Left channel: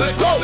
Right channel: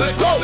Let's go.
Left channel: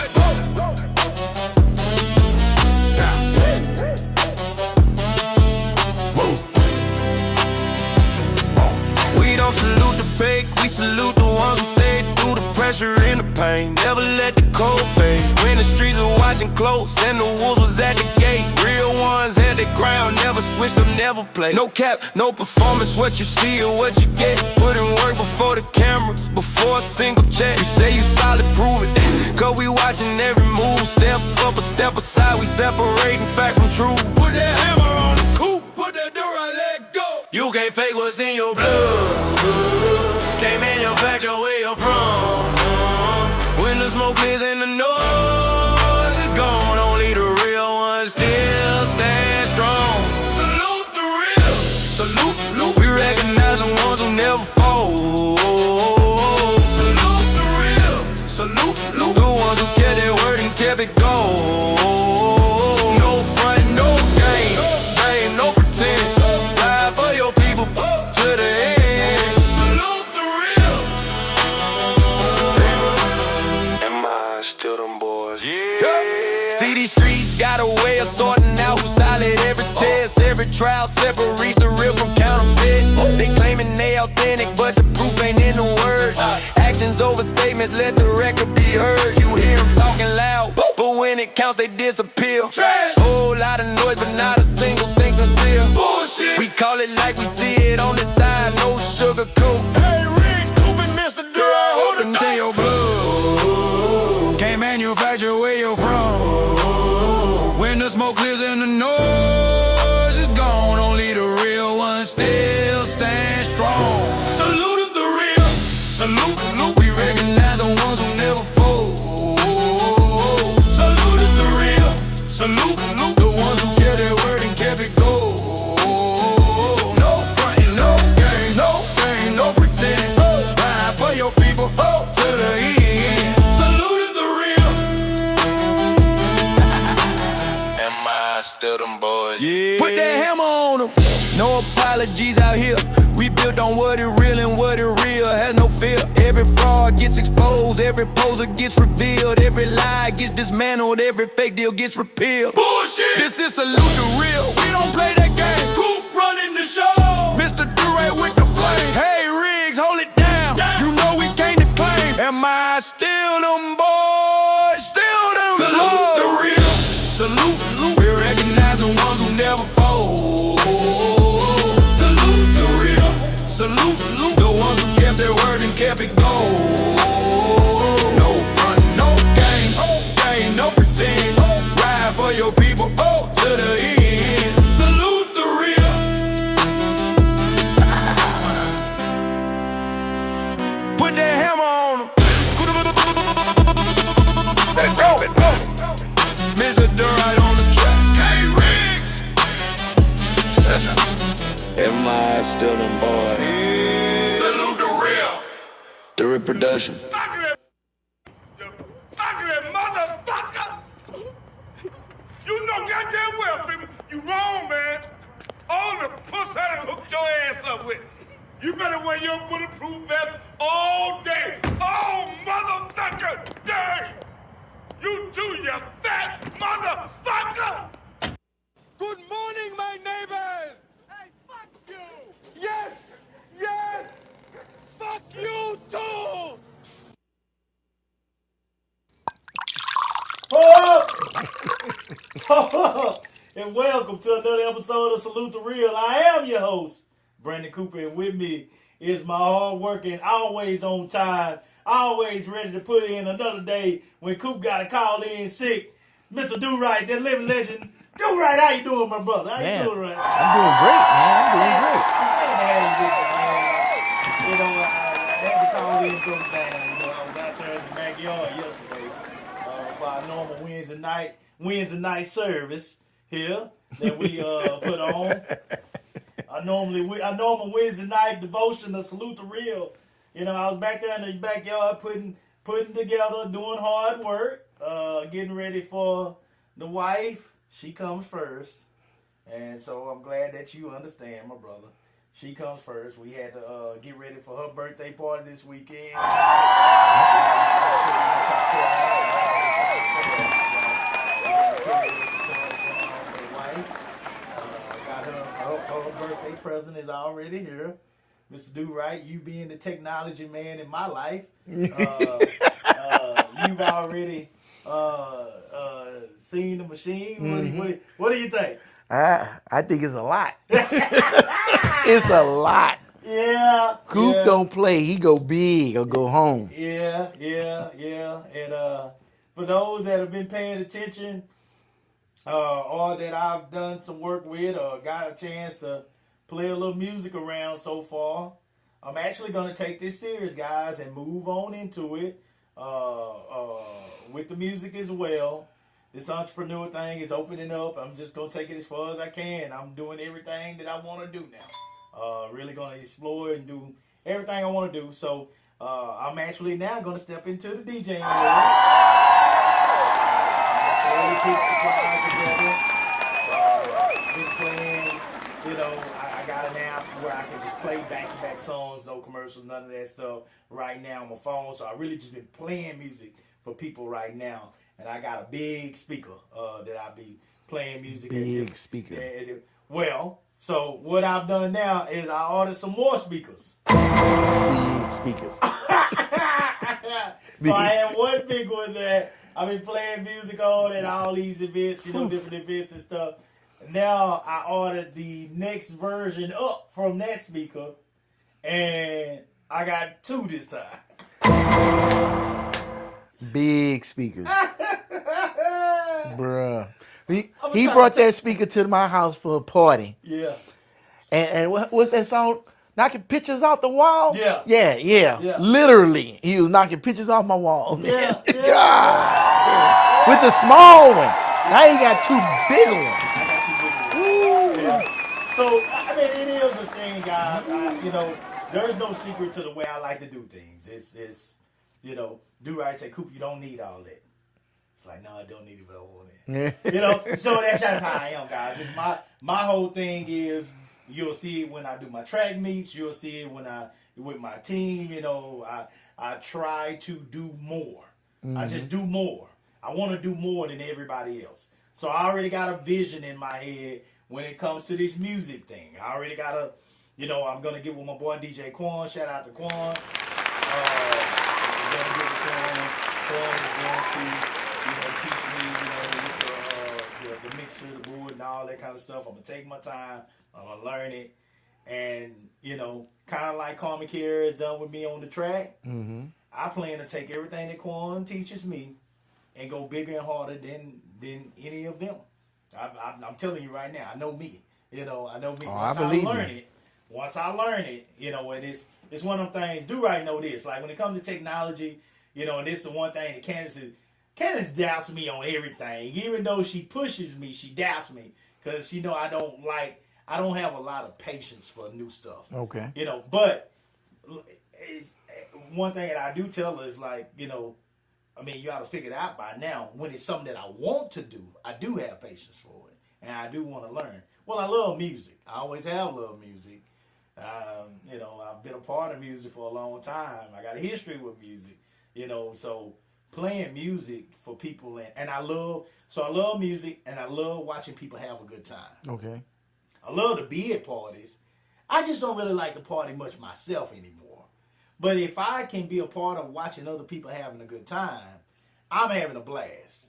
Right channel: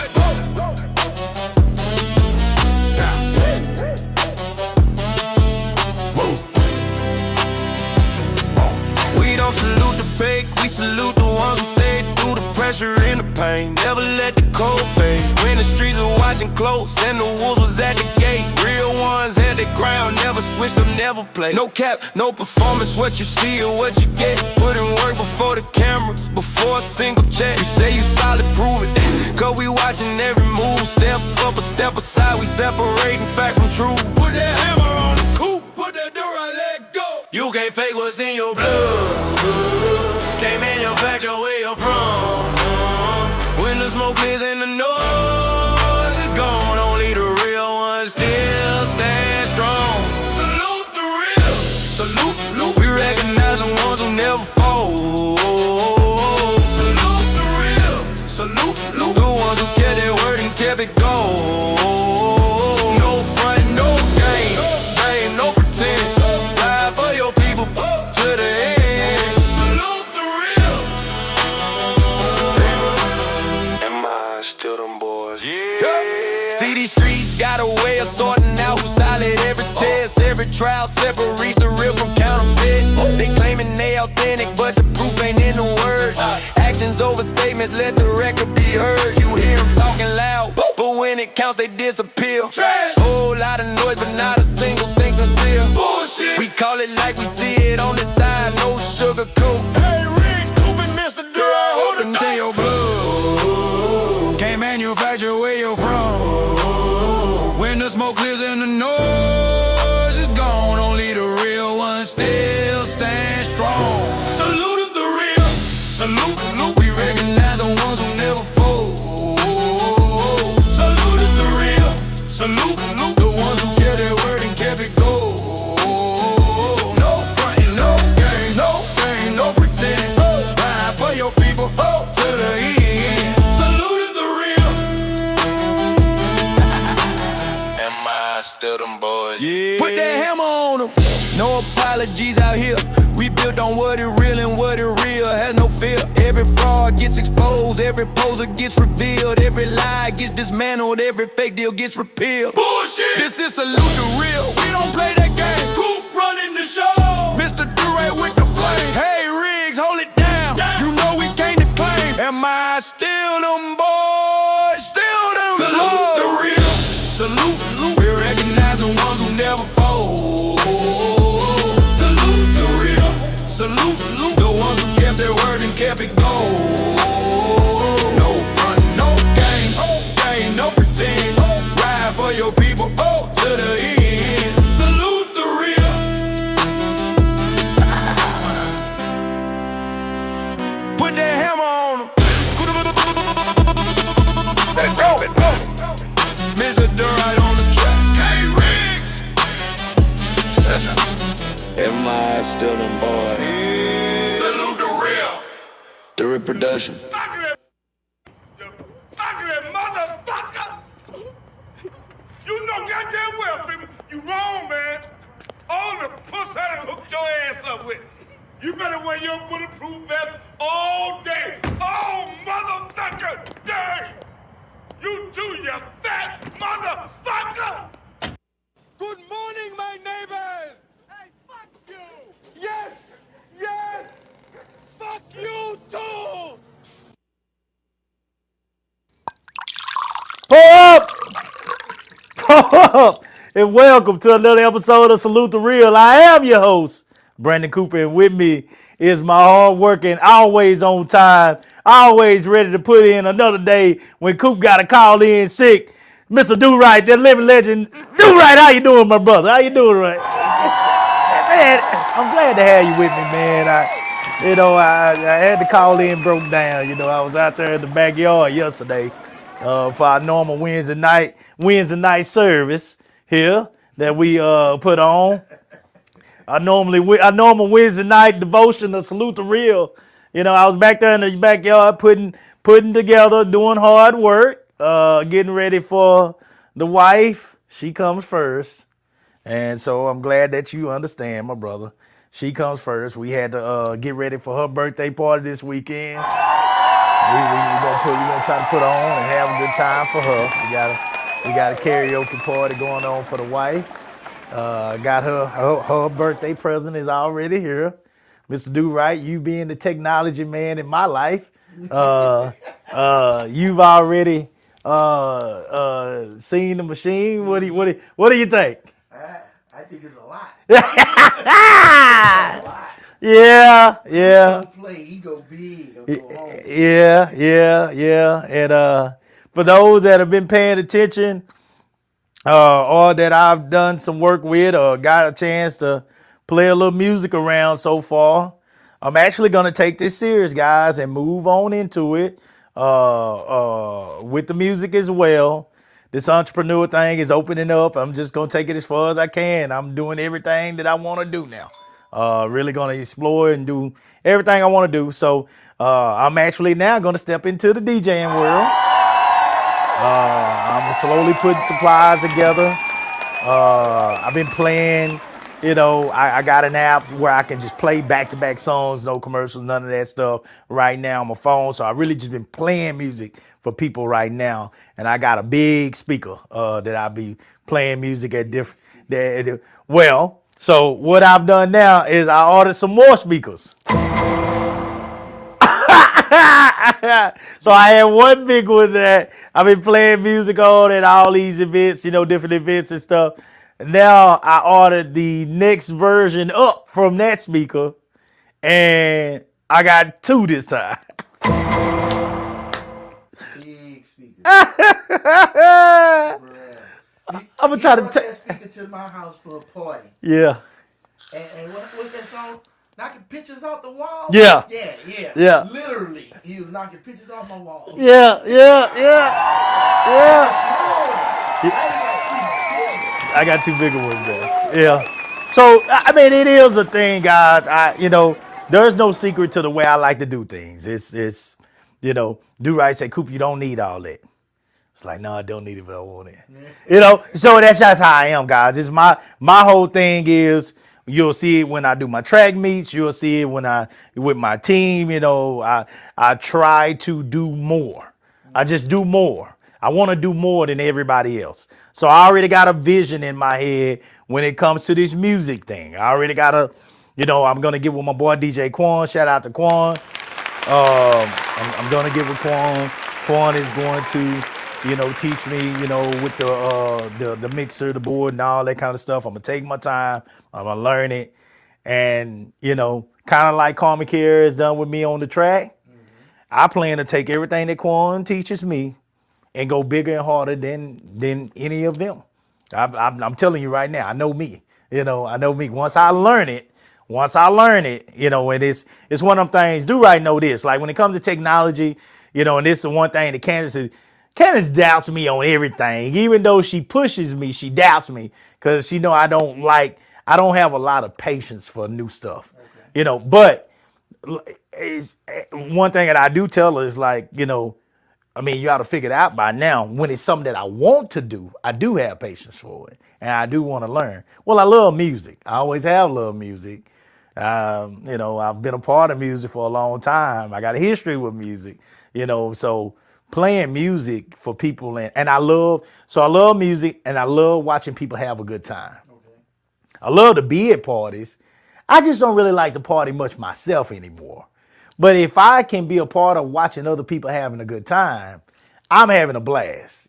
We don't salute the fake, we salute the ones who stayed through the pressure and the pain. Never let the cold fade. When the streets were watching close and the wolves was at the gate. Real ones had the ground, never switched up, never played. No cap, no performance, what you see or what you get. Put in work before the cameras, before a single check. You say you solid, prove it. Cause we watching every move. Step up or step aside, we separating fact from truth. Put that hammer on the coupe, put that door I let go. You can't fake what's in your blood. Can't manufacture where you're from. When the smoke clears and the noise is gone, only the real ones still stand strong. Salute the real. Salute. We recognize the ones who never fall. Salute the real. Salute. The ones who kept their word and kept it going. No front, no game. No pretend. Ride for your people to the end. Salute the real. Am I still them boys? Yeah. See, these streets got a way of sorting out who's solid. Every test, every trial separates the real from counterfeit. They claiming they authentic, but the proof ain't in the words. Actions over statements, let the record be heard. You hear them talking loud, but when it counts, they disappear. Whole lot of noise, but not a single thing sincere. Bullshit. We call it like we see it on the side, no sugar coat. Hey, Riggs, Coopin', Mr. Dura, hold it to your blood. Can't manufacture where you're from. When the smoke clears and the noise is gone, only the real ones still stand strong. Salute the real. Salute. We recognize the ones who never fold. Salute the real. Salute. The ones who kept their word and kept it gold. No frontin', no game, no pretend. Ride for your people to the end. Salute the real. Am I still them boys? Yeah. Put that hammer on them. No apologies out here. We built on what is real and what is real has no fear. Every fraud gets exposed, every poser gets revealed, every lie gets dismantled, every fake deal gets repealed. Bullshit! This is salute the real. We don't play that game. Coop running the show. Mr. Dure with the flame. Hey Riggs, hold it down. You know we can't declaim. Am I still them boys? Still them boys. Salute the real. Salute. We recognize the ones who never fold. Salute the real. Salute. The ones who kept their word and kept it gold. No front, no game, no pretend. Ride for your people to the end. Salute the real. Put that hammer on them. Mr. Durant on the track. Hey, Riggs. Am I still them boys? Yeah. Salute the real. The reproduction. Ugly motherfucker! You know goddamn well, people, you wrong, man. All the puss I done hooked your ass up with. You better wear your bulletproof vest all day. Oh, motherfucker! Day! You too, you fat motherfucker! Good morning, my neighbors! Hey, fuck you! Yes! Fuck you too! Up, and welcome to another episode of Salute the Real. I am your host, Brandon Cooper, and with me is my hard-working, always on time, always ready to put in another day when Coop got to call in sick, Mr. Do-Right, that living legend. Do-Right, how you doing, my brother? How you doing, right? I'm doing great, man. I'm glad to have you with me, man. I had to call in, broke down. I was out there in the backyard yesterday for our normal Wednesday night service here that we put on. Our normal Wednesday night devotion to Salute the Real. I was back there in the backyard putting together, doing hard work, getting ready for the wife. She comes first. And so I'm glad that you understand, my brother. She comes first. We had to get ready for her birthday party this weekend. We're gonna try to put on and have time for her. We got a karaoke party going on for the wife. Got her birthday present is already here. Mr. Do Right, you being the technology man in my life, you've already seen the machine. What do you think? I think it's a lot. It's a lot. Yeah, Coop yeah. don't play. He go big or go home. Yeah. And for those that have been paying attention, or that I've done some work with, or got a chance to play a little music around so far, I'm actually gonna take this serious, guys, and move on into it with the music as well. This entrepreneur thing is opening up. I'm just gonna take it as far as I can. I'm doing everything that I want to do now. Really gonna explore and do everything I want to do. So I'm actually now gonna step into the DJing world. I'm slowly putting supplies together. I've been playing. I got an app where I can just play back-to-back songs, no commercials, none of that stuff right now on my phone. So I really just been playing music for people right now. And I got a big speaker that I'll be playing music at different. Well, so what I've done now is I ordered some more speakers. Speakers. So I had one big one that I've been playing music on at all these events, different events and stuff. Now I ordered the next version up from that speaker, and I got 2 this time. Big speakers. Bruh. He brought that speaker to my house for a party. Yeah. And what's that song? Knocking pictures off the wall? Yeah. Yeah. Literally, he was knocking pictures off my wall. Yeah. With the small one. Now you got 2 big ones. I got 2 bigger ones. Yeah. So, I mean, it is a thing, guys. There's no secret to the way I like to do things. It's Do Right say, Coop, you don't need all that. It's like, no, I don't need it, but I want it. So that's just how I am, guys. It's my whole thing is, you'll see it when I do my track meets. You'll see it when with my team. I try to do more. I just do more. I want to do more than everybody else. So I already got a vision in my head when it comes to this music thing. I already got I'm going to get with my boy DJ Quan. Shout out to Quan. I'm going to get with Quan. Quan is going to, teach me, with the mixer, the board, and all that kind of stuff. I'm going to take my time. I'm going to learn it. And, kind of like Carmen Kier has done with me on the track, I plan to take everything that Quan teaches me and go bigger and harder than any of them. I'm telling you right now, I know me. I know me. Once I learn it, and it's one of them things. Do Right know this. Like when it comes to technology, and this is one thing that Candace doubts me on everything. Even though she pushes me, she doubts me because she know I don't have a lot of patience for new stuff. Okay. But one thing that I do tell her is like, you ought to figure it out by now. When it's something that I want to do, I do have patience for it. And I do want to learn. Well, I love music. I always have loved music. I've been a part of music for a long time. I got a history with music, so playing music for people. And I love music, and I love watching people have a good time. Okay. I love to be at parties. I just don't really like to party much myself anymore. But if I can be a part of watching other people having a good time, I'm having a blast,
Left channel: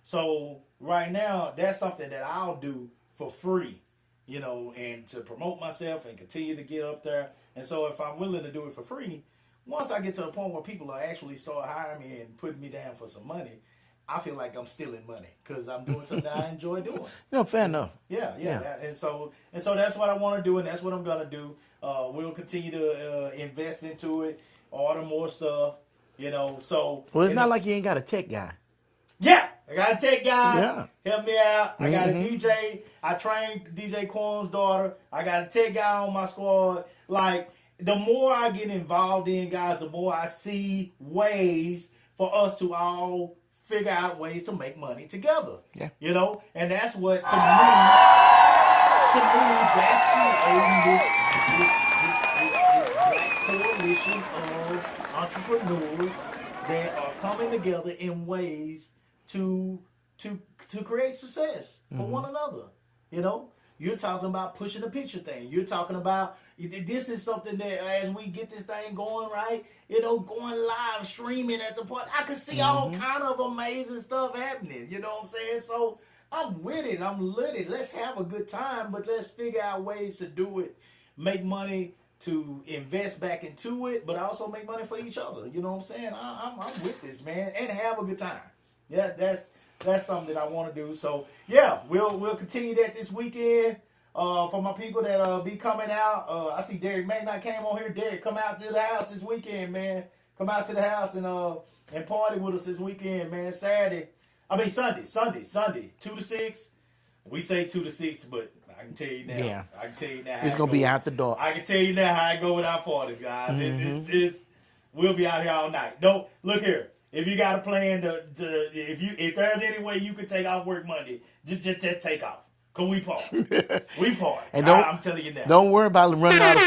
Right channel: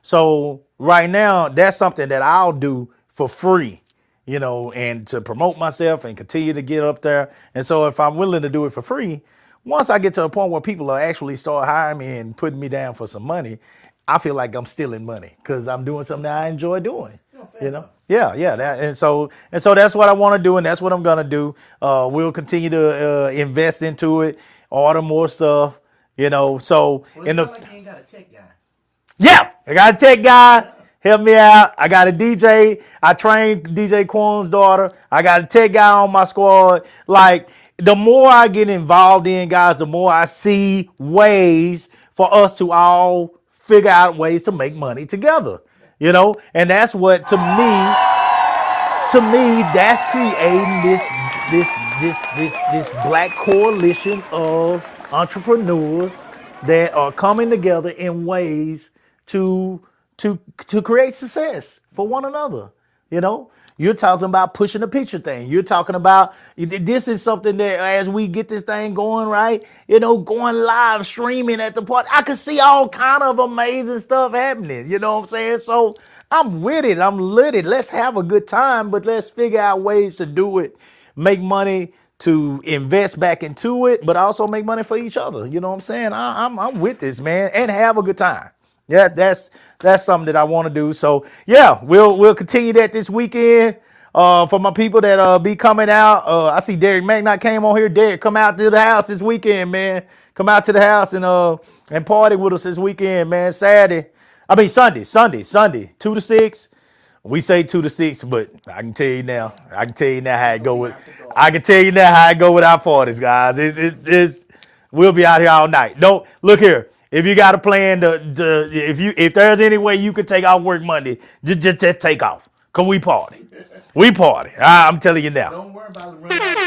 So right now, that's something that I'll do for free, and to promote myself and continue to get up there. And so if I'm willing to do it for free, once I get to a point where people are actually start hiring me and putting me down for some money, I feel like I'm stealing money because I'm doing something that I enjoy doing. Fair enough. Yeah. And so that's what I want to do, and that's what I'm gonna do. We'll continue to invest into it, order more stuff. So Well, it's not like you ain't got a tech guy. Yeah, I got a tech guy. Yeah. Help me out. I got a DJ. I trained DJ Quan's daughter. I got a tech guy on my squad. Like, the more I get involved in, guys, the more I see ways for us to all figure out ways to make money together. Yeah. And that's what, to me, that's creating this black coalition of entrepreneurs that are coming together in ways to create success for one another. You know, you're talking about pushing the picture thing. You're talking about this is something that as we get this thing going, right? You know, going live streaming at the party, I could see all kind of amazing stuff happening. You know what I'm saying? So I'm with it. I'm lit it. Let's have a good time, but let's figure out ways to do it, make money to invest back into it, but also make money for each other. You know what I'm saying? I'm with this, man, and have a good time. Yeah, that's something that I want to do. So yeah, we'll continue that this weekend. For my people that be coming out, I see Derek Magnot came on here. Derek, come out to the house this weekend, man. Come out to the house and party with us this weekend, man. Sunday, 2 to 6. We say 2 to 6, but I can tell you now. Yeah. I can tell you now how It's it gonna go. be out the door. I can tell you now how it go with our parties, guys. We'll be out here all night. Don't look here. If you got a plan if there's any way you could take off work Monday, just take off. Cause we party. We party. I'm telling you now. Don't worry about running out of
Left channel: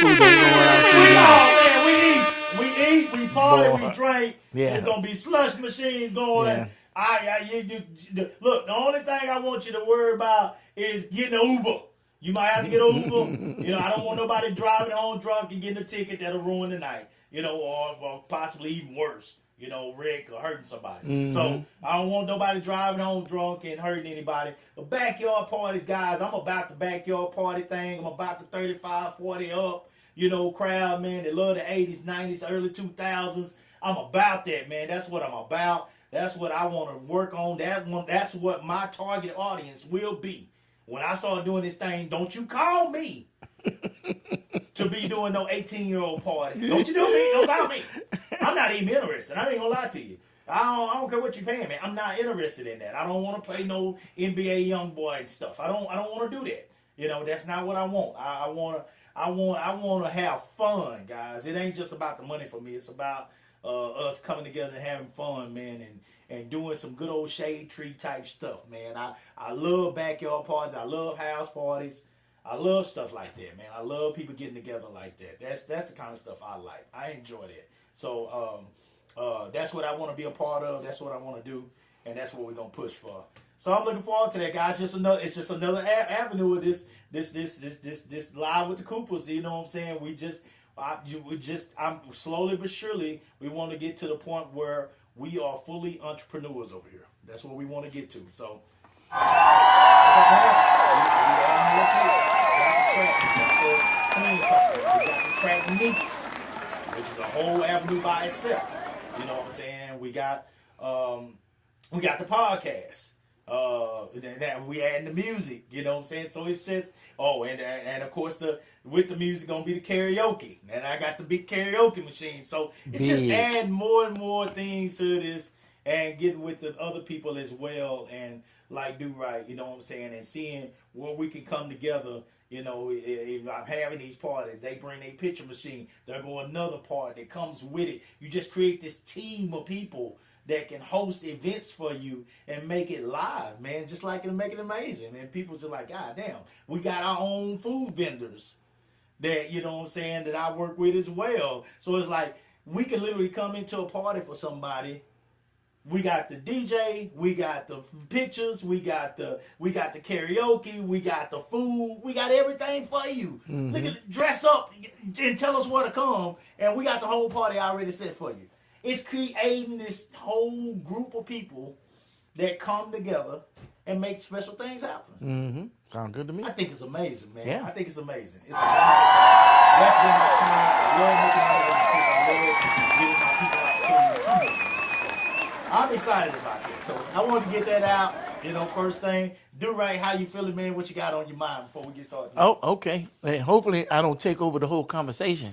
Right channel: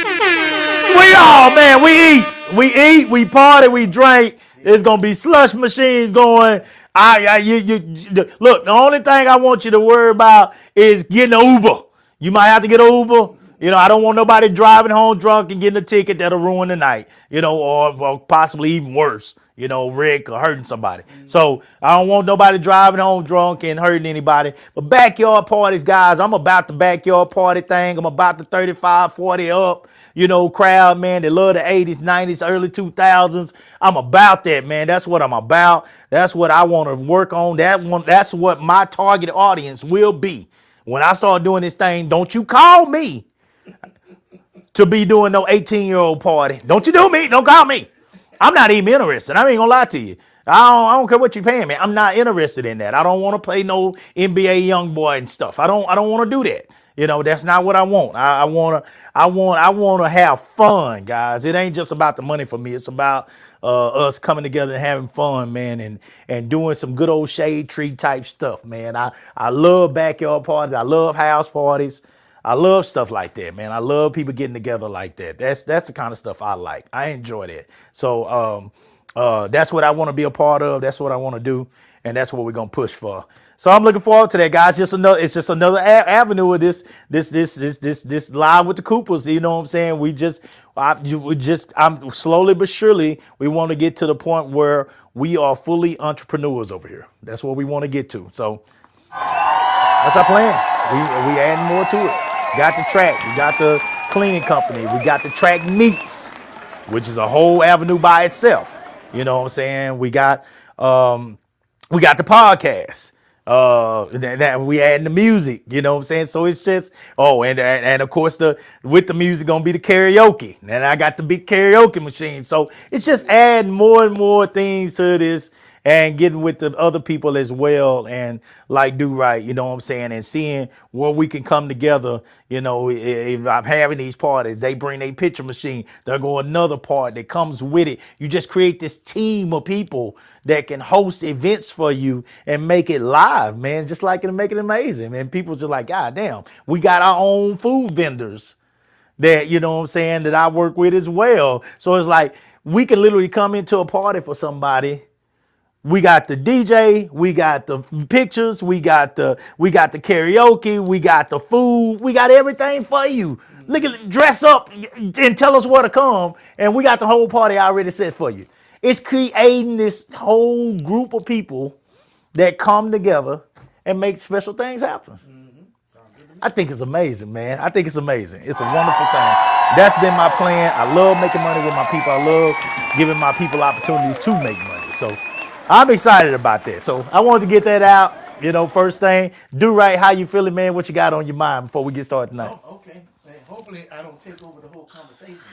food. We eat, we party, we drink. Yeah. It's gonna be slush machines going. Look, the only thing I want you to worry about is getting an Uber. You might have to get an Uber. You know, I don't want nobody driving home drunk and getting a ticket that'll ruin the night. You know, or possibly even worse. You know, wreck or hurting somebody. So I don't want nobody driving home drunk and hurting anybody. But backyard parties, guys, I'm about the backyard party thing. I'm about the 35, 40 up, you know, crowd, man. They love the 80s, 90s, early 2000s. I'm about that, man. That's what I'm about. That's what I want to work on. That's what my target audience will be. When I start doing this thing, don't you call me to be doing no 18-year-old party. Don't you do me. Don't call me. I'm not even interested. I ain't gonna lie to you. I don't care what you're paying me. I'm not interested in that. I don't want to play no NBA young boy and stuff. I don't want to do that. You know, that's not what I want. I want to have fun, guys. It ain't just about the money for me. It's about us coming together and having fun, man, and doing some good old shade tree type stuff, man. I love backyard parties. I love house parties. I love stuff like that, man. I love people getting together like that. That's the kind of stuff I like. I enjoy that. So that's what I want to be a part of. That's what I want to do, and that's what we're gonna push for. So I'm looking forward to that, guys. It's just another avenue of this live with the Coopers. You know what I'm saying? I'm slowly but surely we want to get to the point where we are fully entrepreneurs over here. That's what we want to get to. So that's our plan. We adding more to it. Got the track. We got the cleaning company. We got the track meets, which is a whole avenue by itself. You know what I'm saying? We got the podcast. That we adding the music. You know what I'm saying? So it's just and of course with the music gonna be the karaoke. And I got the big karaoke machine. So it's just adding more and more things to this. And getting with the other people as well and like do right, you know what I'm saying? And seeing where we can come together, you know, if I'm having these parties, they bring a picture machine, they'll go another part that comes with it. You just create this team of people that can host events for you and make it live, man, just like it, make it amazing. And people just like, God damn, we got our own food vendors that, you know what I'm saying, that I work with as well. So it's like we can literally come into a party for somebody. We got the DJ, we got the pictures, we got the karaoke, we got the food, we got everything for you. Look at dress up and tell us where to come, and we got the whole party already set for you. It's creating this whole group of people that come together and make special things happen. Sound good to me. I think it's amazing, man. I think it's amazing. It's a wonderful thing. That's been my plan. I love making money with my people. I love giving my people opportunities to make money. So I'm excited about that. So I wanted to get that out. You know, first thing, do right. How you feeling, man? What you got on your mind before we get started tonight? Oh, okay. And hopefully I don't take over the whole conversation.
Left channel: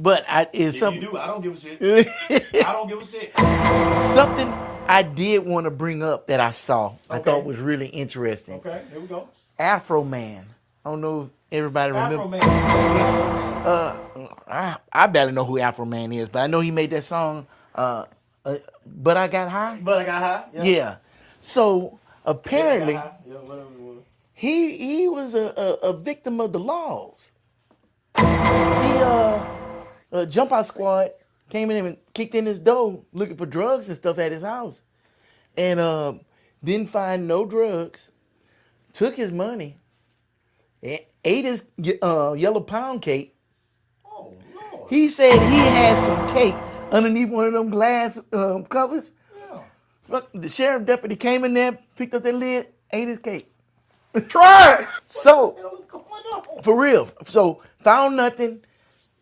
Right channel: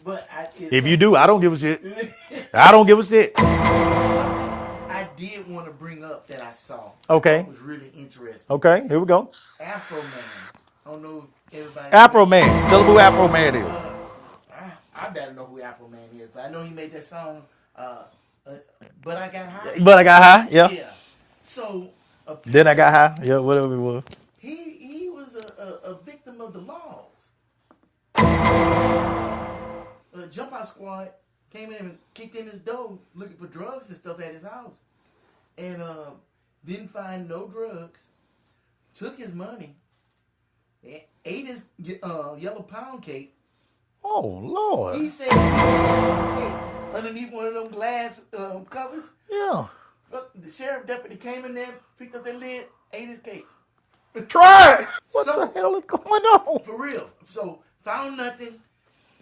But if you do, I don't give a shit. I don't give a shit. Something I did want to bring up that I saw. Okay. I thought was really interesting. Okay, here we go. Afro Man. I don't know if everybody Afro remember. Man. Tell them who Afro Man is. I barely know who Afro Man is, but I know he made that song, But I Got High. But I got high. Yep. Yeah. So apparently, Then I got high. Yeah, whatever it was. he was a victim of the laws. He Jump Out Squad came in and kicked in his door looking for drugs and stuff at his house, and didn't find no drugs. Took his money, ate his yellow pound cake. Oh Lord. He said he had some cake underneath one of them glass covers. Yeah. Look, the sheriff deputy came in there, picked up that lid, ate his cake. Try it. What the hell is going on? For real. So found nothing.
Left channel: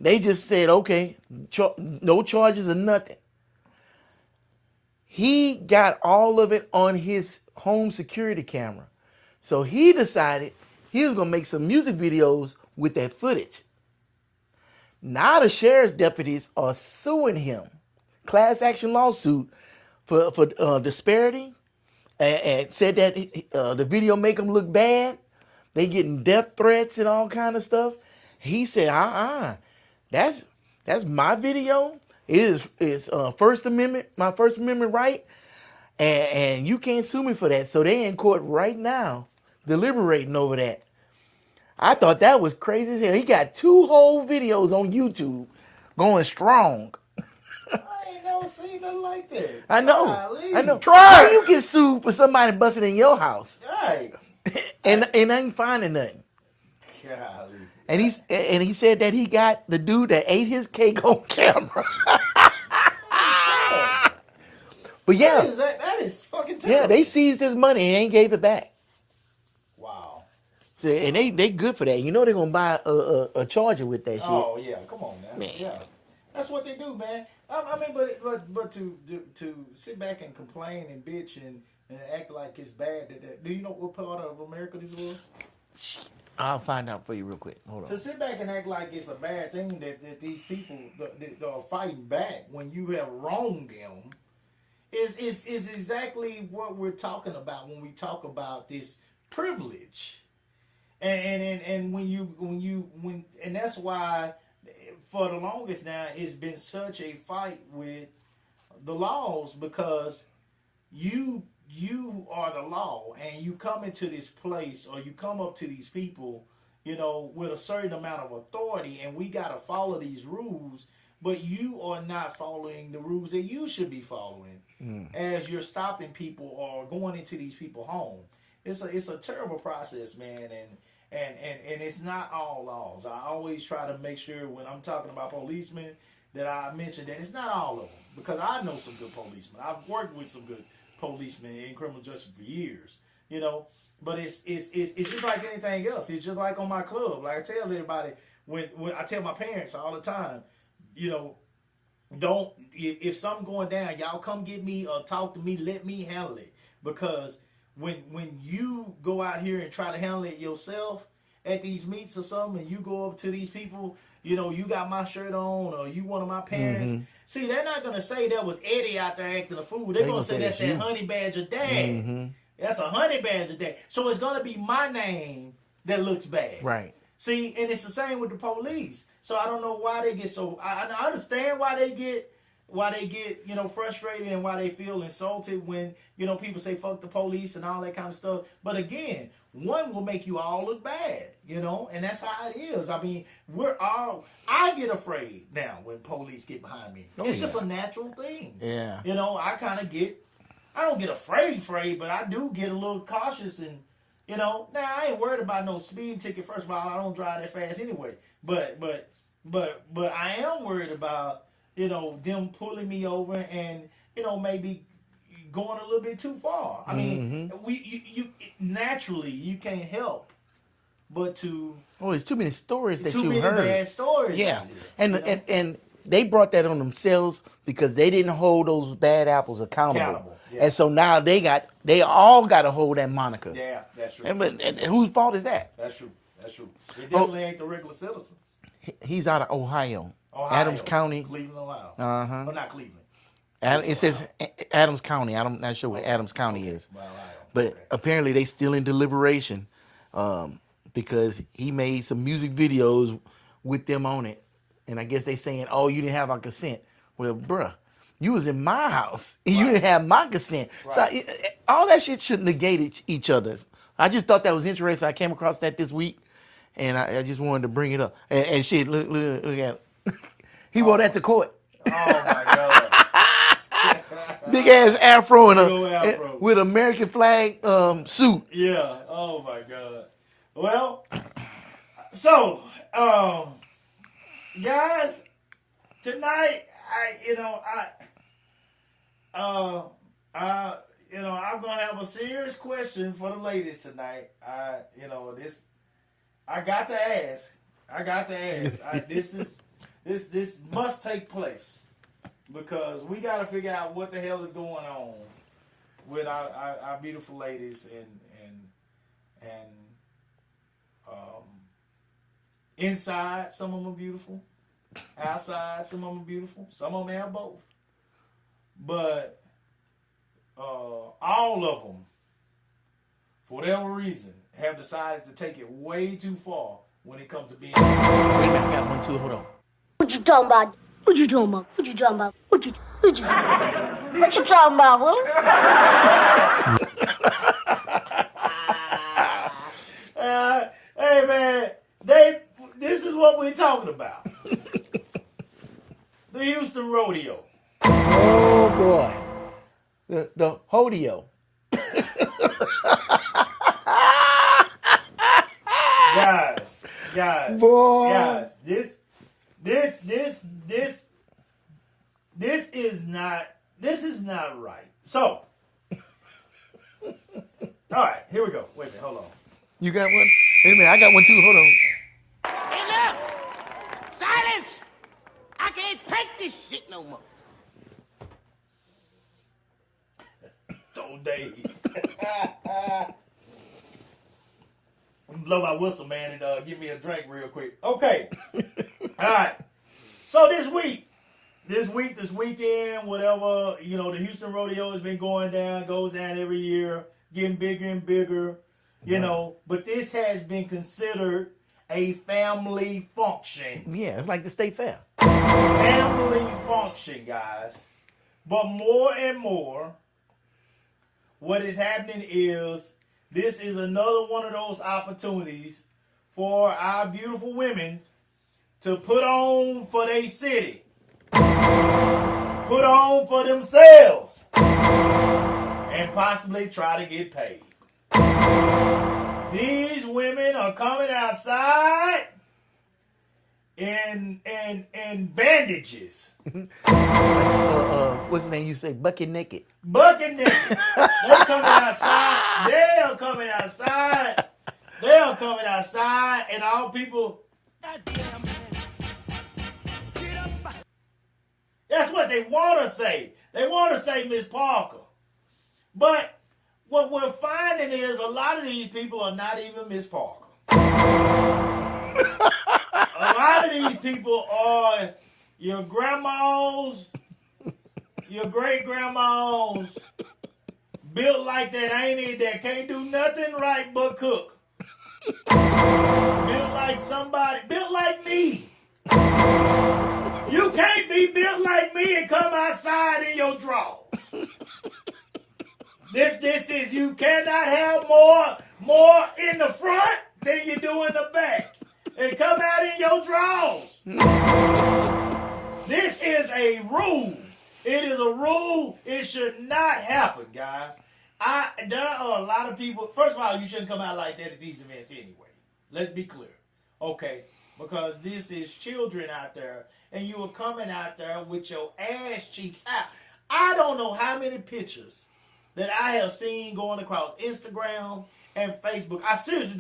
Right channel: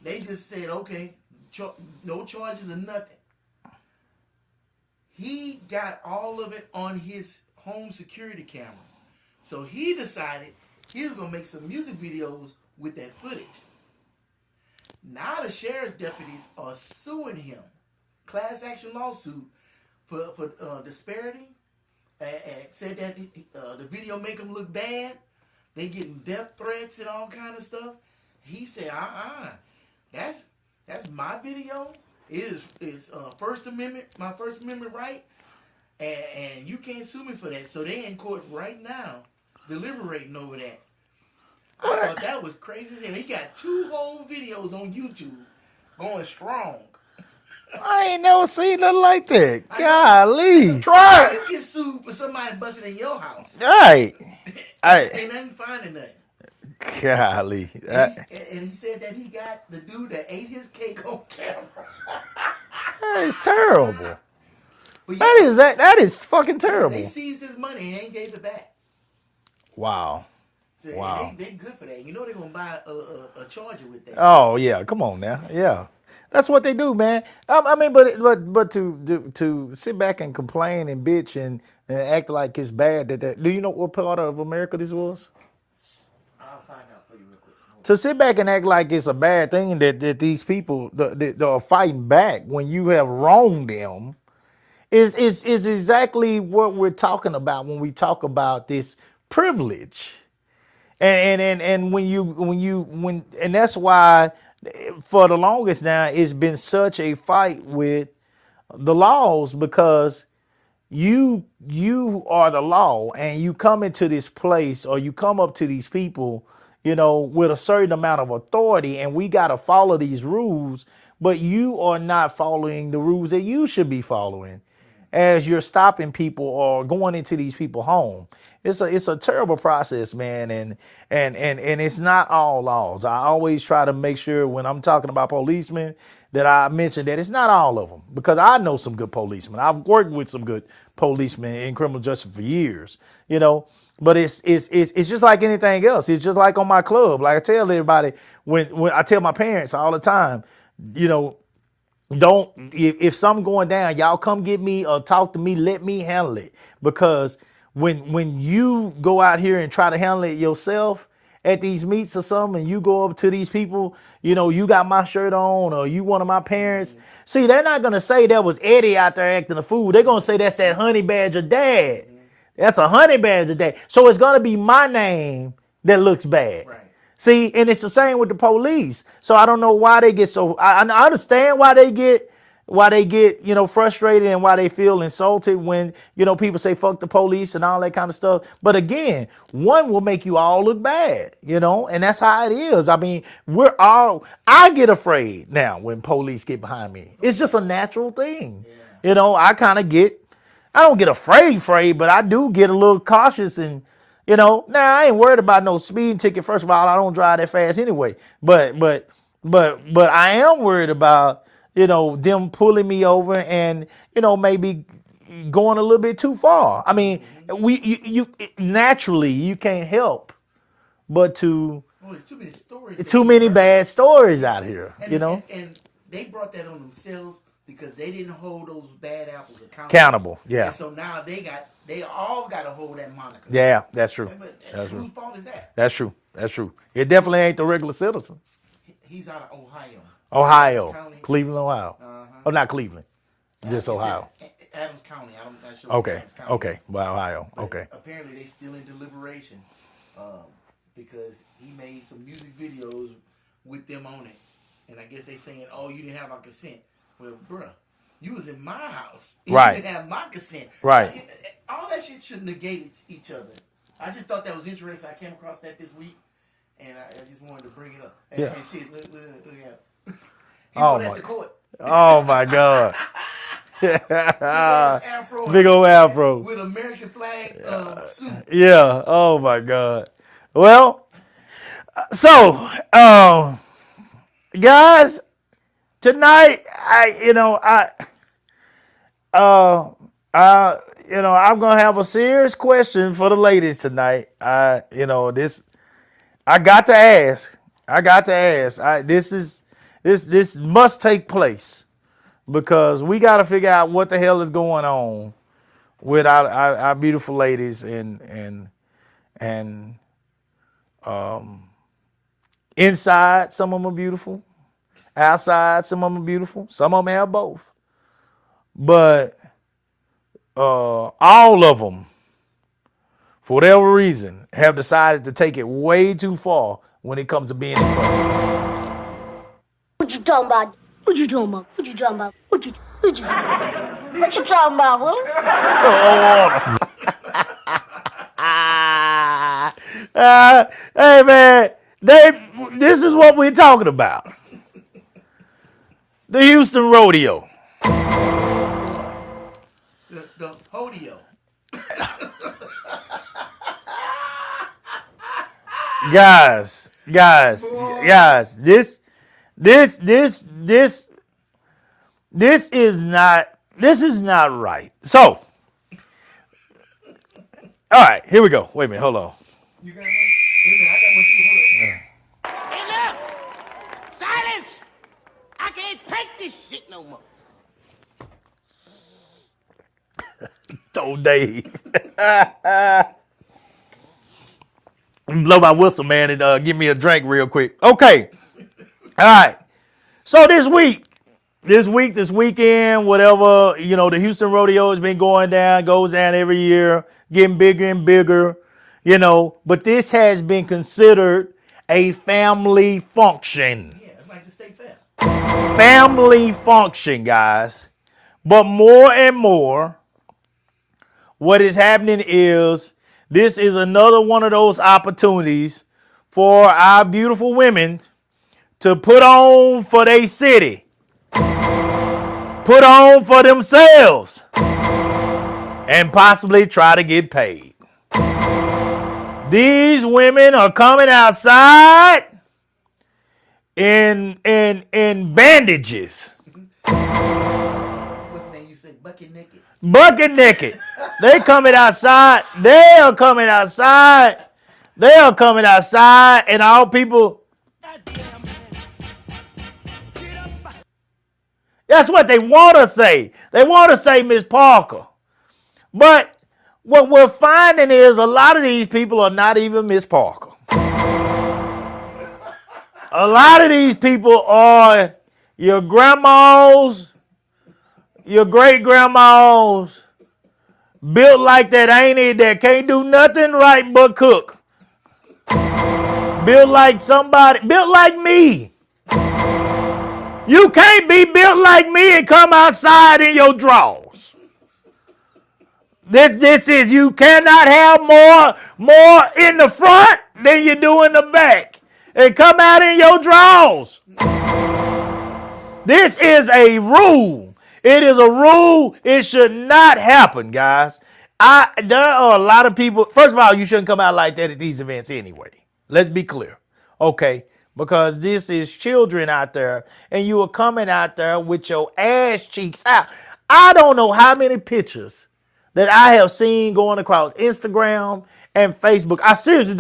They just said, okay, no charges or nothing. He got all of it on his home security camera. So he decided he was going to make some music videos with that footage. Now the sheriff's deputies are suing him. Class action lawsuit for disparity. And said that the video make him look bad. They getting death threats and all kind of stuff. He said, that's my video. It is First Amendment, my First Amendment right, and you can't sue me for that. So they in court right now, deliberating over that. I thought that was crazy as hell. He got 2 whole videos on YouTube, going strong. I ain't never seen nothing like that. I know. Golly. Try You it. get sued for somebody busting in your house, Right. and ain't finding nothing. Golly. And he said that he got the dude that ate his cake on camera. That is terrible. But yeah, That is fucking yeah, terrible. they seized his money and ain't gave it back. Wow. So, and they good for that. You know they're gonna buy a charger with that. Oh yeah, come on now. Yeah. That's what they do, man. I mean, but to sit back and complain and bitch and act like it's bad that do you know what part of America this was? shit. I'll find out for you real quick. Hold on. To sit back and act like it's a bad thing that these people that are fighting back when you have wronged them is exactly what we're talking about when we talk about this privilege. And when that's why for the longest now it's been such a fight with the laws, because you are the law and you come into this place or you come up to these people, with a certain amount of authority, and we got to follow these rules, but you are not following the rules that you should be following as you're stopping people or going into these people's home. It's a terrible process, man, and it's not all laws. I always try to make sure when I'm talking about policemen that I mention that it's not all of them, because I know some good policemen. I've worked with some good policemen in criminal justice for years, But it's just like anything else. It's just like on my club. Like I tell everybody, when I tell my parents all the time, don't if something going down, y'all come get me or talk to me. Let me handle it, because when you go out here and try to handle it yourself at these meets or something, and you go up to these people, you got my shirt on or you one of my parents. Mm-hmm. See, they're not gonna say that was Eddie out there acting a fool. They're gonna say that's that honey badger dad. Mm-hmm. That's a honey badger dad. So it's gonna be my name that looks bad. Right. See, and it's the same with the police. So I don't know why they get so. I understand why they get frustrated and why they feel insulted when people say fuck the police and all that kind of stuff. But again, one will make you all look bad, and that's how it is. I mean, I get afraid now when police get behind me. It's just a natural thing. Yeah. I don't get afraid, but I do get a little cautious and. Now I ain't worried about no speeding ticket. First of all, I don't drive that fast anyway. But I am worried about them pulling me over and maybe going a little bit too far. I mean, you naturally you can't help but to. Oh, there's too many stories. Too many bad stories out here. And they brought that on themselves because they didn't hold those bad apples accountable. Yeah. And so now they all got to hold that moniker. Yeah, that's true. And whose fault is that? That's true. It definitely ain't the regular citizens. He's out of Ohio. Ohio. Adams County. Cleveland, Ohio. Uh-huh. Oh, not Cleveland. It says Adams County. I'm not sure what Adams County is. Well, Ohio. But okay. apparently they still in deliberation because he made some music videos with them on it. And I guess they saying, oh, you didn't have our consent. Well, bruh, you was in my house. And Right. You didn't have my consent. Right. So, all that shit should negate each other. I just thought that was interesting. I came across that this week. And I just wanted to bring it up. And shit, look at it. He wrote that to court. Oh my God. Big ass afro and Big old afro. with American flag suit. Yeah. Oh my God. Well, so guys, tonight I'm gonna have a serious question for the ladies tonight. I got to ask. This must take place because we got to figure out what the hell is going on with our beautiful ladies and inside some of them are beautiful, outside some of them are beautiful, some of them have both, but all of them, for whatever reason, have decided to take it way too far when it comes to being. What you talking about? What you talking about? What you talking about? What you talking about? What? Hey man, this is what we're talking about. The Houston Rodeo. Oh boy, the Hodeo. Guys, Boy. this is not right. So, all right, here we go. Wait a minute, hold on. You got one? Wait a minute, I got one too. Hold on. Enough! Silence! I can't take this shit no more. Oh, Dave. Blow my whistle, man, and give me a drink real quick. Okay. All right. So this weekend, whatever, the Houston Rodeo has been goes down every year, getting bigger and bigger, but this has been considered a family function. Yeah, it's like the state fair. Family function, guys. But more and more, what is happening is this is another one of those opportunities for our beautiful women to put on for their city, put on for themselves, and possibly try to get paid. These women are coming outside in bandages. What's the name you say? Bucket naked. Bucket naked. They coming outside. They are coming outside. And all people. That's what they want to say. They want to say Miss Parker. But what we're finding is a lot of these people are not even Miss Parker. A lot of these people are your grandmas, your great-grandmas, built like that auntie that can't do nothing right but cook. Built like me. You can't be built like me and come outside in your drawers. This is, you cannot have more in the front than you do in the back. And come out in your drawers. This is a rule. It is a rule. It should not happen, guys. There are a lot of people. First of all, you shouldn't come out like that at these events anyway. Let's be clear. Okay? Because this is children out there, and you are coming out there with your ass cheeks out. I don't know how many pictures that I have seen going across Instagram and Facebook.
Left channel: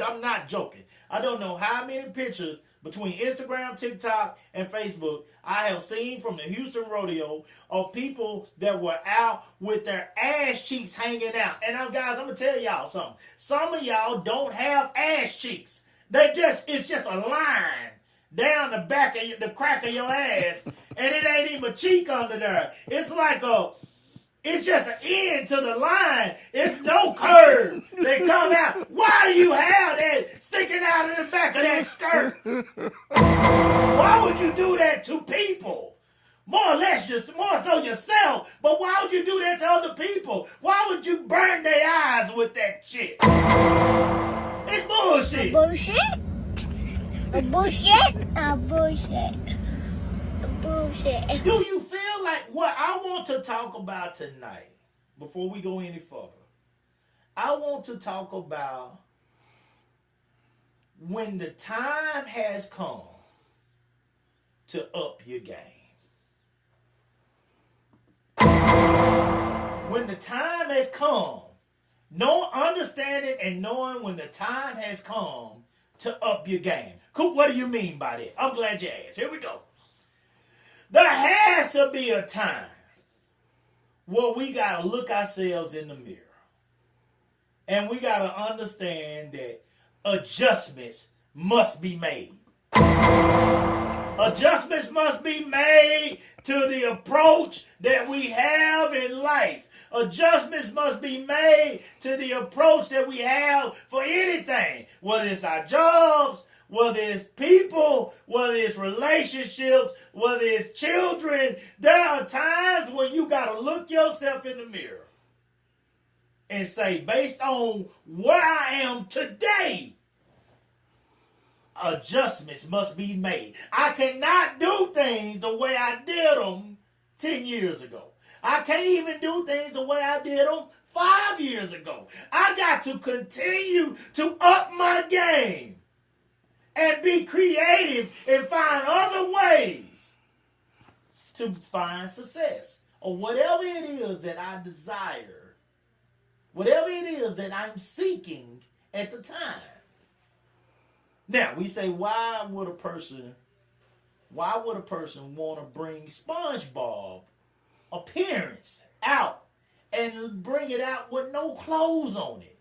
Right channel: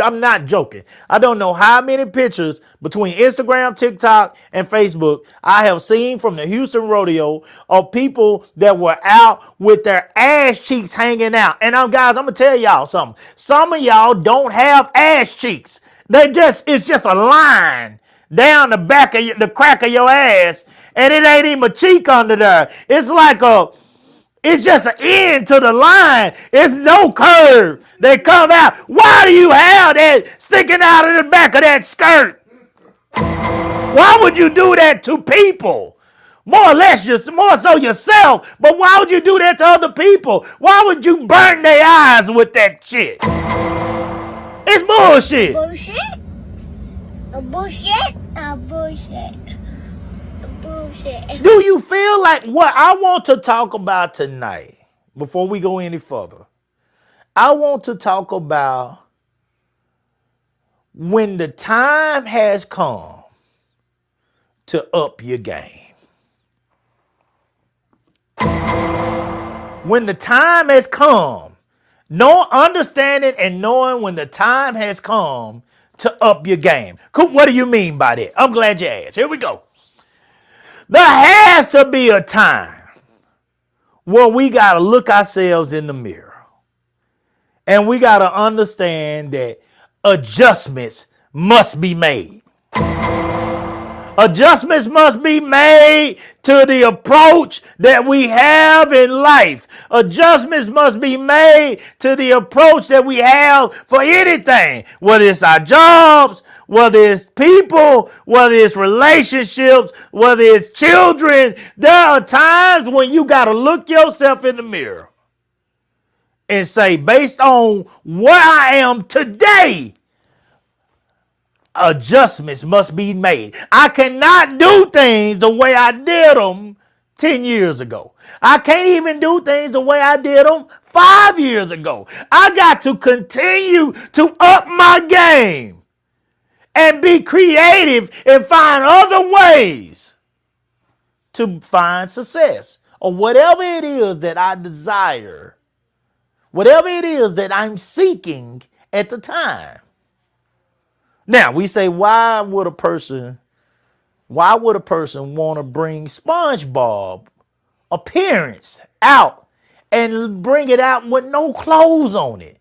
I'm not joking. I don't know how many pictures between Instagram, TikTok, and Facebook I have seen from the Houston Rodeo of people that were out with their ass cheeks hanging out. And guys, I'm gonna tell y'all something. Some of y'all don't have ass cheeks. It's just a line down the back of the crack of your ass, and it ain't even a cheek under there. It's just an end to the line. It's no curve. They come out. Why do you have that sticking out of the back of that skirt? Why would you do that to people? More so yourself, but why would you do that to other people? Why would you burn their eyes with that shit? It's bullshit. Bullshit? A bullshit? A bullshit. bullshit. Do you feel like what I want to talk about tonight, before we go any further? I want to talk about when the time has come to up your game. When the time has come, understanding and knowing when the time has come to up your game. What do you mean by that? I'm glad you asked. Here we go. There has to be a time where we got to look ourselves in the mirror. And we got to understand that adjustments must be made. Adjustments must be made to the approach that we have in life. Adjustments must be made to the approach that we have for anything, whether it's our jobs, whether it's people, whether it's relationships, whether it's children. There are times when you got to look yourself in the mirror and say, based on where I am today, adjustments must be made. I cannot do things the way I did them 10 years ago. I can't even do things the way I did them 5 years ago. I got to continue to up my game and be creative and find other ways to find success or whatever it is that I desire, whatever it is that I'm seeking at the time. Now, we say, why would a person want to bring SpongeBob appearance out and bring it out with no clothes on it?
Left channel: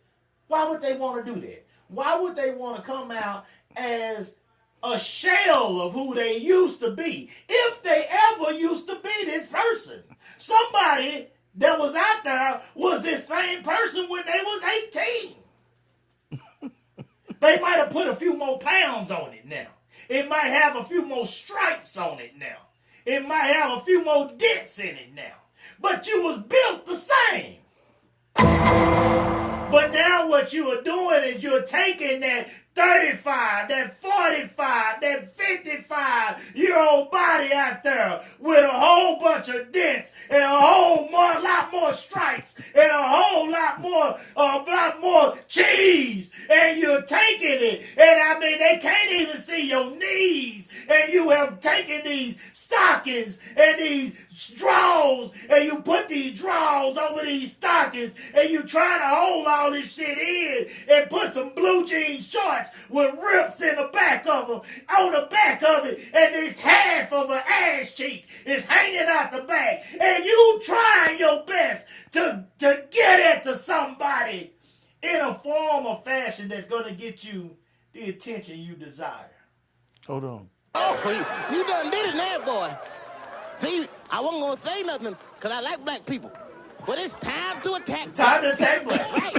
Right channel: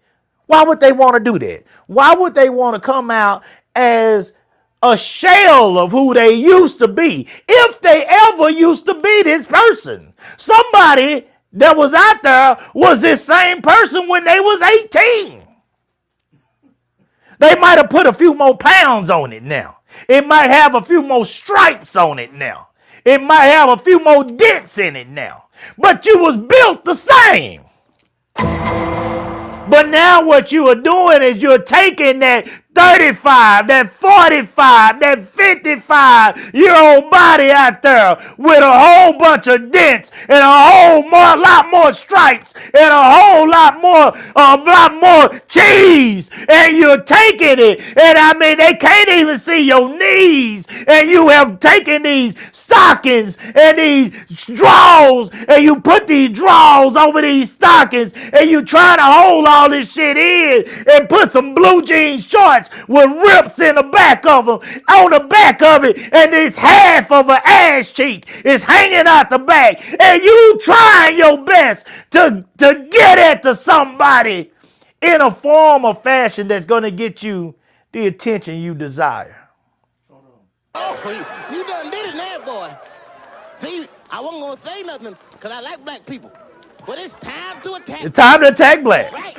Why would they want to do that? Why would they want to come out as a shell of who they used to be, if they ever used to be this person? Somebody that was out there was this same person when they was 18. They might have put a few more pounds on it now. It might have a few more stripes on it now. It might have a few more dents in it now. But you was built the same. But now what you are doing is you're taking that 35, that 45, that 55-year-old body out there with a whole bunch of dents and lot more stripes and a lot more cheese, and you're taking it, and I mean they can't even see your knees, and you have taken these stockings and these drawers, and you put these drawers over these stockings, and you try to hold all this shit in and put some blue jean shorts with rips in the back of them, on the back of it, and this half of an ass cheek is hanging out the back, and you trying your best to get at to somebody in a form or fashion that's going to get you the attention you desire. Hold on. Oh, you done did it now, boy. See, I wasn't going to say nothing because I like black people. But it's time to attack. It's time to attack black. Right?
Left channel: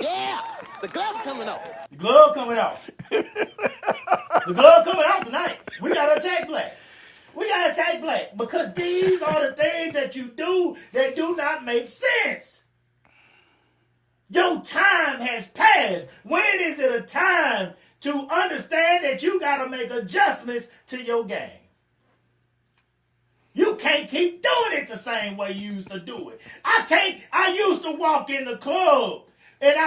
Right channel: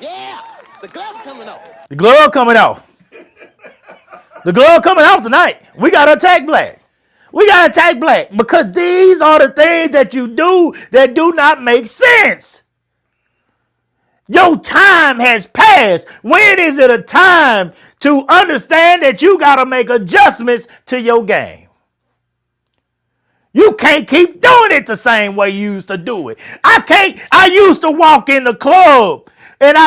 Yeah. The glove's coming off. The glove coming off. The glove coming off tonight. We got to attack black. We got to attack black because these are the things that you do that do not make sense. Your time has passed. When is it a time to understand that you got to make adjustments to your game? You can't keep doing it the same way you used to do it. I used to walk in the club, and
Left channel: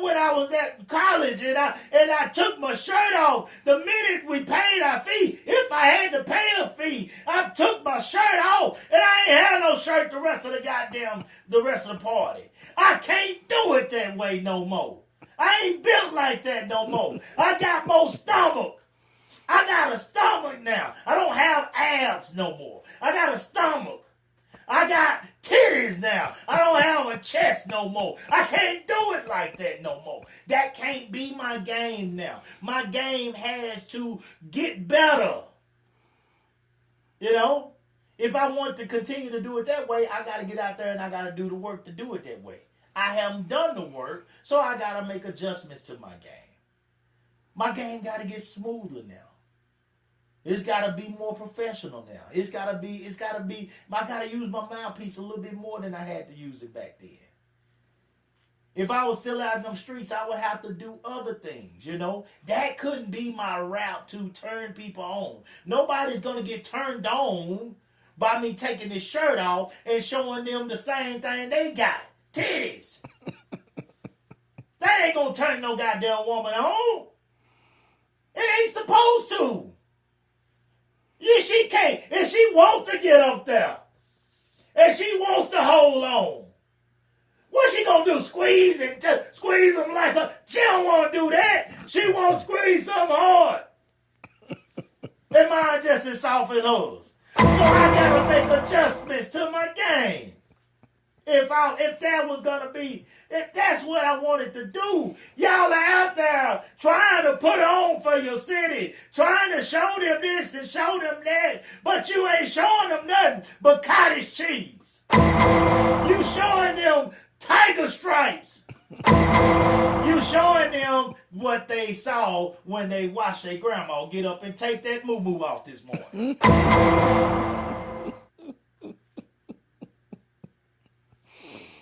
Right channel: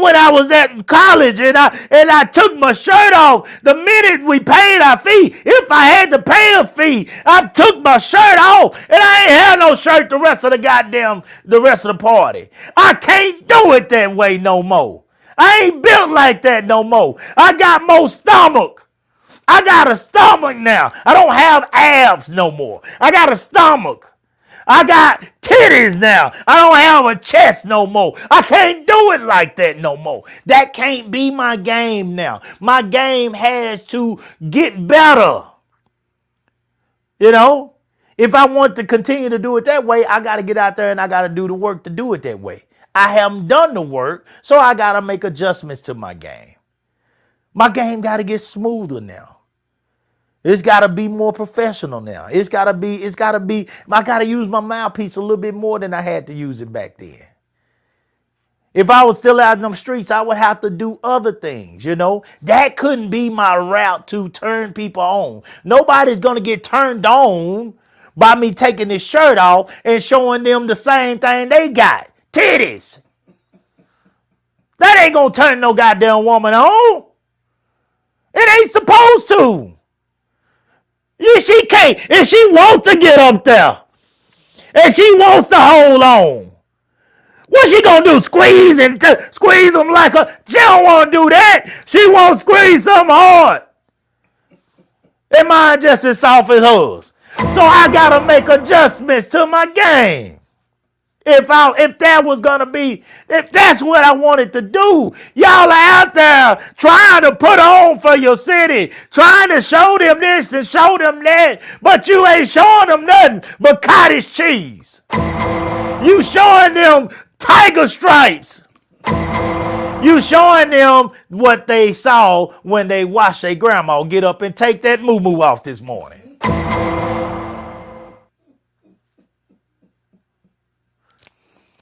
when I was at college, and I took my shirt off the minute we paid our fee. If I had to pay a fee, I took my shirt off, and I ain't had no shirt the rest of the party. I can't do it that way no more. I ain't built like that no more. I got more stomach. I got a stomach now. I don't have abs no more. I got a stomach. I got titties now. I don't have a chest no more. I can't do it like that no more. That can't be my game now. My game has to get better. You know, if I want to continue to do it that way, I got to get out there and I got to do the work to do it that way. I haven't done the work, so I got to make adjustments to my game. My game got to get smoother now. It's got to be more professional now. I got to use my mouthpiece a little bit more than I had to use it back then. If I was still out in them streets, I would have to do other things, you know? That couldn't be my route to turn people on. Nobody's going to get turned on by me taking this shirt off and showing them the same thing they got. Titties. That ain't going to turn no goddamn woman on. It ain't supposed to. She can't. If she wants to get up there and she wants to hold on, what she gonna do? Squeeze them like a... She don't want to do that. She won't squeeze something hard. And mine just as soft as hers. So I gotta make adjustments to my game. If that's what I wanted to do. Y'all are out there trying to put on for your city, trying to show them this and show them that, but you ain't showing them nothing but cottage cheese. You showing them tiger stripes. You showing them what they saw when they watched their grandma get up and take that moo-moo off this morning.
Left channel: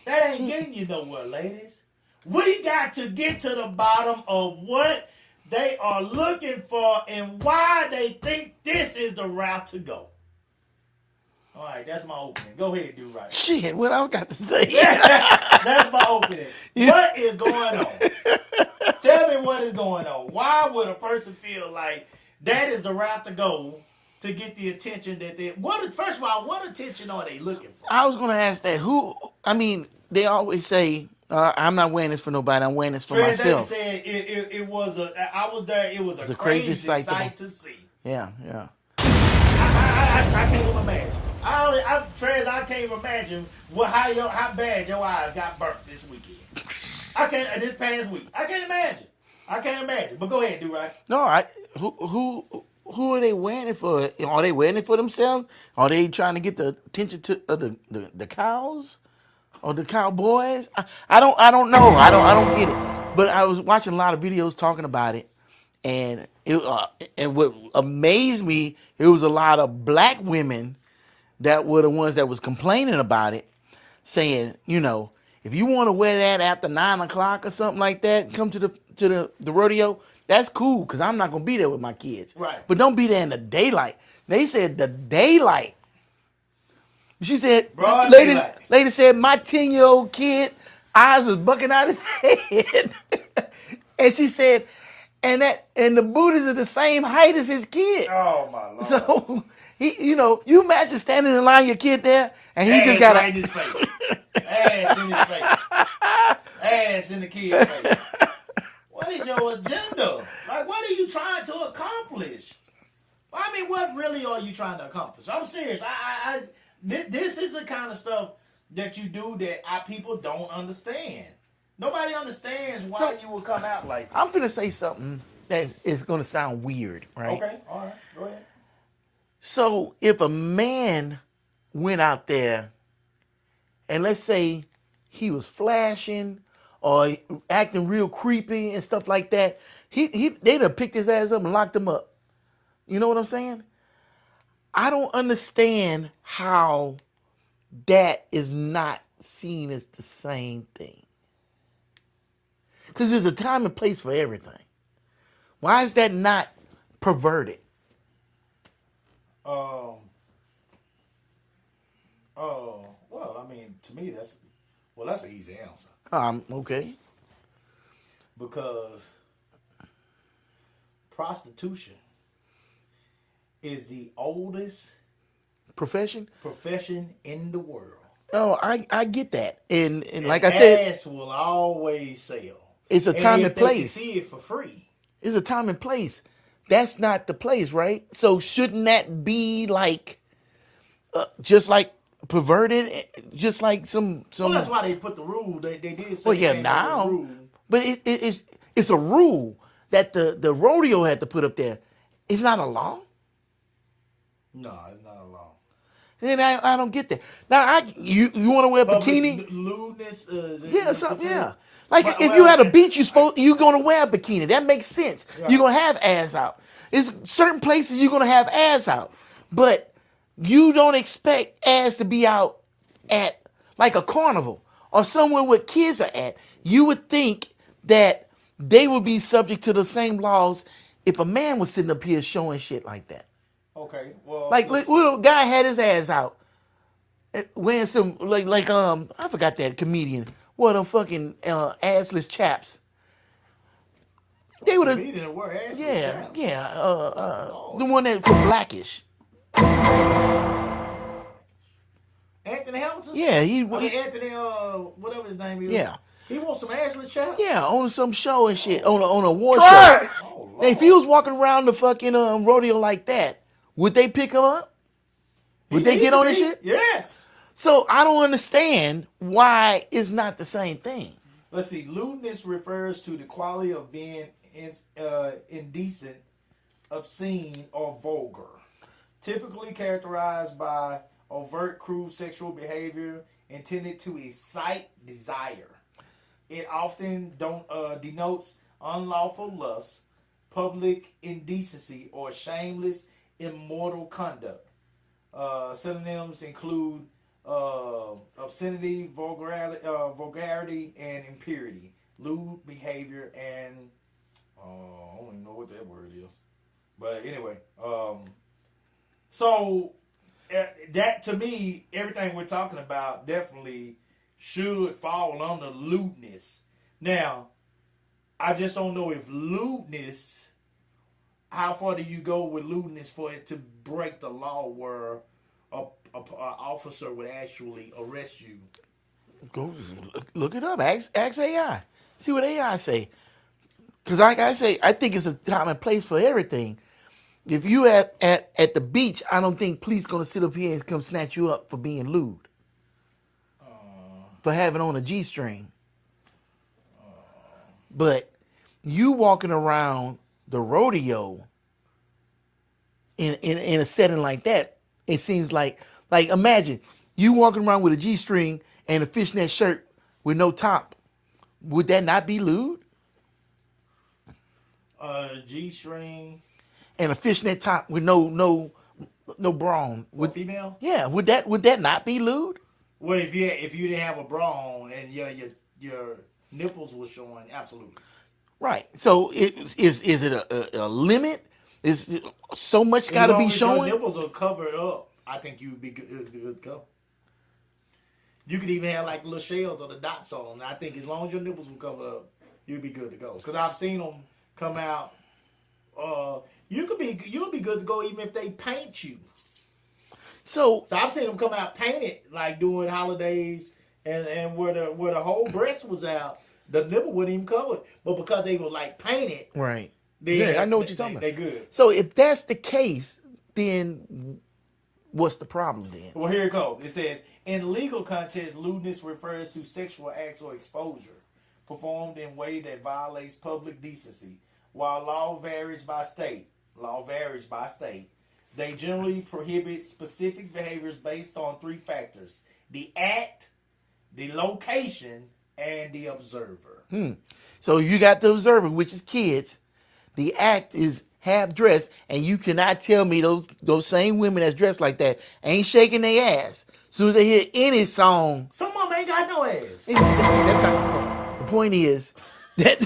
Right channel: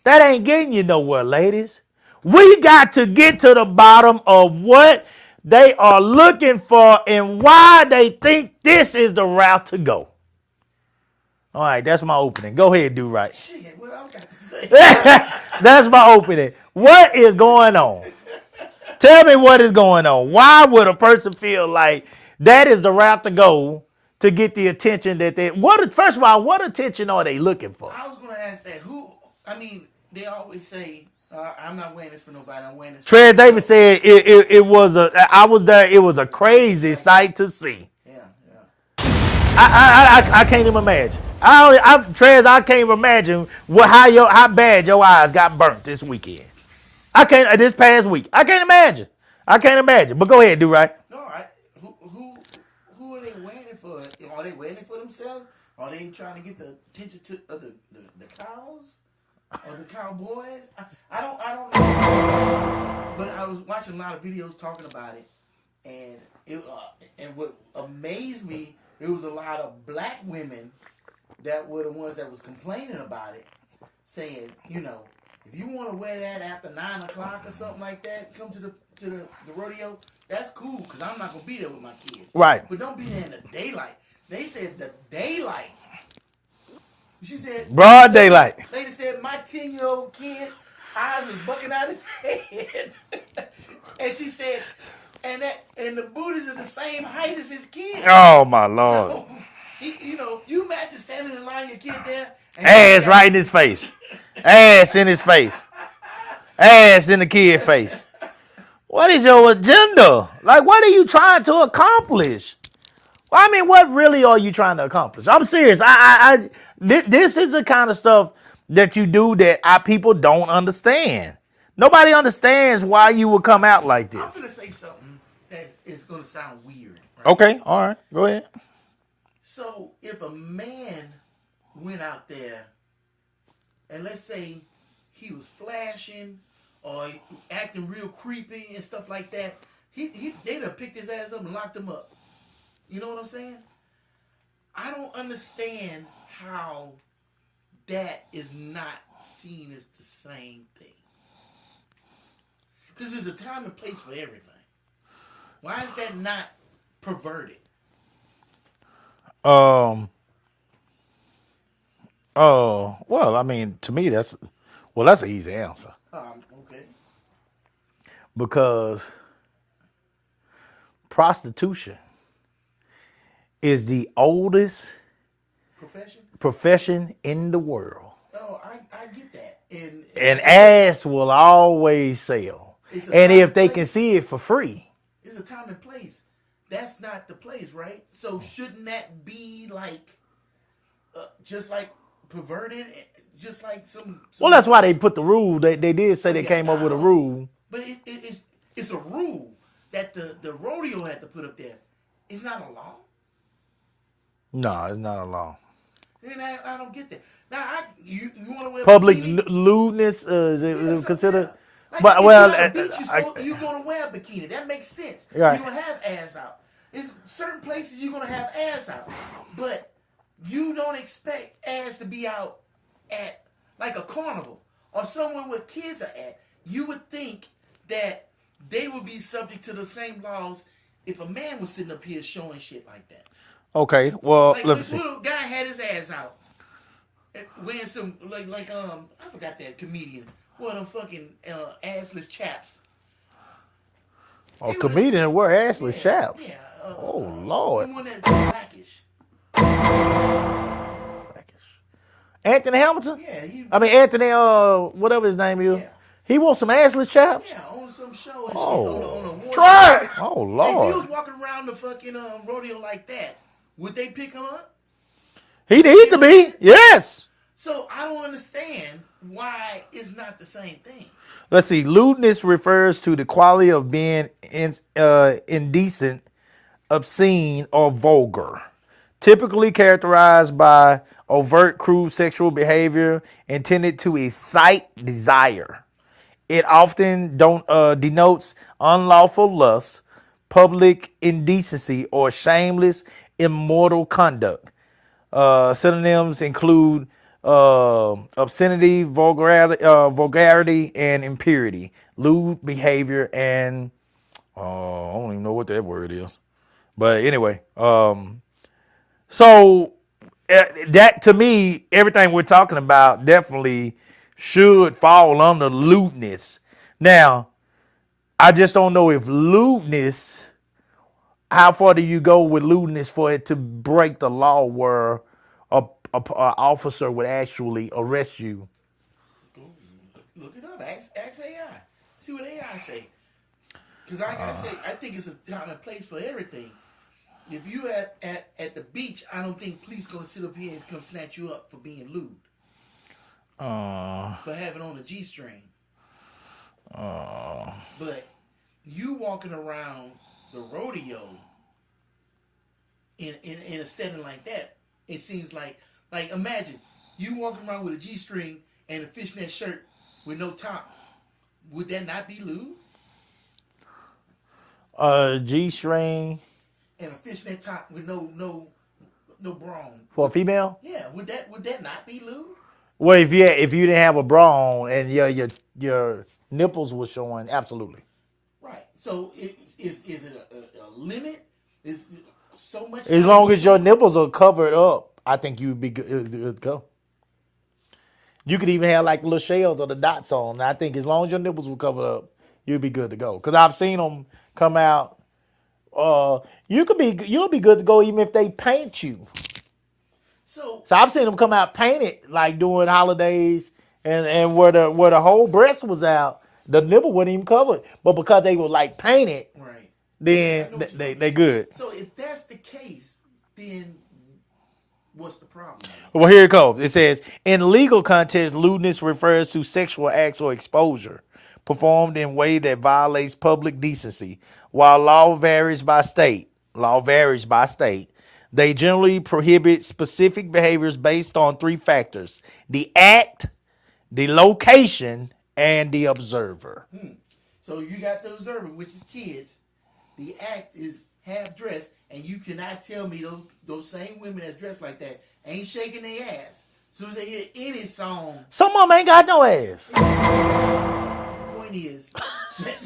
That ain't getting you nowhere, ladies. We got to get to the bottom of what they are looking for and why they think this is the route to go. All right, that's my opening. Go ahead, do right. Shit, what I got to say? That's my opening. What is going on? Tell me what is going on. Why would a person feel like that is the route to go to get the attention that they... First of all, what attention are they looking for? I was going to ask that. They always say, I'm not wearing this for nobody. I'm wearing this for myself. Trez Davis said it was I was there. It was a crazy sight to see. Yeah. I can't even imagine. Trez, I can't even imagine how bad your eyes got burnt this weekend. This past week. I can't imagine. But go ahead, do right. No, who are they wearing it for? Are they wearing it for themselves? Are they trying to get the attention to the cows or the cowboys? I don't know. I don't get it. But I was watching a lot of videos talking about it, and what amazed me, it was a lot of black women that were the ones that was complaining about it, saying, if you want to wear that after 9 o'clock or something like that, come to the rodeo. That's cool, because I'm not going to be there with my kids. Right. But don't be there in the daylight. They said the daylight. She said... Broad daylight. Lady said, my 10-year-old kid, eyes was bucking out his head. And she said, and the booties are the same height as his kid. Oh, my Lord. So, you imagine standing in line, your kid there. And ass right in his face. Ass in his face. Ass in the kid's face. What is your agenda? Like, what are you trying to accomplish? Well, I mean, what really are you trying to accomplish? I'm serious. This is the kind of stuff that you do that people don't understand. Nobody understands why you would come out like this. I'm going to say something that is going to sound weird. Right? Okay, all right. Go ahead. So, if a man went out there and let's say he was flashing or acting real creepy and stuff like that, they'd have picked his ass up and locked him up. You know what I'm saying? I don't understand how that is not seen as the same thing. Because there's a time and place for everything. Why is that not perverted? Well, I mean, to me, that's an easy answer. Okay. Because prostitution is the oldest profession in the world. Oh, I get that. And like ass will always sell. It's a time and if they place. can see it for free. It's a time and place. That's not the place, right? So shouldn't that be like, just like perverted, just like some? Well, that's why they put the rule. They did say they came up with a rule. But it's a rule that the rodeo had to put up there. It's not a law. No, it's not a law. And I don't get that. Now, you want to wear a public bikini? lewdness is it considered? Yeah. Like if you're at a beach, you're going to wear a bikini. That makes sense. Right. You're going to have ass out. It's certain places you're going to have ass out. But you don't expect ass to be out at like a carnival or somewhere where kids are at, you would think that they would be subject to the same laws if a man was sitting up here showing shit like that. Okay, well, Like, let me look, see. little guy had his ass out, wearing some I forgot that comedian. What a fucking assless chaps. A would've- comedian wear assless Yeah, chaps. yeah. Oh, Lord. The one that Blackish. Anthony Hamilton? Yeah, Anthony, whatever his name is. Yeah. He wants some assless chaps? yeah, on some show and shit, Oh. on a war Try it. Oh, show. Lord. If he was walking around the fucking rodeo like that, would they pick him up? He Would they needs get to on the be. shit? Yes. So I don't understand why it's not the same thing. Let's see. Lewdness refers to the quality of being indecent, obscene, or vulgar. Typically characterized by overt, crude sexual behavior intended to excite desire. It often denotes unlawful lust, public indecency, or shameless, immoral conduct. Synonyms include obscenity, vulgarity, and impurity, lewd behavior, and I don't even know what that word is. But anyway, so that to me, everything we're talking about definitely should fall under lewdness. Now, I just don't know if lewdness, how far do you go with lewdness for it to break the law where a officer would actually arrest you? Go look it up. Ask AI. See what AI say. Because like I say, I think it's a time and place for everything. If you at the beach, I don't think police gonna sit up here and come snatch you up for being lewd. For having on a G-string. But you walking around the rodeo in a setting like that, it seems like imagine you walking around with a G-string and a fishnet shirt with no top. Would that not be lewd? G-string And a fishnet top with no bra on. for a female? Yeah, would that not be lewd? Well, if you didn't have a bra on and your nipples were showing, absolutely. Right. So is it a limit? Is so much As gotta long be as your showing? nipples are covered up, I think you'd be good to go. You could even have like the little shells or the dots on. I think as long as your nipples were covered up, you'd be good to go. Because I've seen them come out. You'll be good to go even if they paint you. So So I've seen them come out painted like during holidays and where the whole breast was out, the nipple wasn't even covered. But because they were like painted, right. then Yeah, I know what you're talking they about. good. So if that's the case, then what's the problem then? Well, here it goes. It says, in legal context, lewdness refers to sexual acts or exposure performed in a way that violates public decency. While law varies by state, they generally prohibit specific behaviors based on three factors: the act, the location, and the observer. So you got the observer, which is kids. The act is half dressed, and you cannot tell me those same women that's dressed like that ain't shaking their ass. As soon as they hear any song, Some of them ain't got no ass. the point is that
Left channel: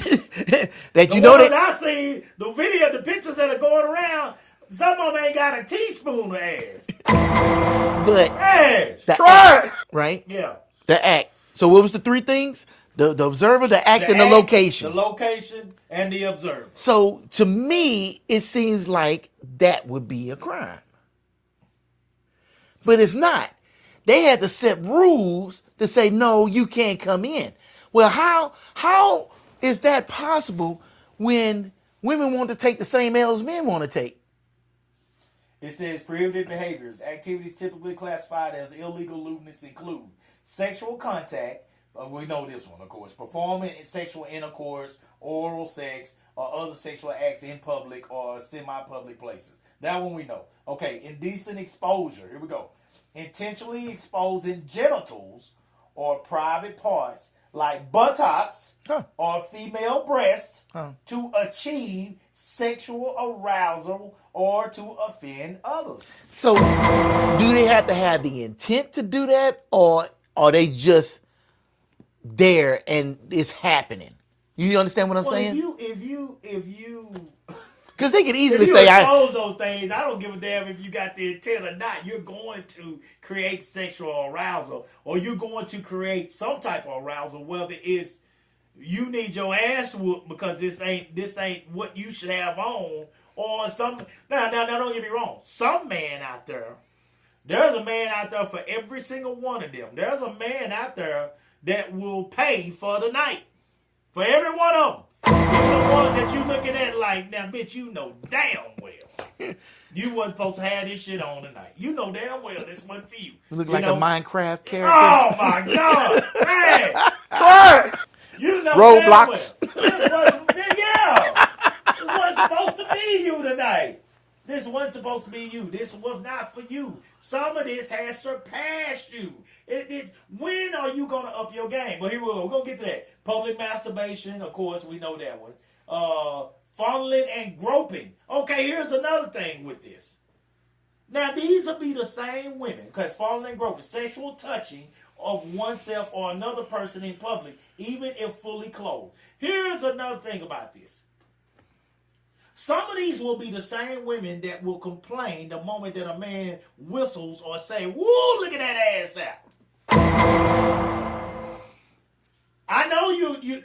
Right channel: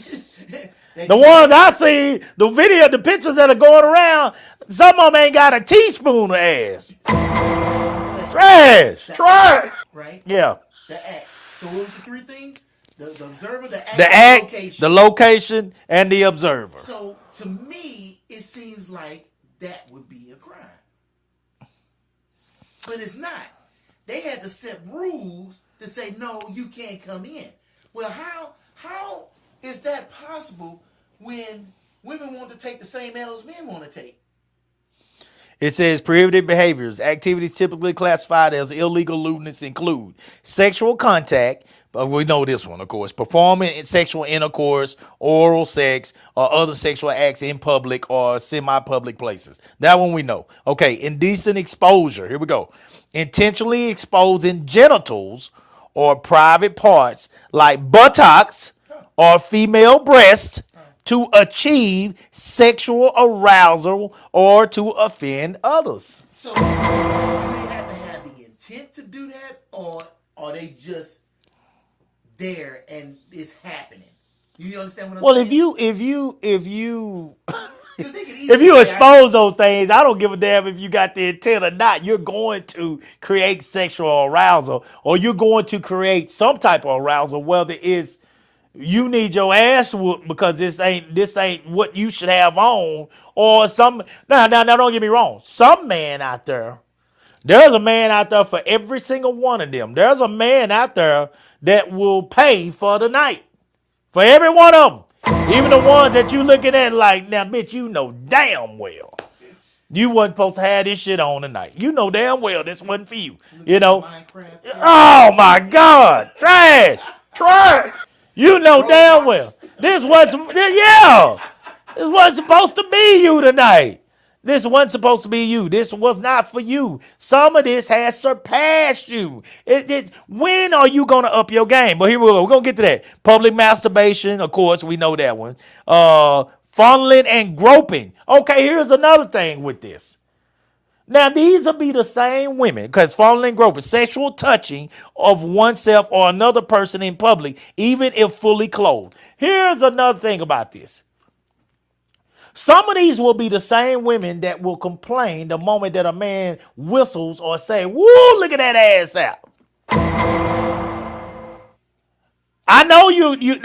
The you know ones I see, the pictures that are going around, some of them ain't got a teaspoon of ass. but Trash. Try it. right? Yeah. The act. So what was the three things? The observer, the act, The and act, the location. the location, and the observer. So to me, it seems like that would be a crime. But it's not. They had to set rules to say, no, you can't come in. Well, how is that possible when women want to take the same L's men want to take? It says prohibited behaviors. Activities typically classified as illegal lewdness include sexual contact. But we know this one, of course. Performing sexual intercourse, oral sex, or other sexual acts in public or semi-public places. That one we know. Okay, indecent exposure. Here we go. Intentionally exposing genitals or private parts like buttocks or female breasts to achieve sexual arousal or to offend others. there and it's happening. You understand what I'm Well, saying? if you Because they could if easily you say, expose those things, I don't give a damn if you got the intent or not. You're going to create sexual arousal, or you're going to create some type of arousal, whether it's you need your ass whooped because this ain't what you should have on, or some. Now, don't get me wrong. Some man out there, there's a man out there for every single one of them. There's a man out there that will pay for the night. For every one of them. Even the ones that you looking at like, now, bitch, you know damn well you wasn't supposed to have this shit on tonight. You know damn well this wasn't for you. look You like know? a Minecraft character. Oh, my God. Trash. Try. You know damn well. Roblox. This wasn't supposed to be you tonight. This wasn't supposed to be you. This was not for you. Some of this has surpassed you. When are you going to up your game? But here we go. We're going to get to that. Public masturbation, of course, we know that one. Fondling and groping. Okay, here's another thing with this. Now, these will be the same women, because fondling and groping, sexual touching of oneself or another person in public, even if fully clothed. Here's another thing about this. Some of these will be the same women that will complain the moment that a man whistles or say, woo, look at that ass out. I know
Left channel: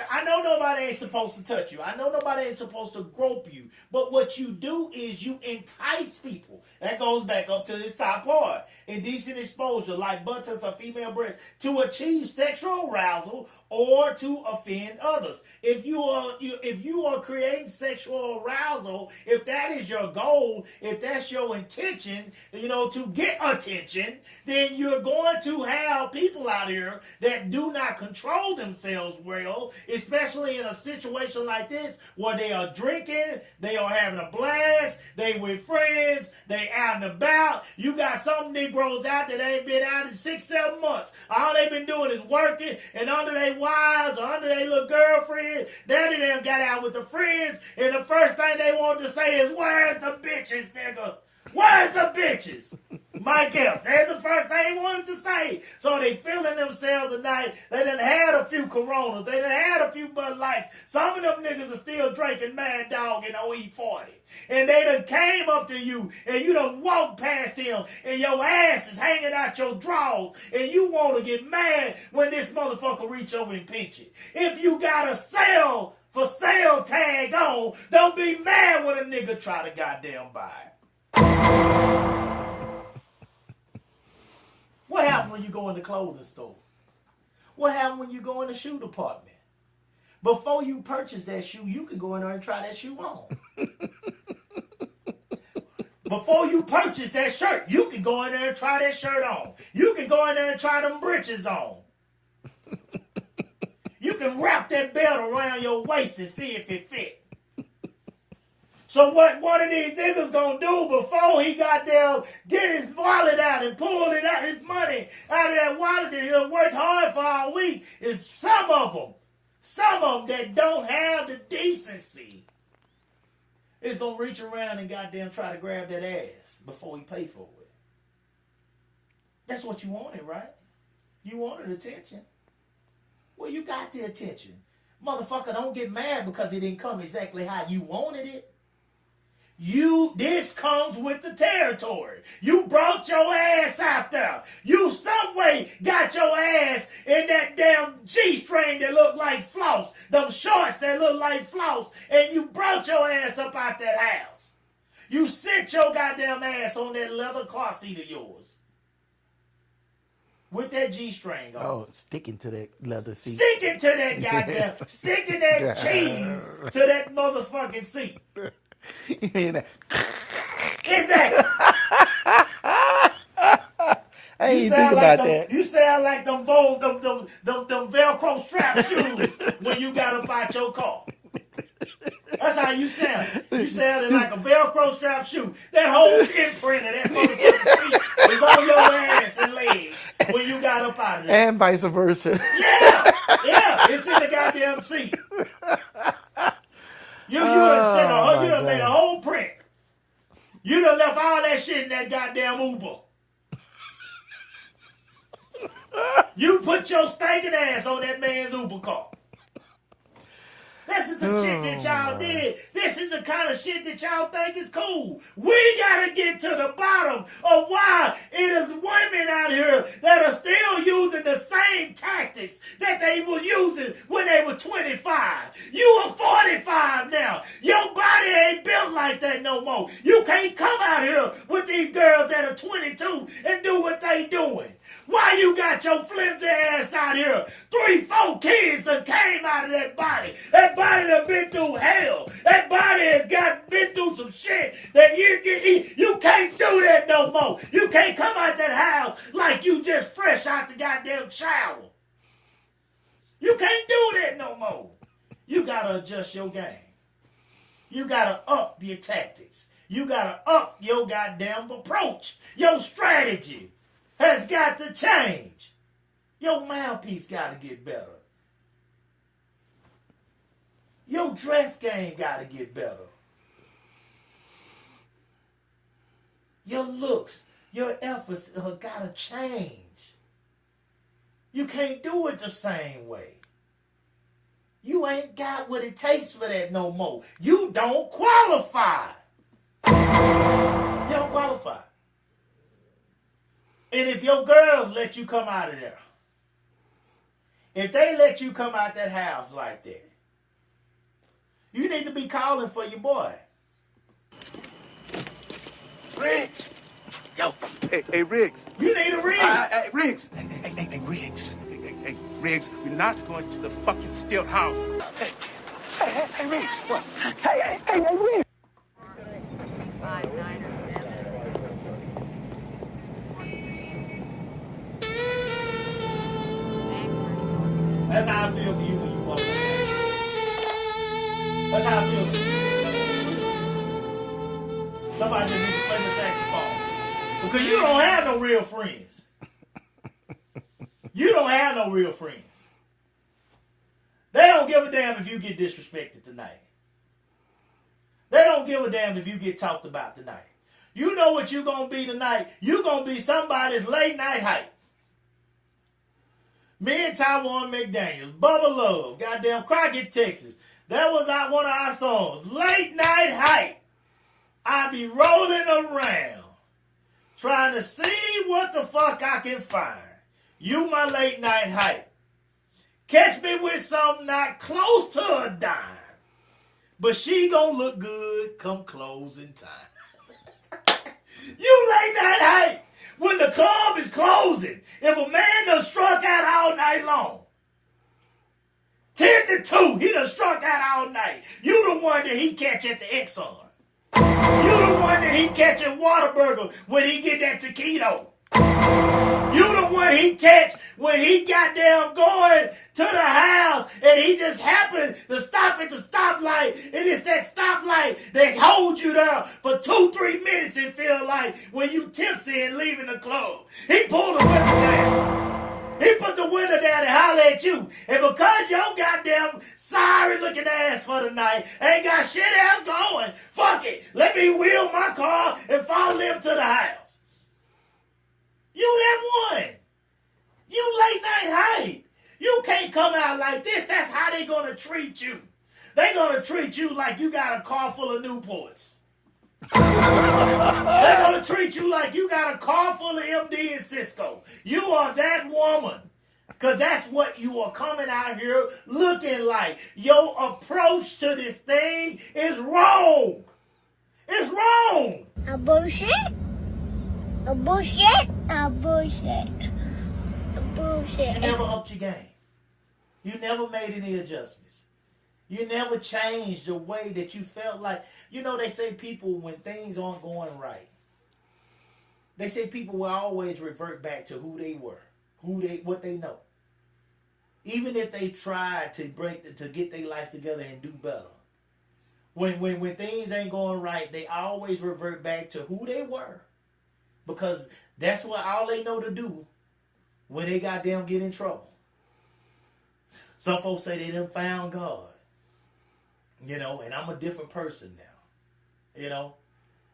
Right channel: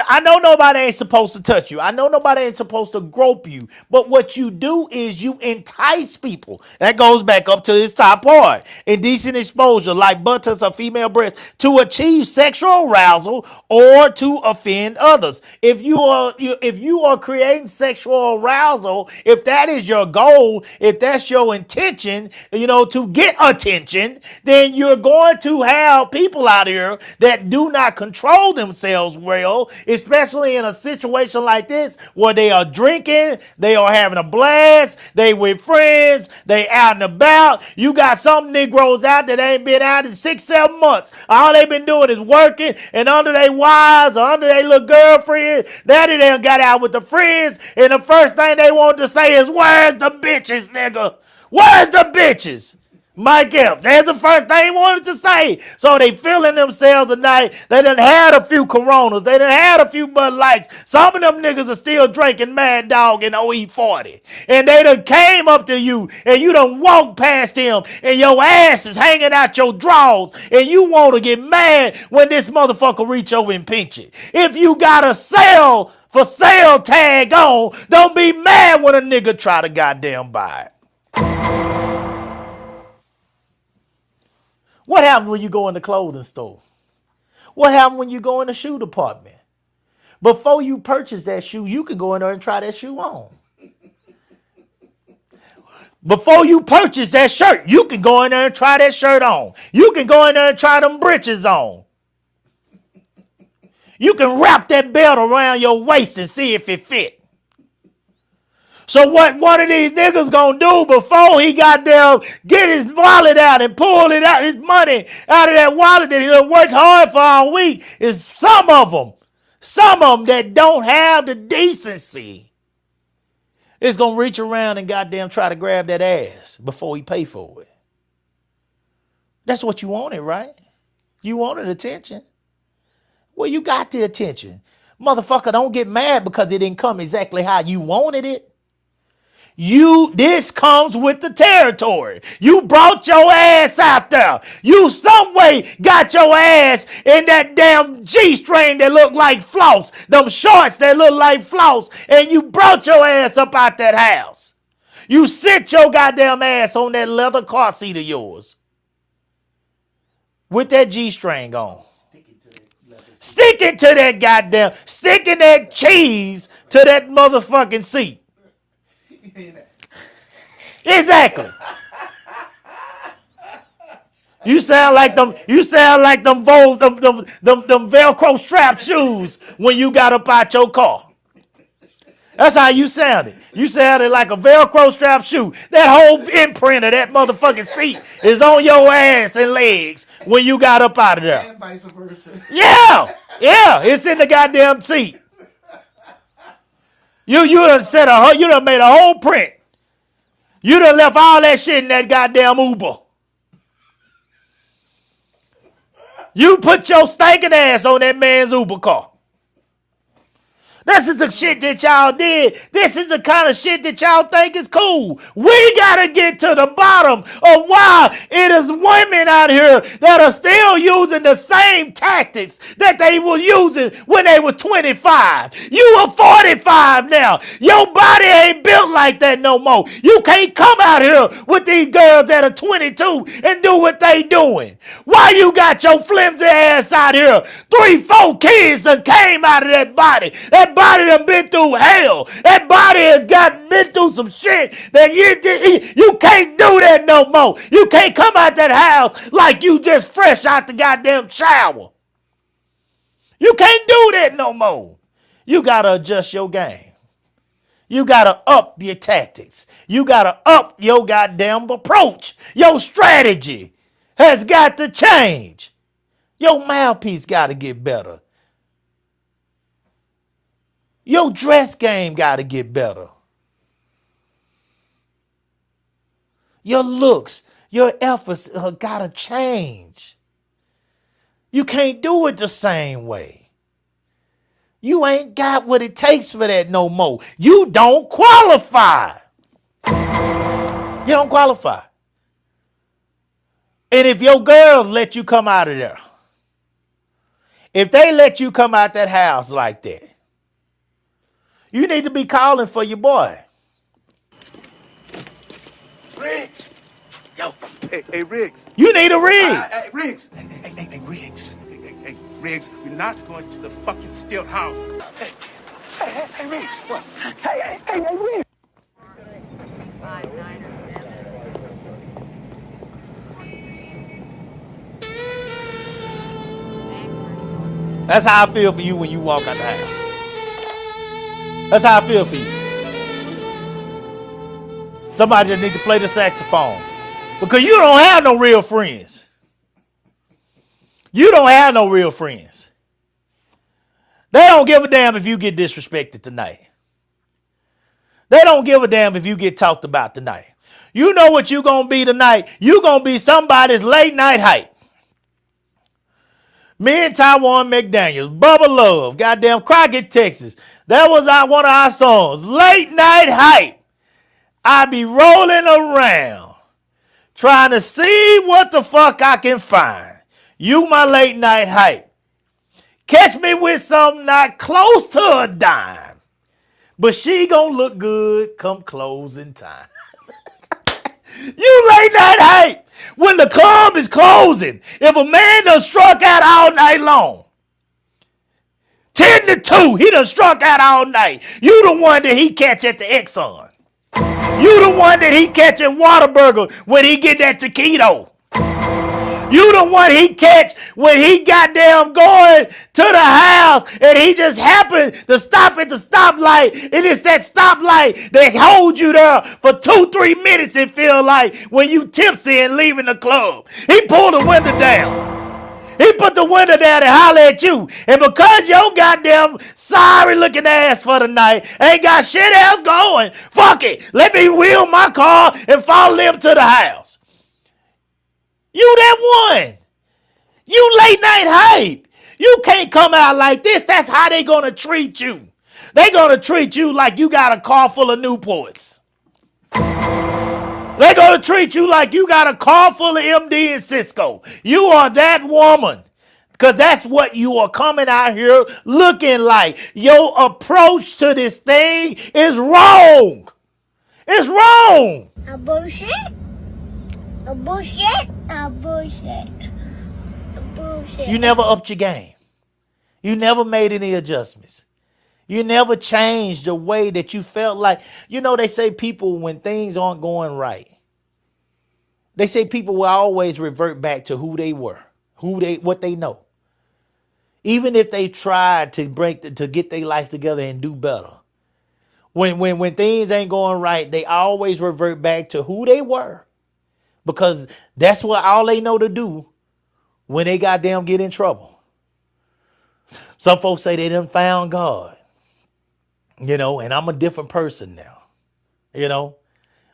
I know nobody ain't supposed to touch you. I know nobody ain't supposed to grope you. But what you do is you entice people. That goes back up to this top part. Indecent exposure, like buttocks or female breasts, to achieve sexual arousal or to offend others. If you are creating sexual arousal, if that is your goal, if that's your intention, to get attention, then you're going to have people out here that do not control themselves well, especially in a situation like this where they are drinking, they are having a blast, they with friends, they out and about. You got some Negroes out that ain't been out in 6-7 months. All they been doing is working, and under their wives or under their little girlfriend, daddy done got out with the friends, and the first thing they want to say is, where's the bitches, nigga? Where's the bitches? Mike Epps, that's the first thing he wanted to say. So they feeling themselves tonight. They done had a few Coronas. They done had a few Bud Lights. Some of them niggas are still drinking Mad Dog and OE40. And they done came up to you and you done walked past him and your ass is hanging out your drawers and you want to get mad when this motherfucker reach over and pinch it. If you got a for sale tag on, don't be mad when a nigga try to goddamn buy it. What happens when you go in the clothing store? What happens when you go in the shoe department? Before you purchase that shoe, you can go in there and try that shoe on. Before you purchase that shirt, you can go in there and try that shirt on. You can go in there and try them breeches on. You can wrap that belt around your waist and see if it fits. So what one of these niggas gonna do before he goddamn get his wallet out and pull it out, his money out of that wallet that he done worked hard for all week, is some of them that don't have the decency is gonna reach around and goddamn try to grab that ass before he pay for it. That's what you wanted, right? You wanted attention. Well, you got the attention. Motherfucker, don't get mad because it didn't come exactly how you wanted it. This comes with the territory. You brought your ass out there. You some way got your ass in that damn G-string that look like floss, them shorts that look like floss, and you brought your ass up out that house. You sit your goddamn ass on that leather car seat of yours with that G-string on. Oh, sticking to that leather seat. Sticking to that goddamn, sticking that cheese to that motherfucking seat. Exactly. You sound like them Velcro strap shoes when you got up out your car. That's how you sounded. You sounded like a Velcro strap shoe. That whole imprint of that motherfucking seat is on your ass and legs when you got up out of there. And vice versa. Yeah, it's in the goddamn seat. You done made a whole print. You done left all that shit in that goddamn Uber. You put your stinking ass on that man's Uber car. This is the shit that y'all did. This is the kind of shit that y'all think is cool. We gotta get to the bottom of why it is women out here that are still using the same tactics that they were using when they were 25. You are 45 now. Your body ain't built like that no more. You can't come out here with these girls that are 22 and do what they doing. Why you got your flimsy ass out here? 3, 4 kids that came out of that body. That body done been through hell. That body has been through some shit that you can't do that no more. You can't come out that house like you just fresh out the goddamn shower. You can't do that no more. You gotta adjust your game. You gotta up your tactics. You gotta up your goddamn approach. Your strategy has got to change. Your mouthpiece gotta get better. Your dress game got to get better. Your looks, your efforts got to change. You can't do it the same way. You ain't got what it takes for that no more. You don't qualify. You don't qualify. And if your girls let you come out of there, if they let you come out that house like that, you need to be calling for your boy. Riggs! Yo, hey, Riggs. You need a rig. Hey, Riggs. Hey, Riggs. Hey, Riggs, we're not going to the fucking stilt house. Hey, Riggs. What? Hey, Riggs. That's how I feel for you when you walk out the house. That's how I feel for you. Somebody just needs to play the saxophone. Because you don't have no real friends. You don't have no real friends. They don't give a damn if you get disrespected tonight. They don't give a damn if you get talked about tonight. You know what you gonna be tonight? You gonna be somebody's late night hype. Me and Taiwan McDaniels, Bubba Love, goddamn Crockett, Texas. That was one of our songs. Late night hype. I be rolling around trying to see what the fuck I can find. You my late night hype. Catch me with something not close to a dime. But she gonna look good come closing time. You late night hype. When the club is closing, if a man done struck out all night long, 10 to 2, he done struck out all night. You the one that he catch at the Exxon. You the one that he catch at Whataburger when he get that taquito. You the one he catch when he goddamn going to the house and he just happened to stop at the stoplight, and it's that stoplight that holds you there for 2-3 minutes, it feel like, when you tipsy and leaving the club. He pulled the window down. He put the window down and holler at you. And because your goddamn sorry looking ass for the night ain't got shit else going, fuck it. Let me wheel my car and follow them to the house. You that one. You late night hype. You can't come out like this. That's how they gonna treat you. They gonna treat you like you got a car full of Newports. They're gonna treat you like you got a car full of MD and Cisco. You are that woman. Because that's what you are coming out here looking like. Your approach to this thing is wrong. It's wrong. A bullshit. A bullshit. A bullshit. A bullshit. You never upped your game. You never made any adjustments. You never changed the way that you felt like. You know, they say people, when things aren't going right, they say people will always revert back to who they were, what they know. Even if they tried to get their life together and do better. When things ain't going right, they always revert back to who they were. Because that's what all they know to do when they goddamn get in trouble. Some folks say they done found God. You know, and I'm a different person now. You know.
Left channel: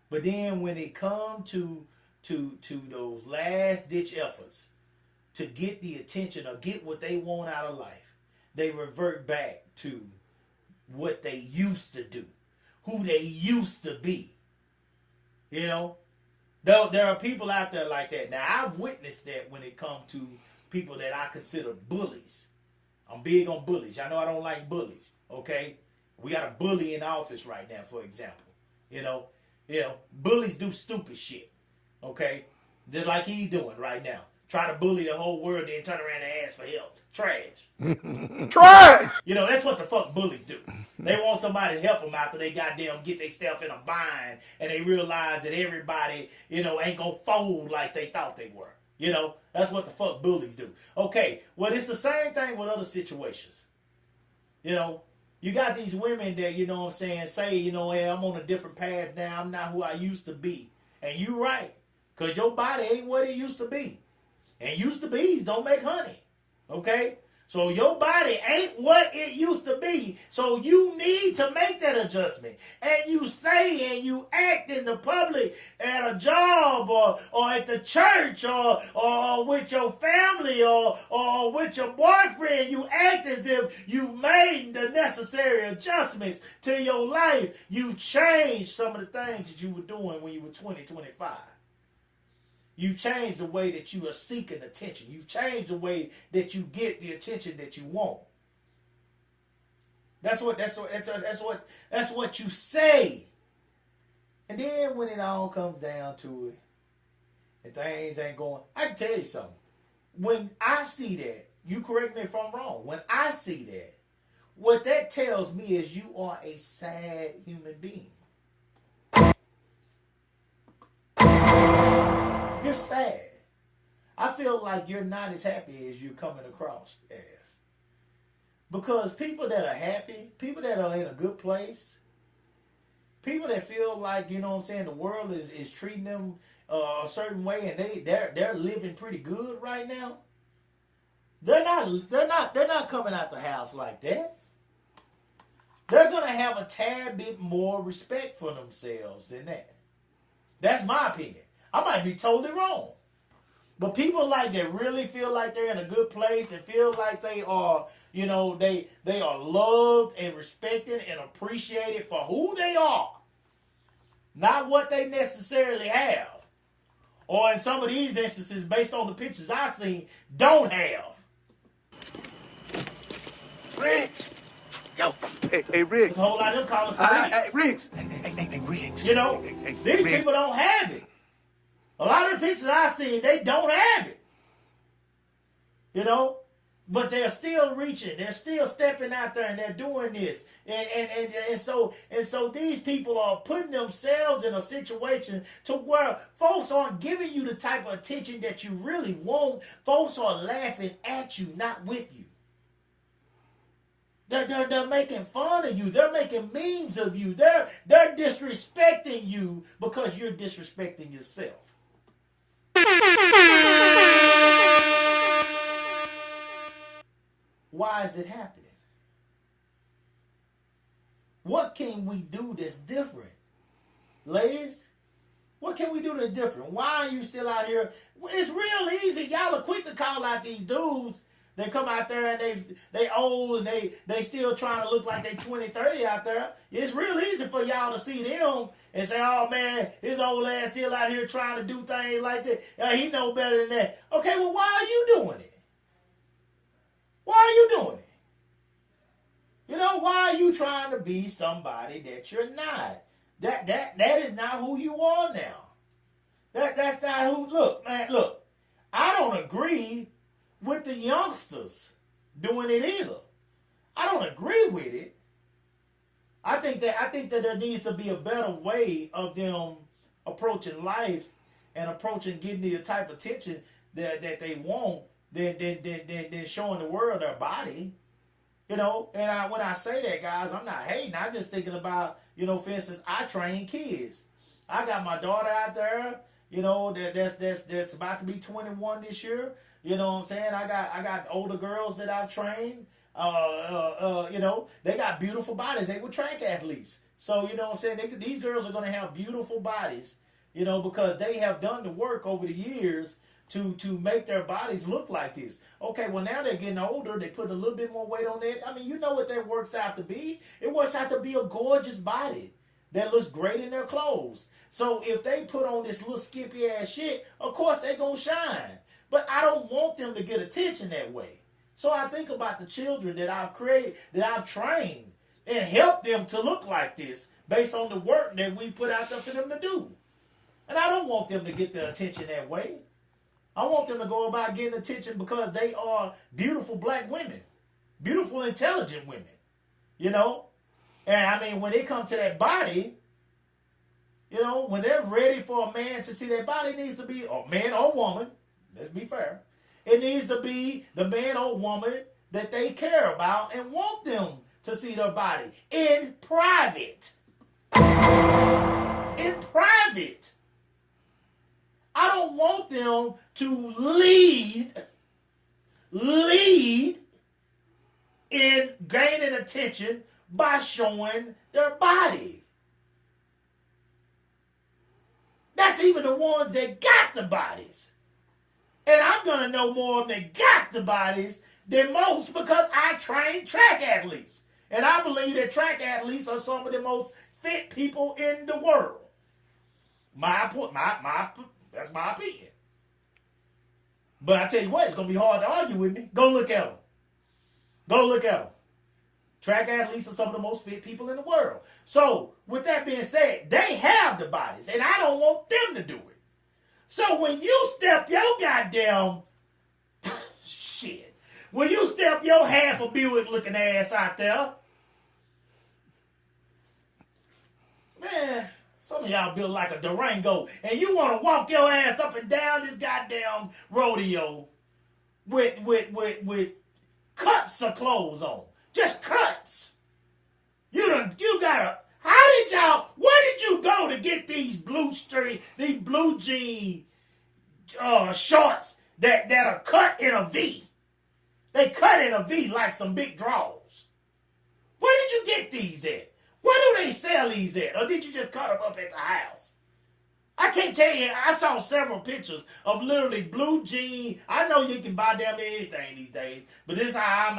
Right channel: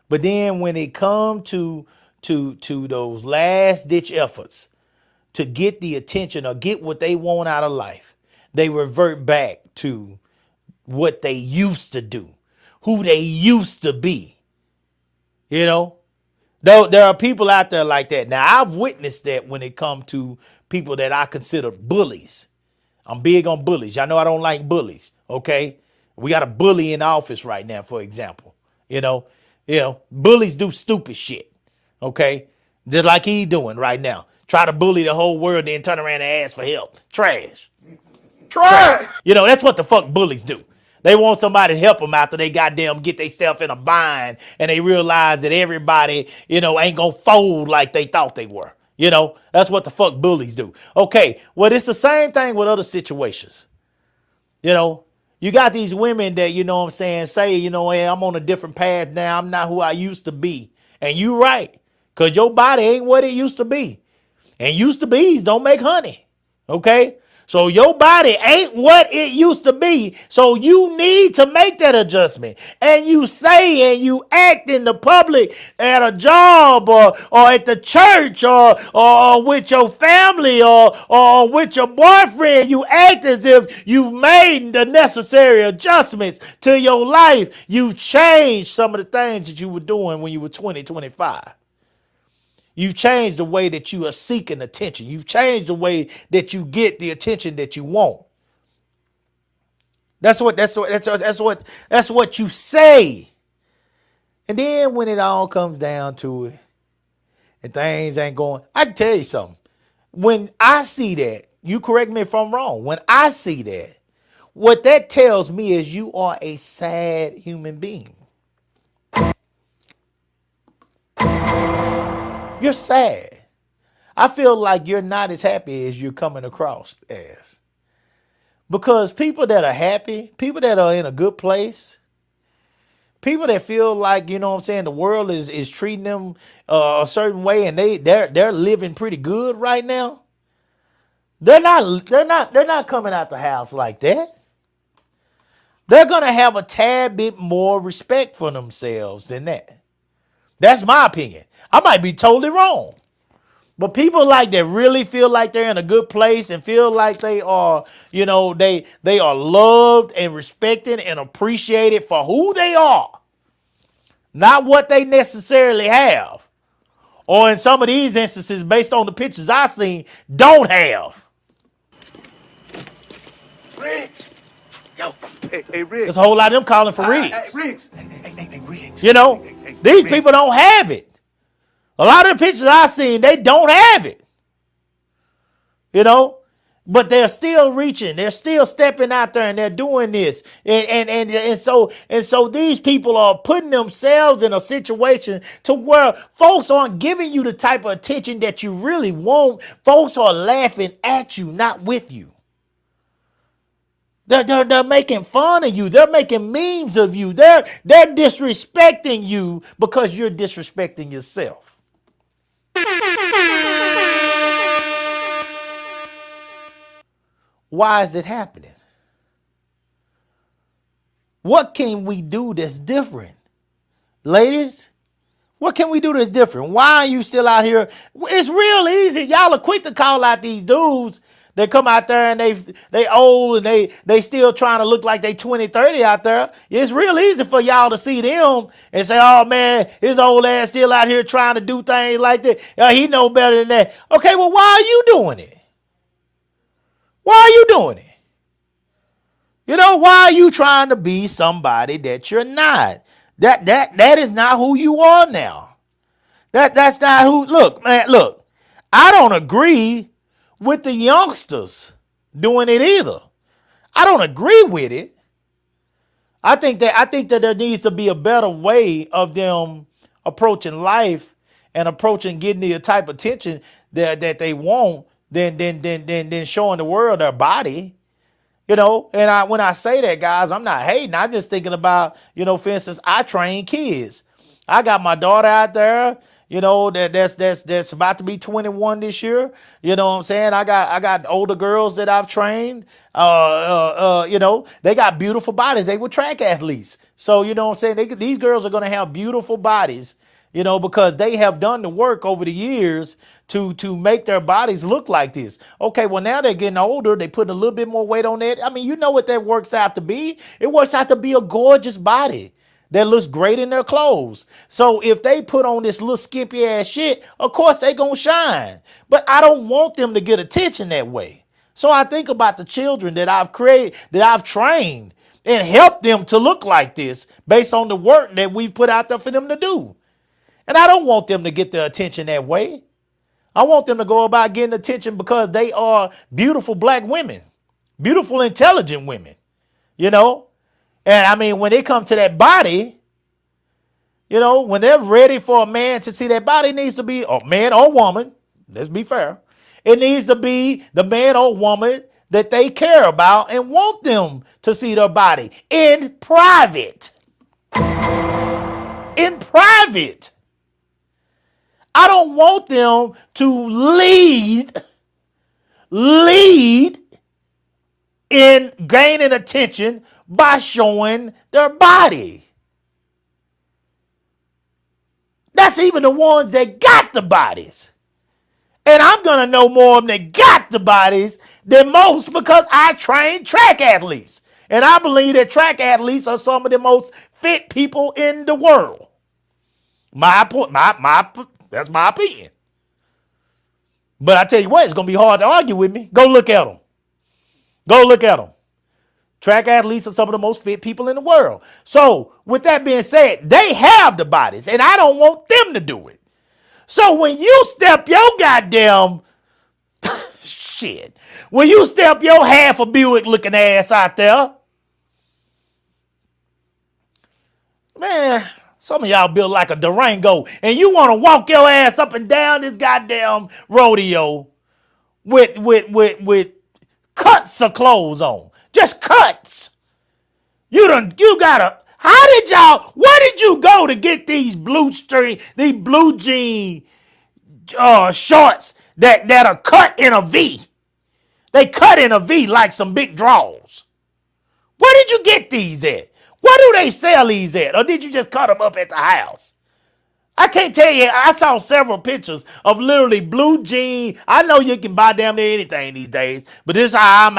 But then when it come to those last ditch efforts to get the attention or get what they want out of life, they revert back to what they used to do, who they used to be. You know, though there are people out there like that. Now, I've witnessed that when it comes to people that I consider bullies. I'm big on bullies. Y'all know I don't like bullies. Okay, we got a bully in office right now, for example. You know, bullies do stupid shit. Okay, just like he doing right now. Try to bully the whole world, then turn around and ask for help. Trash. Trash. You know, that's what the fuck bullies do. They want somebody to help them after they goddamn get themselves in a bind and they realize that everybody, ain't gonna fold like they thought they were. You know, that's what the fuck bullies do. Okay, well, it's the same thing with other situations. You know, you got these women that, say, hey, I'm on a different path now. I'm not who I used to be. And you right, because your body ain't what it used to be. And used to be's don't make honey. Okay? So your body ain't what it used to be. So you need to make that adjustment. And you say and you act in the public at a job or at the church or with your family or with your boyfriend. You act as if you've made the necessary adjustments to your life. You've changed some of the things that you were doing when you were 20, 25. You've changed the way that you are seeking attention. You've changed the way that you get the attention that you want. That's what you say. And then when it all comes down to it and things ain't going, I can tell you something. When I see that, you correct me if I'm wrong. When I see that, what that tells me is you are a sad human being. You're sad. I feel like you're not as happy as you're coming across as. Because people that are happy, people that are in a good place, people that feel like, the world is treating them a certain way and they're living pretty good right now. They're not coming out the house like that. They're going to have a tad bit more respect for themselves than that. That's my opinion. I might be totally wrong. But people like that really feel like they're in a good place and feel like they are, they are loved and respected and appreciated for who they are. Not what they necessarily have. Or in some of these instances, based on the pictures I've seen, don't have. Riggs. Yo. Hey, Riggs. There's a whole lot of them calling for Riggs. Hey, Riggs. Hey, Riggs. These Riggs. people don't have it. A lot of the pictures I've seen, they don't have it. But they're still reaching. They're still stepping out there and they're doing this. And so these people are putting themselves in a situation to where folks aren't giving you the type of attention that you really want. Folks are laughing at you, not with you. They're making fun of you. They're making memes of you. They're disrespecting you because you're disrespecting yourself. Why is it happening? What can we do that's different? Ladies, what can we do that's different? Why are you still out here? It's real easy. Y'all are quick to call out these dudes. They come out there and they old and they still trying to look like they 20, 30 out there. It's real easy for y'all to see them and say, oh man, his old ass still out here trying to do things like that. He know better than that. Okay, well, why are you doing it? Why are you doing it? Why are you trying to be somebody that you're not? That is not who you are now. That's not who. Look, I don't agree with the youngsters doing it either. I don't agree with it. I think that there needs to be a better way of them approaching life and approaching getting the type of attention that they want than showing the world their body. And when I say that, guys, I'm not hating. I'm just thinking about, for instance, I train kids. I got my daughter out there, that's about to be 21 this year. You know what I'm saying? I got older girls that I've trained. They got beautiful bodies. They were track athletes. So, you know what I'm saying? These girls are going to have beautiful bodies, because they have done the work over the years to make their bodies look like this. Okay, well now they're getting older. They put a little bit more weight on that. I mean, you know what that works out to be? It works out to be a gorgeous body that looks great in their clothes. So if they put on this little skimpy ass shit, of course they gonna shine. But I don't want them to get attention that way. So I think about the children that I've created, that I've trained, and helped them to look like this based on the work that we put out there for them to do. And I don't want them to get the attention that way. I want them to go about getting attention because they are beautiful black women, beautiful, intelligent women, you know? And I mean, when they come to that body, you know, when they're ready for a man to see that body, it needs to be a man or woman. Let's be fair. It needs to be the man or woman that they care about and want them to see their body in private. In private. I don't want them to lead in gaining attention by showing their body. That's even the ones that got the bodies. And I'm going to know more of them that got the bodies than most because I train track athletes. And I believe that track athletes are some of the most fit people in the world. That's my opinion. But I tell you what, it's going to be hard to argue with me. Go look at them. Go look at them. Track athletes are some of the most fit people in the world. So with that being said, they have the bodies and I don't want them to do it. So when you step your goddamn shit, when you step your half a Buick looking ass out there, man, some of y'all built like a Durango and you want to walk your ass up and down this goddamn rodeo with cuts of clothes on. Just cuts. You gotta, where did you go to get these blue jean shorts that are cut in a V? They cut in a V like some big draws. Where did you get these at? Where do they sell these at? Or did you just cut them up at the house? I can't tell you. I saw several pictures of literally blue jean. I know you can buy damn near anything these days, but this is how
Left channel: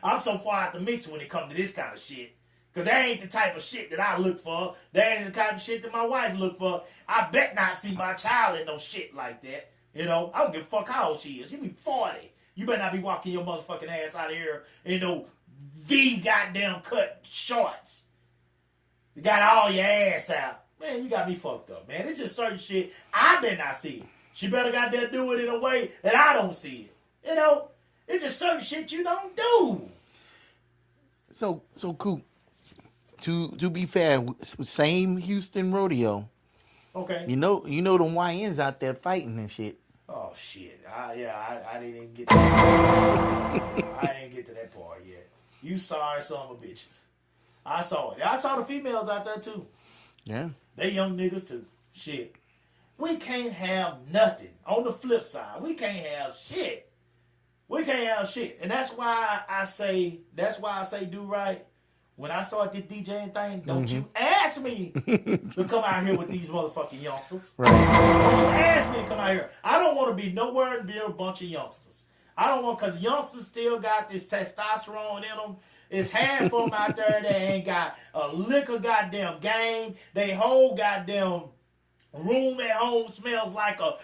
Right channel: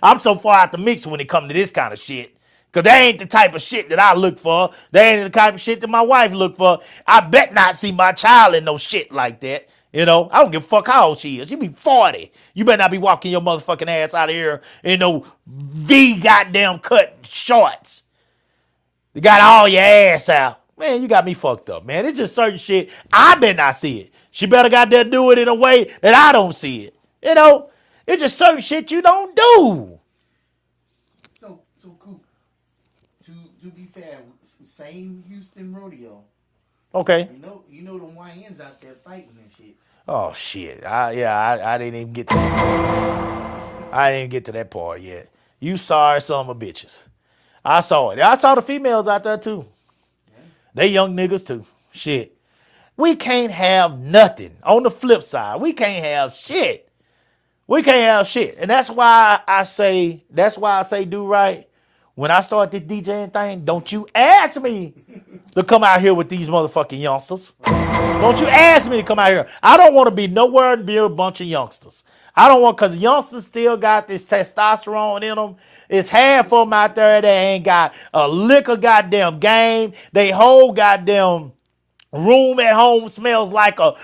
I'm so far out the mix when it comes to this kind of shit. Because that ain't the type of shit that I look for. That ain't the type of shit that my wife look for. I bet not see my child in no shit like that. You know, I don't give a fuck how old she is. She be 40. You better not be walking your motherfucking ass out of here in no V goddamn cut shorts. You got all your ass out. Man, you got me fucked up, man. It's just certain shit. I better not see it. She better got there do it in a way that I don't see it. You know, it's just certain shit you don't do. So Coop, to be fair, same Houston rodeo. Okay. You know them YNs out there fighting and shit. Oh shit. I didn't even get to that. I didn't get to that part yet. You sorry son of a bitches. I saw it. I saw the females out there too. Yeah. They young niggas too. Shit. We can't have nothing. On the flip side, we can't have shit. We can't have shit. And that's why I say do right. When I start this DJing thing, don't you ask me to come out here with these motherfucking youngsters. Right. Don't you ask me to come out here. I don't want to be nowhere near a bunch of youngsters. I don't want, because youngsters still got this testosterone in them. It's half of them out there that ain't got a lick of goddamn game. They whole goddamn room at home smells like a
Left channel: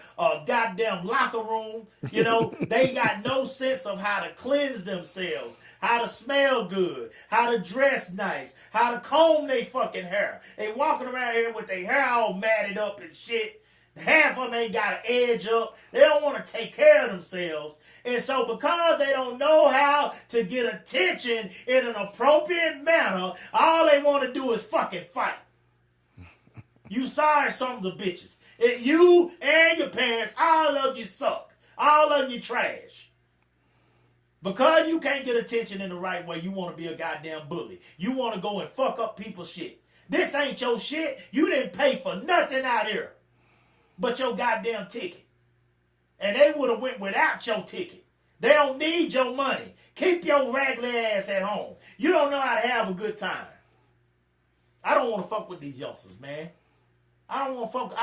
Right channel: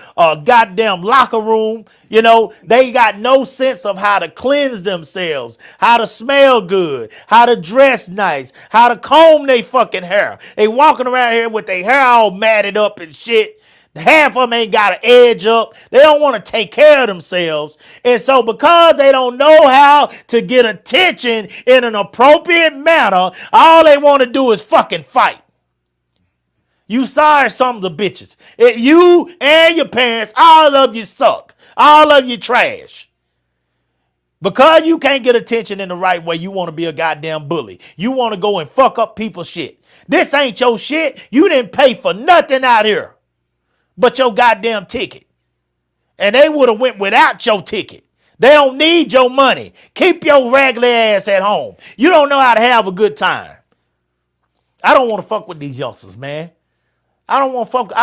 goddamn locker room. You know, they got no sense of how to cleanse themselves, how to smell good, how to dress nice, how to comb their fucking hair. They walking around here with their hair all matted up and shit. Half of them ain't got an edge up. They don't want to take care of themselves. And so because they don't know how to get attention in an appropriate manner, all they want to do is fucking fight. You sorry some of the bitches. You and your parents, all of you suck. All of you trash. Because you can't get attention in the right way, you want to be a goddamn bully. You want to go and fuck up people's shit. This ain't your shit. You didn't pay for nothing out here but your goddamn ticket. And they would have went without your ticket. They don't need your money. Keep your raggedy ass at home. You don't know how to have a good time. I don't want to fuck with these youngsters, man. I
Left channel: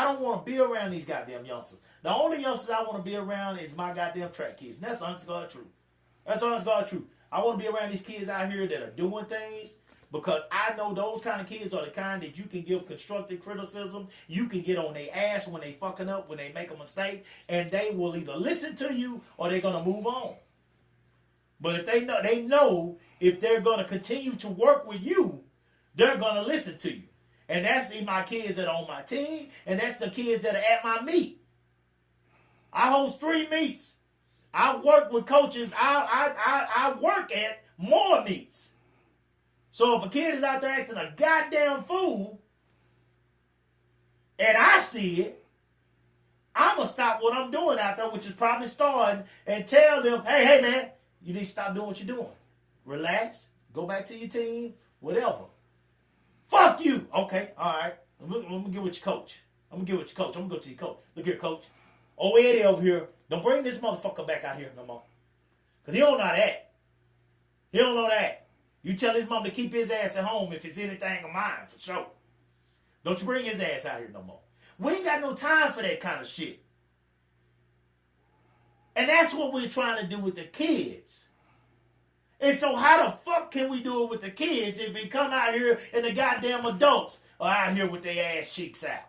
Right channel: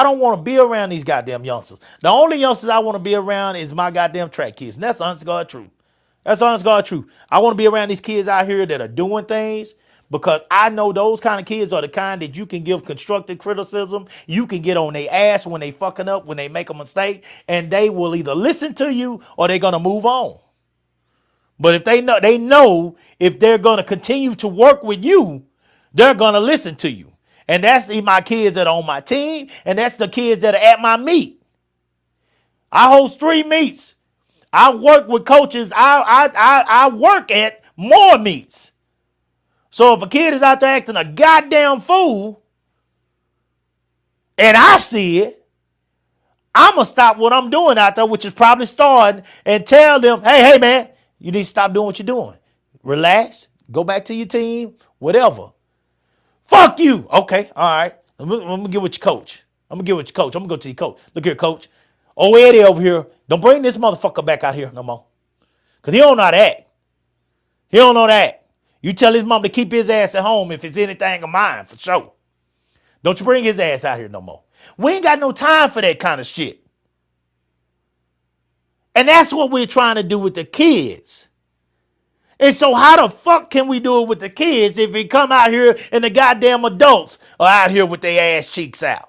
don't want to be around these goddamn youngsters. The only youngsters I want to be around is my goddamn track kids. And that's honest God truth. That's honest God truth. I want to be around these kids out here that are doing things because I know those kind of kids are the kind that you can give constructive criticism. You can get on their ass when they fucking up, when they make a mistake, and they will either listen to you or they're going to move on. But if they know if they're going to continue to work with you, they're going to listen to you. And that's my kids that are on my team, and that's the kids that are at my meet. I host 3 meets. I work with coaches. I work at more meets. So if a kid is out there acting a goddamn fool, and I see it, I'm going to stop what I'm doing out there, which is probably starting, and tell them, hey, man, you need to stop doing what you're doing. Relax. Go back to your team. Whatever. Fuck you. Okay. All right. I'm going to get with your coach. I'm going to go to your coach. Look here, coach. Oh, Eddie over here. Don't bring this motherfucker back out here no more. Because he don't know how to act. He don't know that. You tell his mom to keep his ass at home if it's anything of mine, for sure. Don't you bring his ass out here no more. We ain't got no time for that kind of shit. And that's what we're trying to do with the kids. And so how the fuck can we do it with the kids if we come out here and the goddamn adults are out here with their ass cheeks out?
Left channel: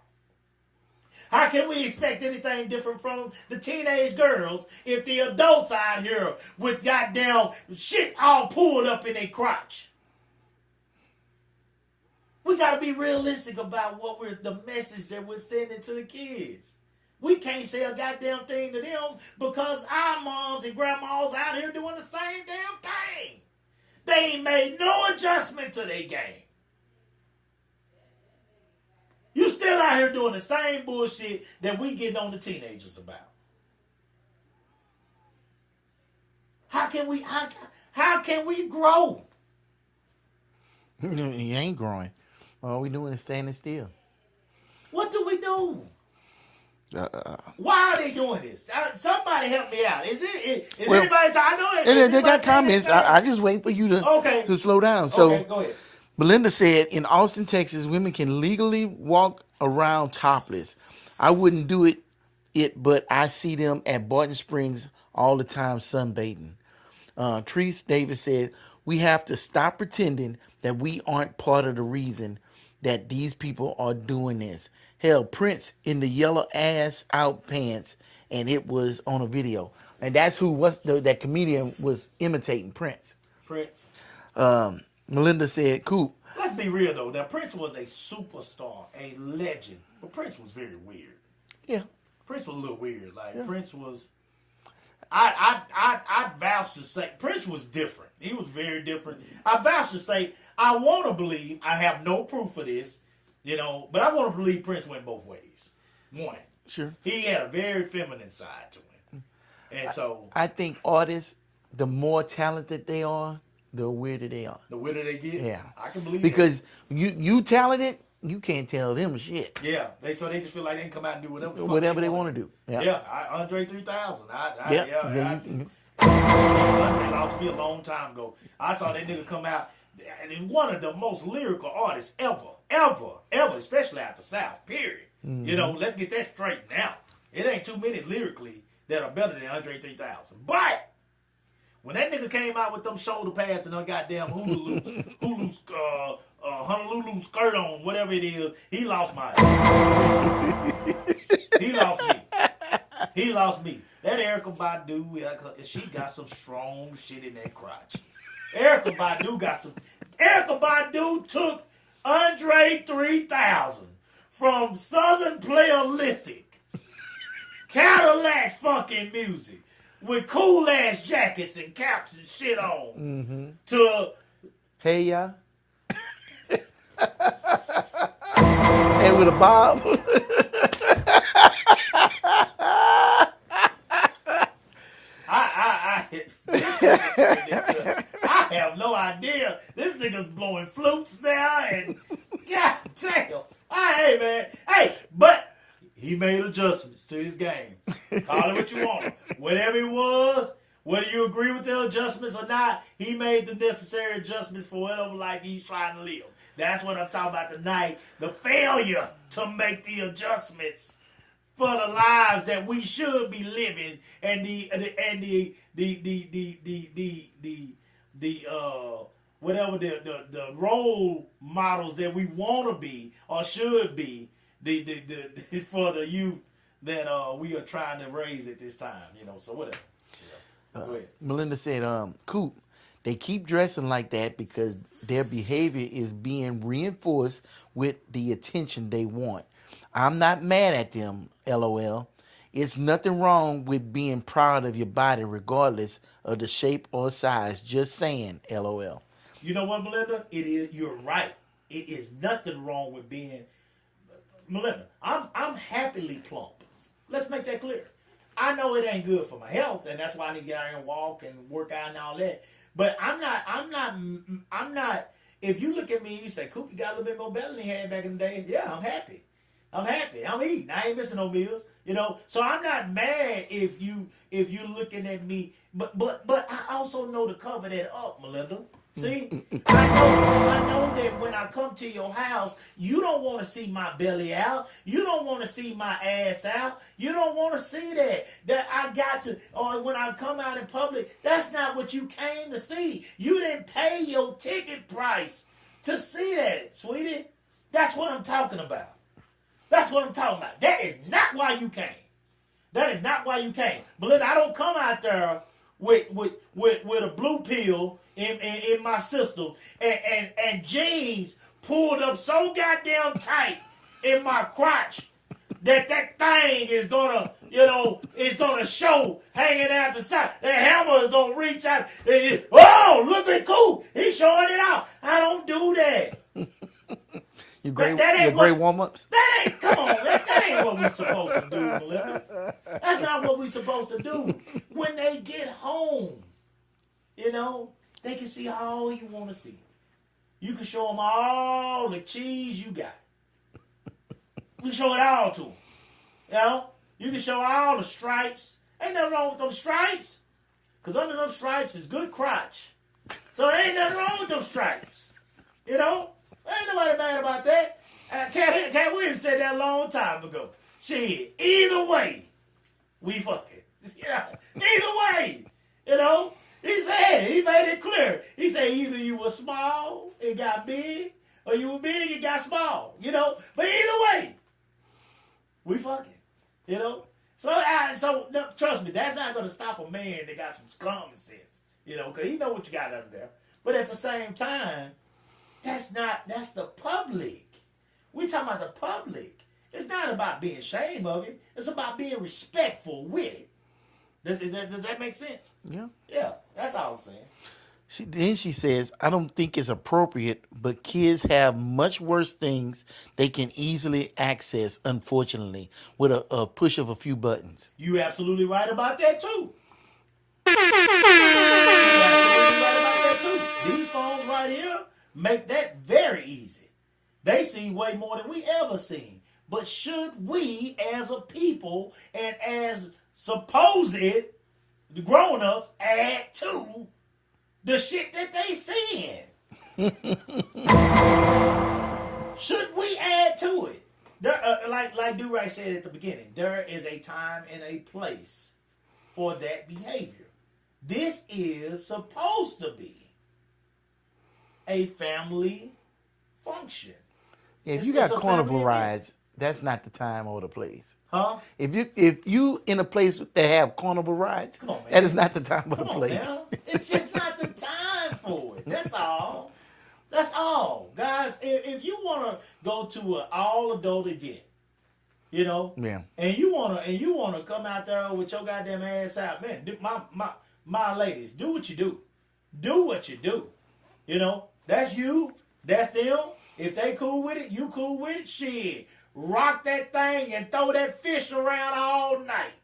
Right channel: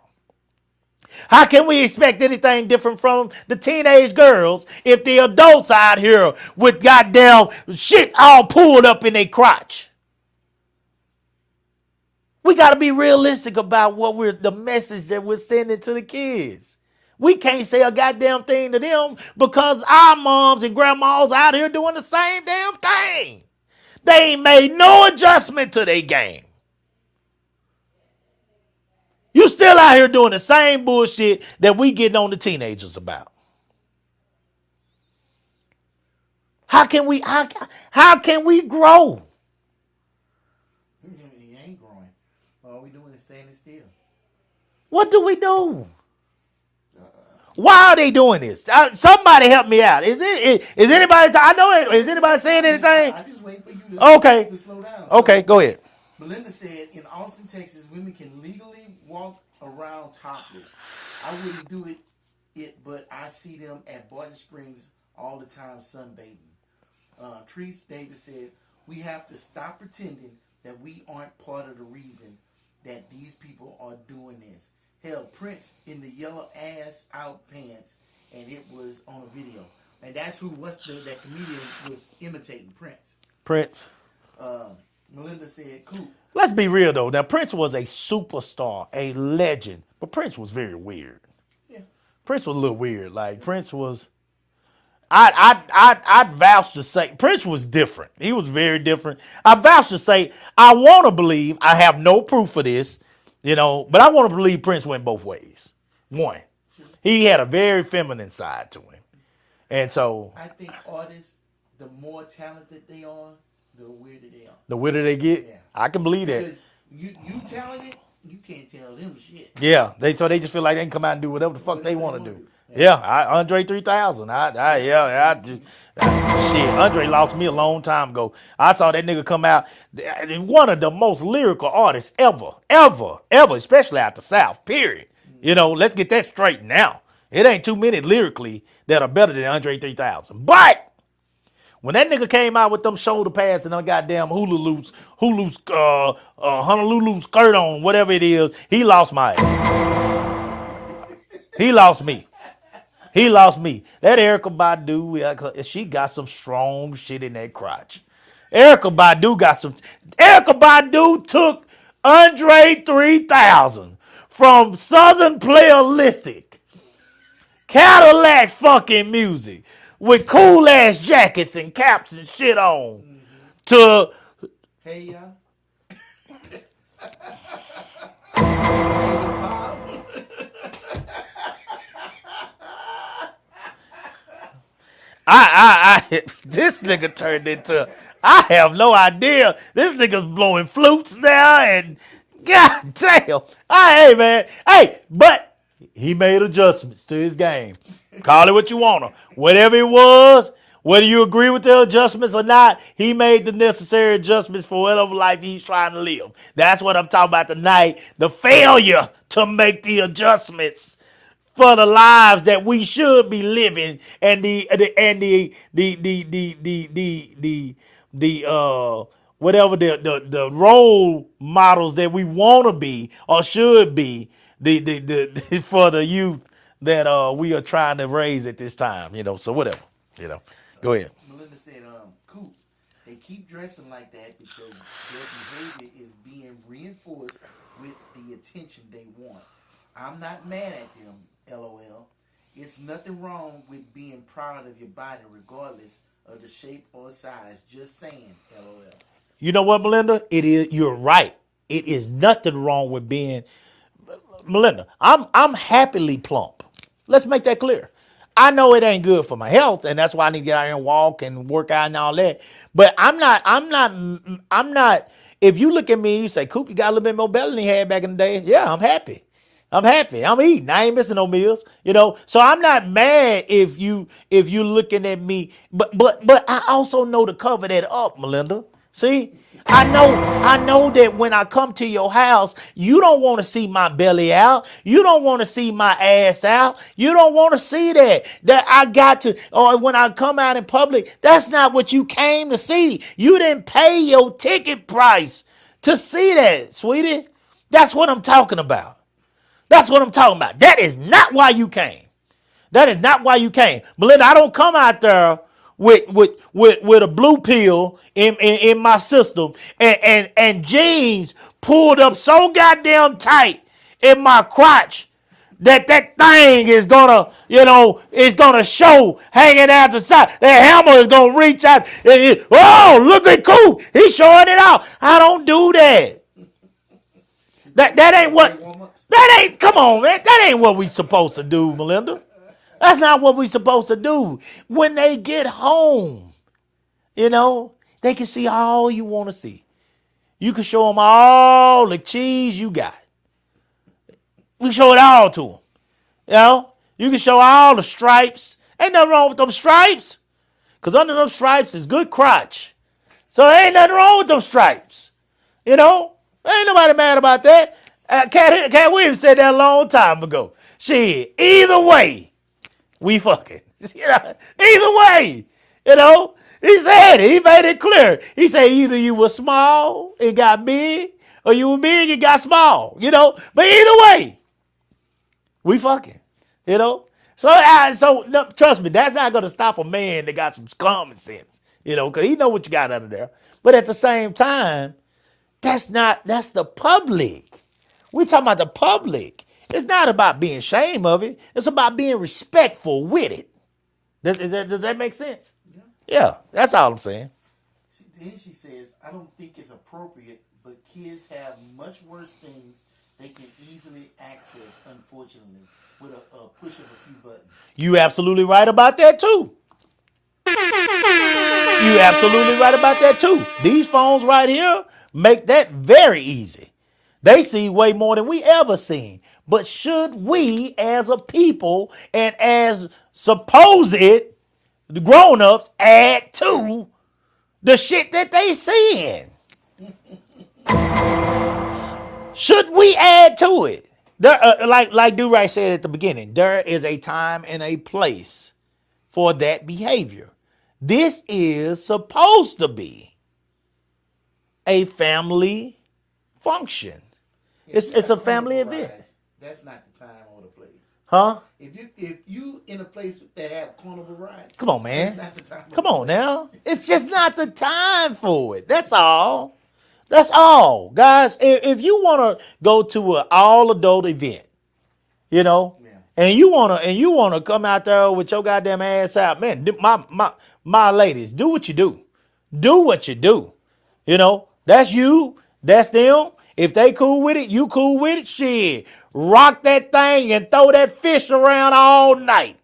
How can we expect anything different from the teenage girls if the adults are out here with goddamn shit all pulled up in their crotch? We got to be realistic about the message that we're sending to the kids. We can't say a goddamn thing to them because our moms and grandmas out here doing the same damn thing. They ain't made no adjustment to their game. You still out here doing the same bullshit that we getting on the teenagers about. How can we grow? You ain't growing. All we doing is standing still. What do we do? Why are they doing this? Somebody help me out. Is anybody? I know it. Is anybody saying anything? I just wait for you to slow down. So, okay, go ahead. Melinda said, in Austin, Texas, women can legally walk around topless. I wouldn't do it, but I see them at Barton Springs all the time sunbathing. Treese Davis said, we have to stop pretending that we aren't part of the reason that these people are doing this. Hell, Prince in the yellow ass out pants, and it was on a video. And that's that comedian was imitating Prince. Melinda said, cool. Let's be real, though. Now, Prince was a superstar, a legend. But Prince was very weird. Yeah. Prince was a little weird. Prince was... I'd vouch to say... Prince was different. He was very different. I vouch to say, I want to believe, I have no proof of this, but I want to believe Prince went both ways. One. Sure. He had a very feminine side to him. And so... I think artists, the more talented they are, the weirder they are. The weirder they get? Yeah. I can believe that. Because you talented, you can't tell them shit. Yeah. They just feel like they can come out and do whatever the fuck they want to do. Yeah. Andre 3000. Shit, Andre lost me a long time ago. I saw that nigga come out. One of the most lyrical artists ever, especially out the South, period. Mm-hmm. Let's get that straight now. It ain't too many lyrically that are better than Andre 3000. But when that nigga came out with them shoulder pads and them goddamn Honolulu skirt on, whatever it is, he lost my ass. He lost me. That Erykah Badu, she got some strong shit in that crotch. Erykah Badu took Andre 3000 from Southern Playalistic, Cadillac fucking music, with cool ass jackets and caps and shit on, to hey ya, and with a bob. This nigga turned into, I have no idea. This nigga's blowing flutes now, and god damn. But he made adjustments to his game. Call it what you want. Whatever it was, Whether you agree with the adjustments or not, he made the necessary adjustments for whatever life he's trying to live. That's what I'm talking about tonight. The failure to make the adjustments for the lives that we should be living, and the whatever the role models that we want to be or should be the for the youth that we are trying to raise at this time. So whatever. Go ahead. Melinda said, Coop, they keep dressing like that because their behavior is being reinforced with the attention they want. I'm not mad at them, LOL. It's nothing wrong with being proud of your body regardless of the shape or size. Just saying, LOL. You know what, Melinda? You're right. It is nothing wrong with being Melinda. I'm happily plump. Let's make that clear. I know it ain't good for my health, and that's why I need to get out here and walk and work out and all that. But I'm not. If you look at me, you say, Coop, you got a little bit more belly than you had back in the day. Yeah, I'm happy. I'm eating. I ain't missing no meals. So I'm not mad if you looking at me. But I also know to cover that up, Melinda. See, I know that when I come to your house, you don't want to see my belly out. You don't want to see my ass out. You don't want to see that I got to, or when I come out in public, that's not what you came to see. You didn't pay your ticket price to see that, sweetie. That's what I'm talking about. That's what I'm talking about. That is not why you came. That is not why you came. Melinda, I don't come out there with a blue pill in my system and jeans pulled up so goddamn tight in my crotch that thing is gonna show hanging out the side. That hammer is gonna reach out. Look at Coop, he's showing it out. I don't do that. That ain't what. That ain't. Come on, man. That ain't what we supposed to do, Melinda. That's not what we supposed to do. When they get home, they can see all you want to see. You can show them all the cheese you got. We can show it all to them. You can show all the stripes. Ain't nothing wrong with them stripes. Because under them stripes is good crotch. So ain't nothing wrong with them stripes. Ain't nobody mad about that. Cat Williams said that a long time ago. Shit, either way, we fucking. Either way, He said it. He made it clear. He said either you were small and got big, or you were big and got small. But either way, we fucking. So no, trust me, that's not gonna stop a man that got some common sense. Because he know what you got under there. But at the same time, that's the public. We talking about the public. It's not about being ashamed of it. It's about being respectful with it. Does that make sense? Yeah. Yeah, that's all I'm saying. She says, I don't think it's appropriate, but kids have much worse things they can easily access, unfortunately, with a push of a few buttons. You absolutely right about that, too. You absolutely right about that, too. These phones right here make that very easy. They see way more than we ever seen. But should we, as a people and as supposed the grown-ups, add to the shit that they seeing? Should we add to it? There, like Do-Right said at the beginning, there is a time and a place for that behavior. This is supposed to be a family function. Yeah, it's a family event. rides, that's not the time or the place. Huh? If you in a place that have carnival rides, come on, man. That is not the time. Come on now. It's just not the time for it. That's all. That's all, guys. If you want to go to an all adult event, yeah, and you wanna come out there with your goddamn ass out, man. My ladies, do what you do. Do what you do. That's you. That's them. If they cool with it, you cool with it. Shit, rock that thing and throw that fish around all night.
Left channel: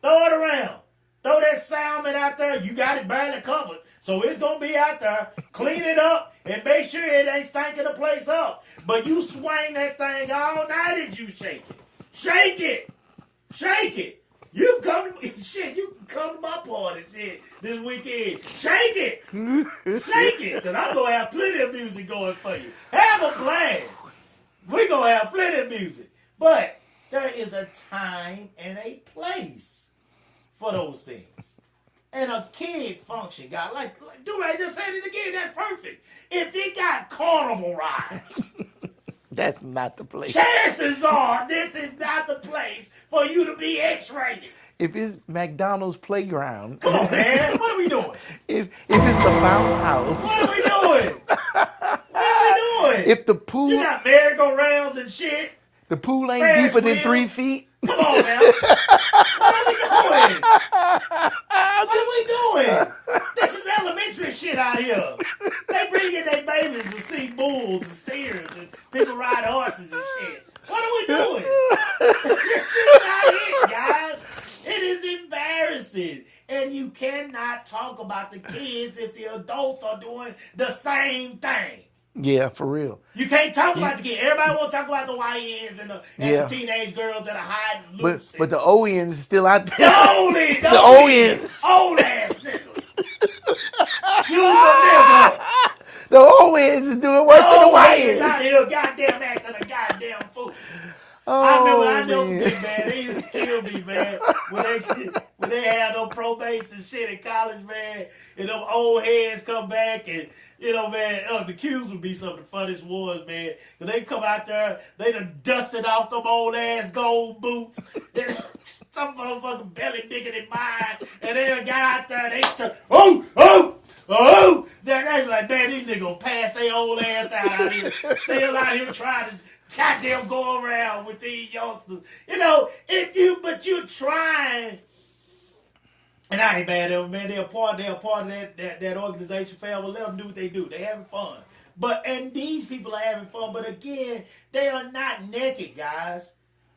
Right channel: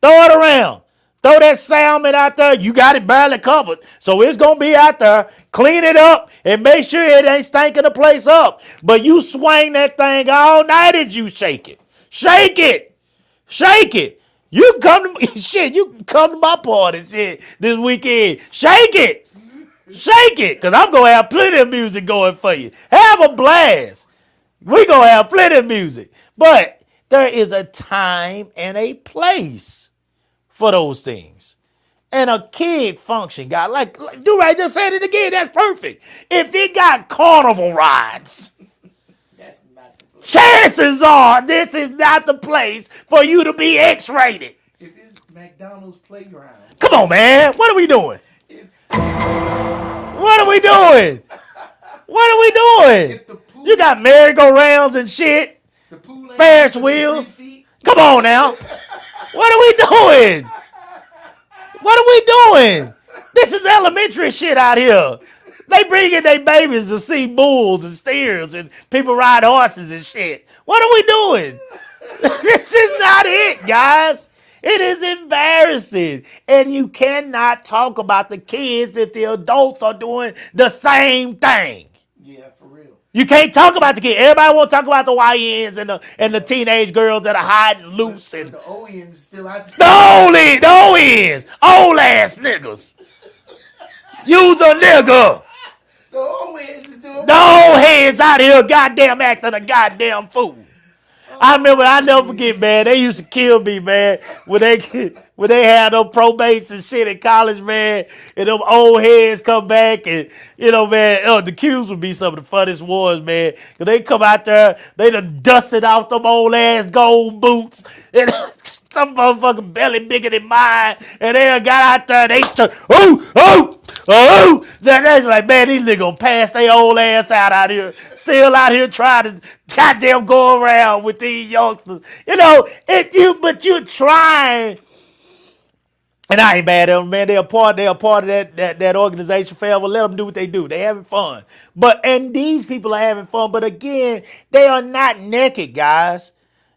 Throw it around. Throw that salmon out there. You got it barely covered. So it's going to be out there. Clean it up and make sure it ain't stinking the place up. But you swing that thing all night as you shake it. Shake it. Shake it. You can come to shit. You can come to my party shit this weekend. Shake it, cause I'm gonna have plenty of music going for you. Have a blast. We gonna have plenty of music, but there is a time and a place for those things. And a kid function, guy, like Do-Right just said it again. That's perfect. If it got carnival rides, That's not the place. chances are this is not the place for you to be X-rated. If it's McDonald's playground, Come on, man. What are we doing? if it's the bounce house, What are we doing? What are we doing? if the pool, You got merry-go-rounds and shit. the pool ain't Ferris deeper than 3 wheels. feet. Come on now. What are we doing? What are we doing? This is elementary shit out here. They bring in their babies to see bulls and steers and people ride horses and shit. What are we doing? This is not it, guys. It is embarrassing. And you cannot talk about the kids if the adults are doing the same thing. Yeah, for real. You can't talk about the kids. Everybody want to talk about the YNs and the Yeah. teenage girls that are hiding loose. But the ONs is still out there. the ONs, old ass niggas. Use a nigga. The ONs is doing The what old they heads like. out here goddamn acting a goddamn fool. I remember, I never forget, man. They used to kill me, man. When they had them probates and shit in college, man, and them old heads come back, and man, the Qs would be some of the funniest ones, man. Cause they come out there, they done dusted off them old ass gold boots, and some motherfucking belly bigger than mine, and they done got out there, and they started, Then they like, man, these niggas gonna pass their old ass out here, still out here trying to goddamn go around with these youngsters. But you're trying. And I ain't mad at them, man. They're a part of that organization forever. Let them do what they do. They having fun. And these people are having fun. But again, they are not naked, guys.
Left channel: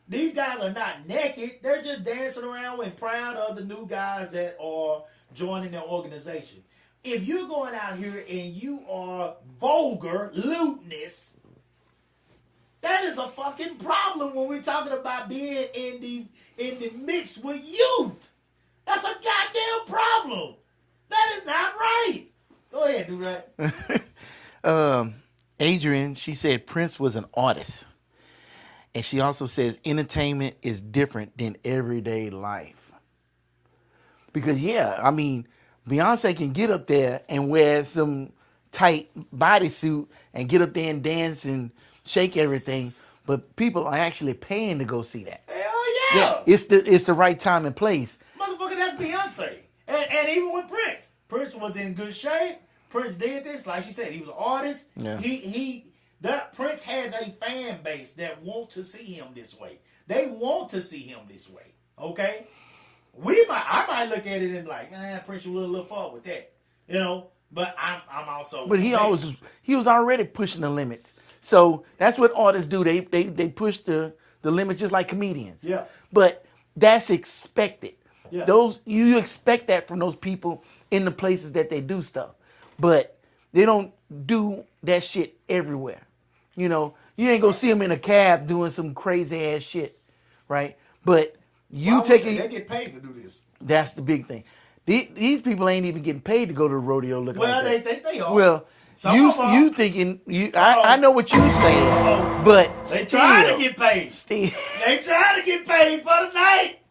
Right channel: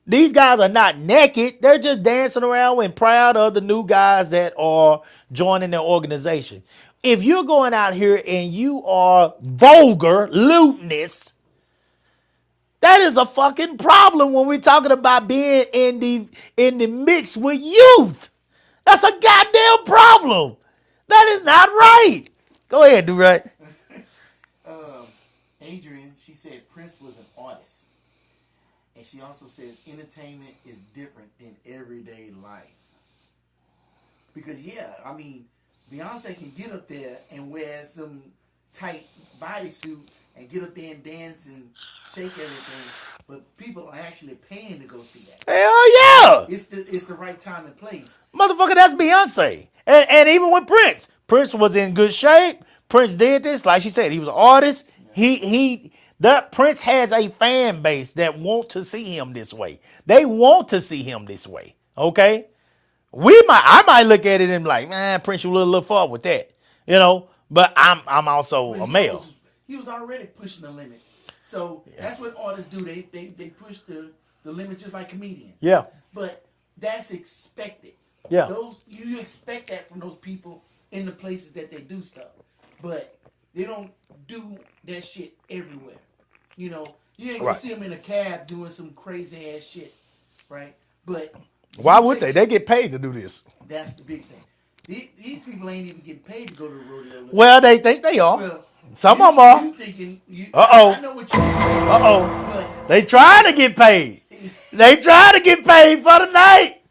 These guys are not naked. They're just dancing around and proud of the new guys that are joining their organization. If you're going out here and you are vulgar, lewdness, that is a fucking problem when we're talking about being in the mix with youth. That's a goddamn problem. That is not right. Go ahead, Do-Right. Adrian, she said Prince was an artist. And she also says entertainment is different than everyday life. Because, Beyonce can get up there and wear some tight bodysuit and get up there and dance and shake everything. But people are actually paying to go see that. Hell yeah. It's the right time and place. Motherfucker, that's Beyonce. And even with Prince. Prince was in good shape. Prince did this. Like she said, he was an artist. Yeah. That Prince has a fan base that want to see him this way. They want to see him this way. Okay? I might look at it and be like, man, Prince, you a little far with that. But I'm also But a male. he was already pushing the limits. So that's what artists do. They push the limits just like comedians. Yeah. But that's expected. Yeah. You expect that from those people in the places that they do stuff. But they don't do that shit everywhere. You ain't gonna see them in a cab doing some crazy ass shit, right? But Why would they? They get paid to do this. That's the big thing. These people ain't even getting paid to go to the rodeo. Well, they think they are. Well, some of them are. You thinking? I know what you're saying. But they trying to get paid. They trying to get paid for the night.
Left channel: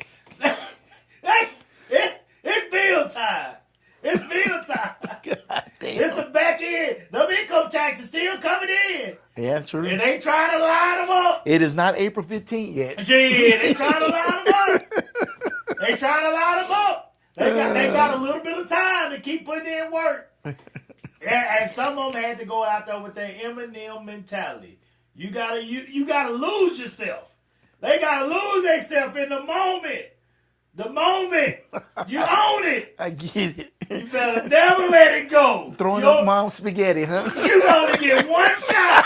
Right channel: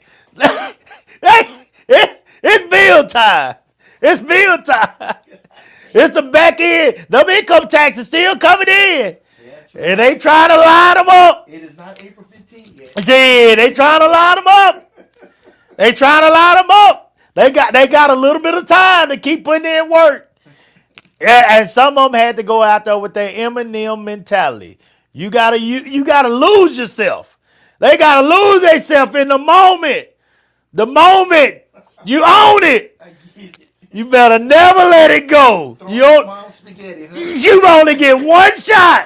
It's bill time. It's bill time. It's the back end. Them income taxes still coming in. Yeah, true. And they trying to line them up. It is not April 15th yet. Yeah, they trying to line them up. They trying to line them up. They got a little bit of time to keep putting in work. And some of them had to go out there with their Eminem mentality. You gotta lose yourself. They gotta lose themselves in the moment. The moment you own it. I get it. You better never let it go. Throwing your mom's spaghetti, huh? You only get one shot.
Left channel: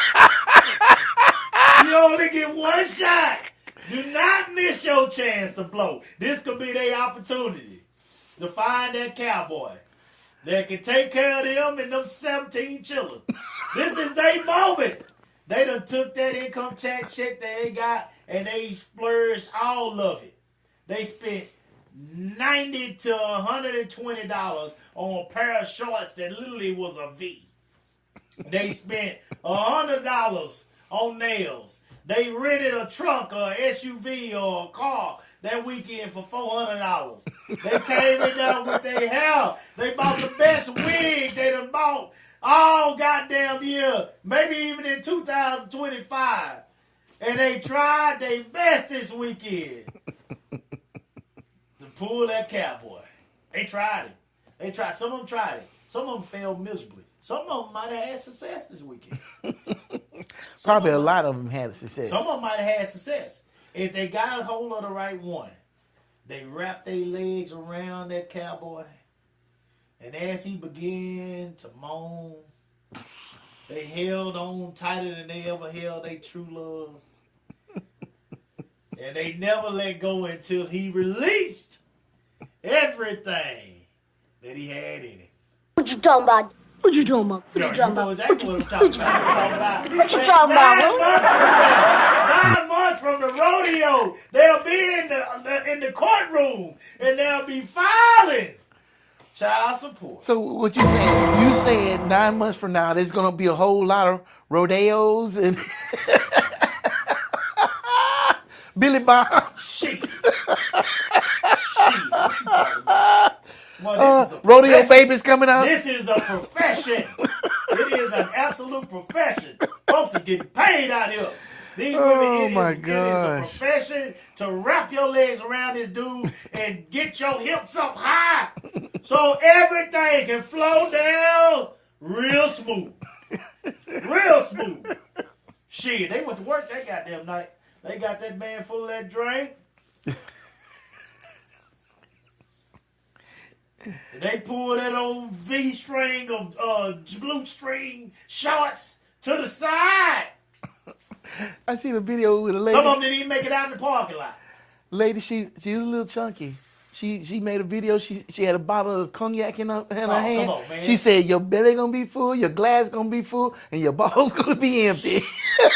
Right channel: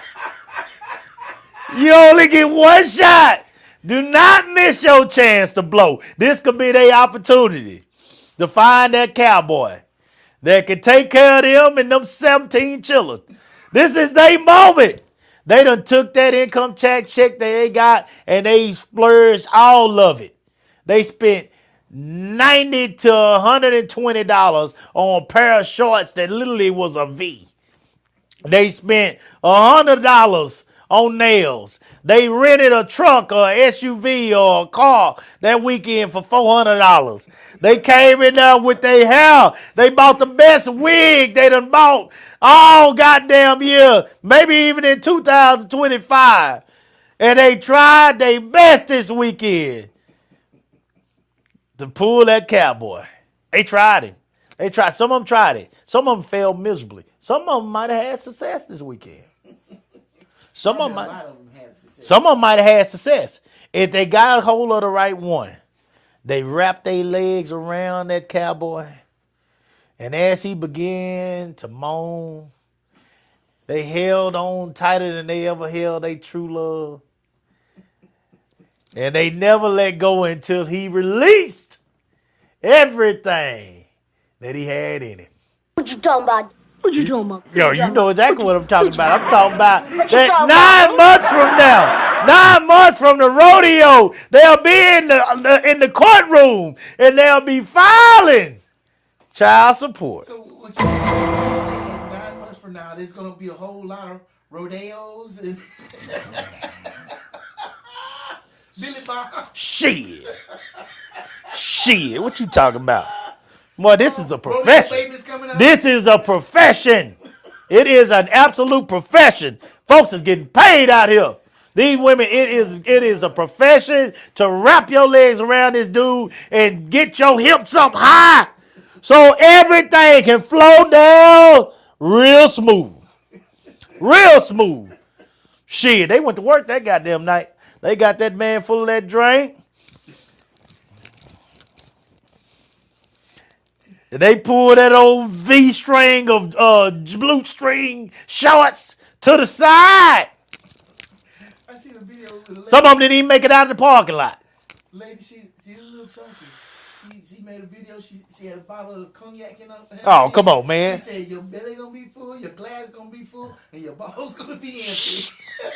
You only get one shot. Do not miss your chance to blow. This could be their opportunity to find that cowboy that can take care of them and them 17 children. This is their moment. They done took that income tax check that they got and they splurged all of it. They spent $90 to $120 on a pair of shorts that literally was a V. They spent $100 on nails. They rented a truck or SUV or a car that weekend for $400. They came in there with their hair. They bought the best wig they done bought all goddamn year, maybe even in 2025. And they tried their best this weekend to pull that cowboy. They tried it. They tried. Some of them tried it. Some of them failed miserably. Some of them might have had success this weekend. Probably a lot of them had success. Some of them might have had success. If they got a hold of the right one, they wrapped their legs around that cowboy. And as he began to moan, they held on tighter than they ever held their true love. And they never let go until he released everything that he had in him. What you talking about? What you talking about? Yo, you know exactly what I'm talking about. I'm talking about What you that talking 9 months from now. 9 months from the rodeo, they'll be in the courtroom and they'll be filing child support. So what you saying 9 months from now, there's going to be a whole lot of rodeos and Billy Bob. Shit. What you talking about? Boy, this is a rodeo profession. babies coming out. This is a profession. It is an absolute profession. Folks are getting paid out here. These women, it is a profession to wrap your legs around this dude and get your hips up high so everything can flow down real smooth. Real smooth. Shit, they went to work that goddamn night. They got that man full of that drink. They pulled that old V string of blue string shorts to the side. I seen a video with a lady. Some of them didn't even make it out of the parking lot. Lady, she was a little chunky. She made a video. She had a bottle of cognac in her hand. Oh, come on, man. She said your belly gonna be full, your glass gonna be full, and your balls gonna be empty. Y'all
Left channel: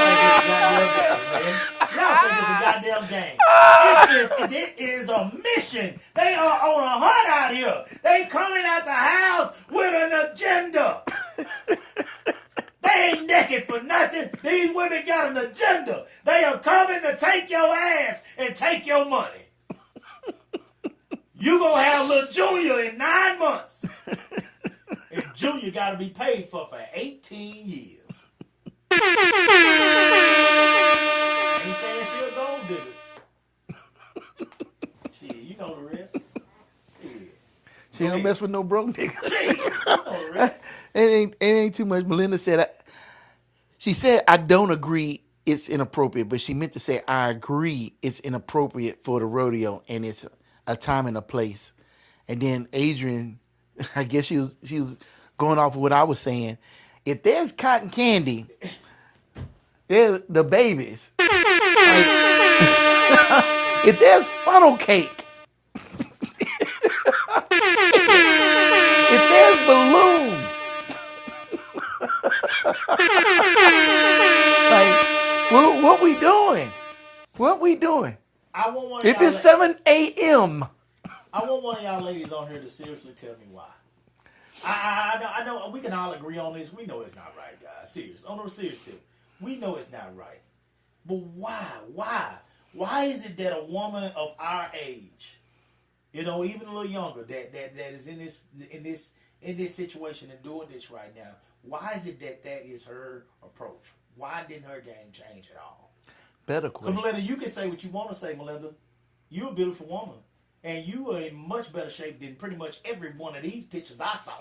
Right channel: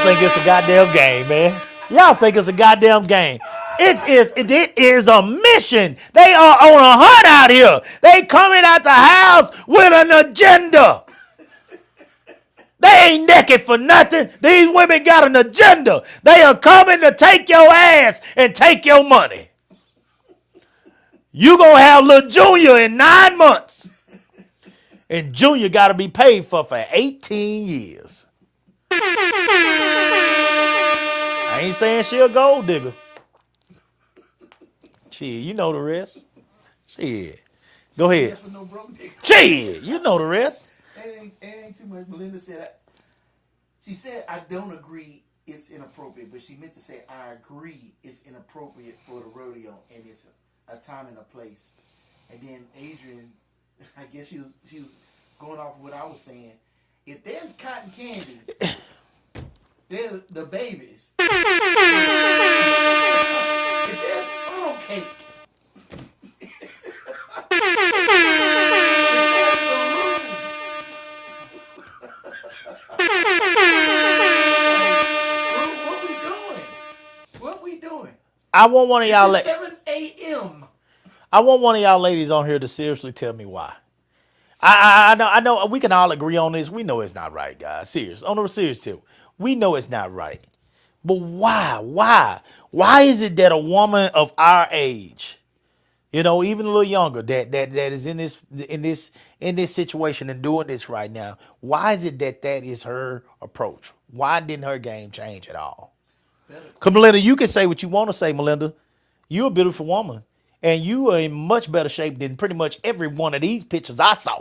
think it's a goddamn game, man. Y'all think it's a goddamn game. It is a mission. They are on a hunt out here. They coming out the house with an agenda. They ain't naked for nothing. These women got an agenda. They are coming to take your ass and take your money. You gonna have little Junior in 9 months. And Junior got to be paid for 18 years. I ain't saying she a gold digger. Shit, you know the rest. Shit. Go Don't ahead. mess with no broke nigga. Shit, you know the rest. It ain't too much. Melinda said, she said, I don't agree it's inappropriate, but she meant to say, I agree it's inappropriate for the rodeo and it's a time and a place. And then Adrian, I guess she was going off of what I was saying. If there's cotton candy, there's the babies. If there's funnel cake, if there's balloons, like, what we doing? What we doing? I want one of If y'all. it's 7 a.m. I want one of y'all ladies on here to seriously tell me why. I know we can all agree on this. We know it's not right, guys. Serious. On a serious tip. We know it's not right. But why? Why is it that a woman of our age, you know, even a little younger, that is in this situation and doing this right now, why is it that is her approach? Why didn't her game change at all? Better. Because Melinda, you can say what you want to say, Melinda. You're a beautiful woman. And you are in much better shape than pretty much every one of these pictures I saw.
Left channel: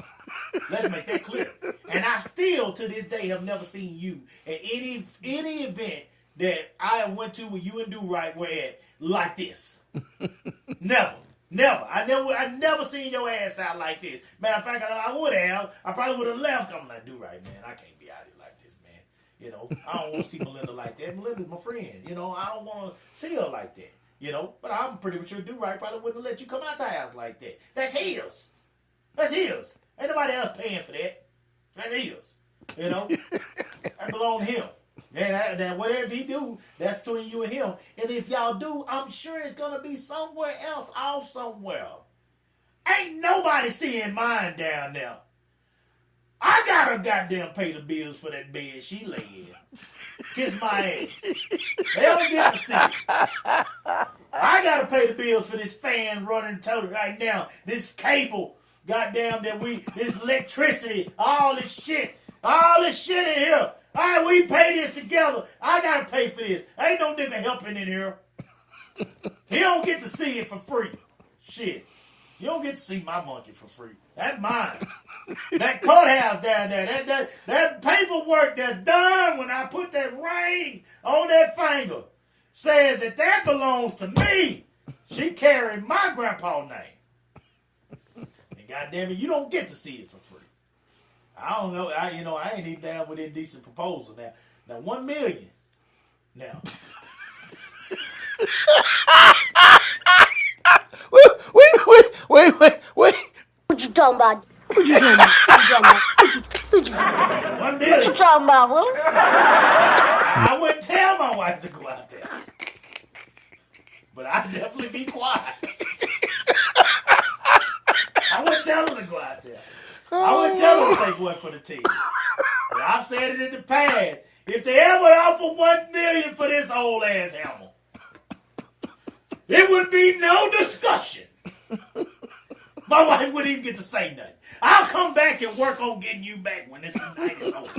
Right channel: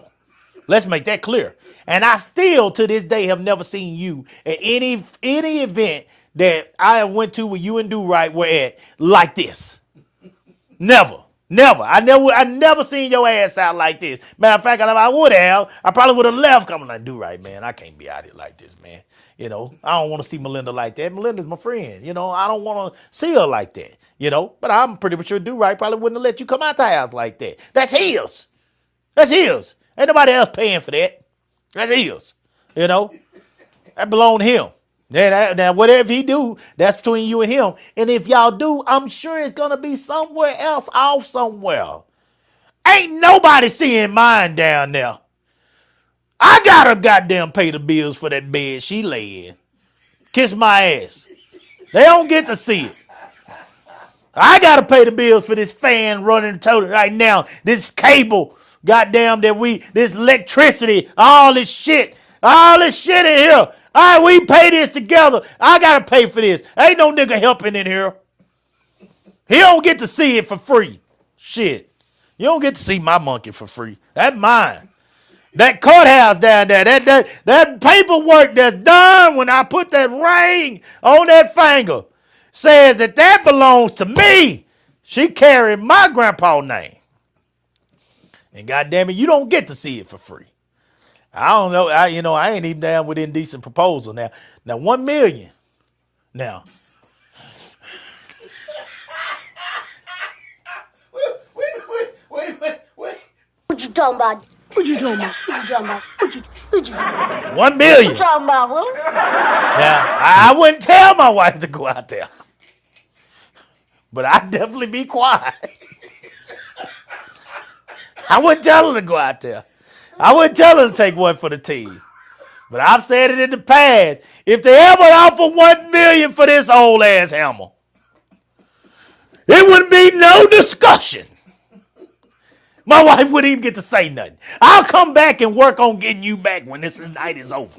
Let's make that clear. And I still, to this day, have never seen you at any event that I went to where you and Do Right were at like this. Never. I never seen your ass out like this. Matter of fact, if I would have, I probably would have left coming like, Do Right, man, I can't be out here like this, man. You know, I don't want to see Melinda like that. Melinda's my friend. You know, I don't want to see her like that. You know, but I'm pretty sure Do Right probably wouldn't have let you come out the house like that. That's his. Ain't nobody else paying for that. That's his. You know, that belong to him. Now, whatever he do, that's between you and him. And if y'all do, I'm sure it's gonna be somewhere else, off somewhere. Ain't nobody seeing mine down there. I gotta goddamn pay the bills for that bed she lay in. Kiss my ass. They don't get to see it. I gotta pay the bills for this fan running total right now. This cable, goddamn this electricity, all this shit in here. All right, we pay this together. I gotta pay for this. Ain't no nigga helping in here. He don't get to see it for free. Shit. You don't get to see my monkey for free. That's mine. That courthouse down there, that paperwork that's done when I put that ring on that finger says that belongs to me. She carried my grandpa's name. And goddamn it, you don't get to see it for free. I don't know. I ain't even down with indecent proposal now. Now, $1 million. Now. Wait. What you talking about? What you talking about? What you 1 million. What you talking about, Willis? Now, I wouldn't tell my wife to go out there. But I'd definitely be quiet. I wouldn't tell her to go out there. I wouldn't tell her to take one for the team. But I've said it in the past. If they ever offer $1 million for this old ass hammer, it would be no discussion. My wife wouldn't even get to say nothing. I'll come back and work on getting you back when this night is over.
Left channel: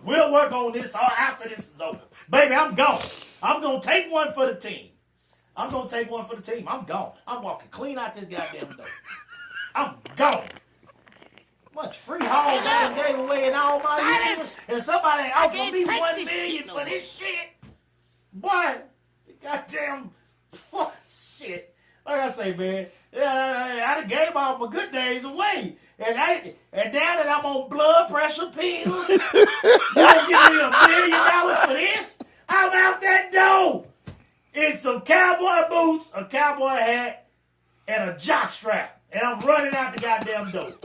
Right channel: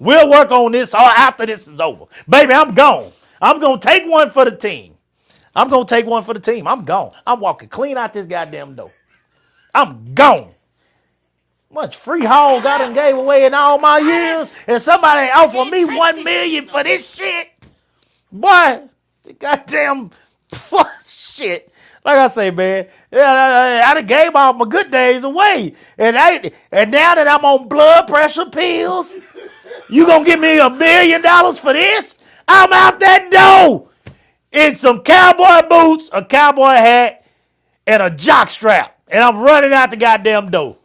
We'll work on this after this is over. Baby, I'm gone. I'm going to take one for the team. I'm gone. I'm walking clean out this goddamn door. I'm gone. Much free hog I done gave away in all my years, and somebody offered me $1 million for this shit. Boy, goddamn shit. Like I say, man, I done gave all my good days away. And now that I'm on blood pressure pills, you gonna give me $1 million for this? I'm out that door in some cowboy boots, a cowboy hat, and a jock strap. And I'm running out the goddamn door.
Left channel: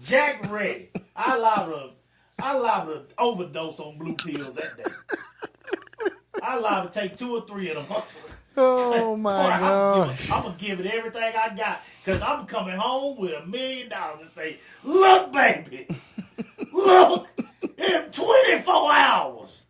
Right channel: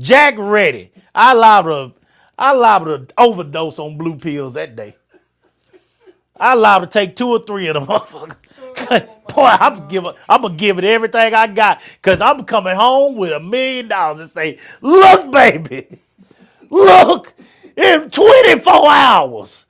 Jack ready. I liable to overdose on blue pills that day. I liable to take 2 or 3 of them motherfuckers. Oh my Boy, God. I'm gonna give it everything I got, cause I'm coming home with $1 million and say, look, baby, look, in 24 hours,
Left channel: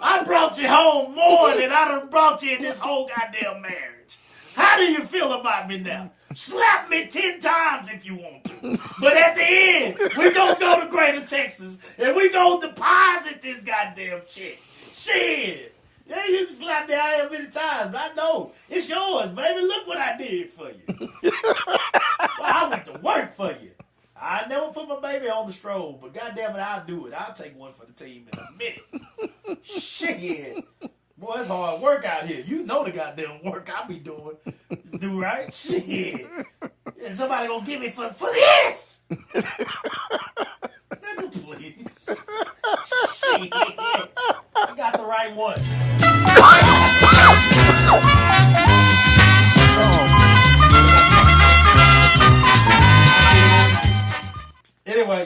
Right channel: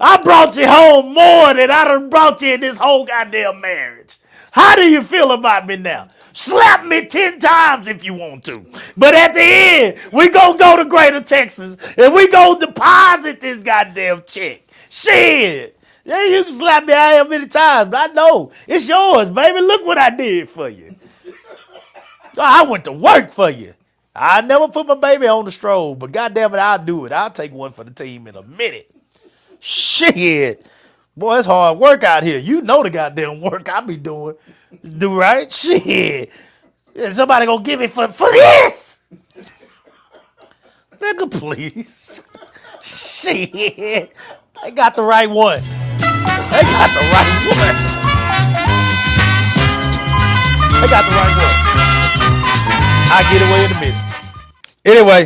I brought you home more than I done brought you in this whole goddamn marriage. How do you feel about me now? Slap me 10 times if you want to. But at the end, we gonna go to Greater Texas and we gonna deposit this goddamn check. Shit. Yeah, you can slap me out here many times, but I know it's yours, baby. Look what I did for you. I went to work for you. I never put my baby on the stroll, but goddamn it, I'll do it. I'll take one for the team in a minute. Shit. Boy, it's hard work out here. You know the goddamn work I be doing. Do right? Shit. Yeah, somebody gonna give me for this? Nigga, please. Shit. I got the right one. I got the right one. I'll get away in a minute. Anyway,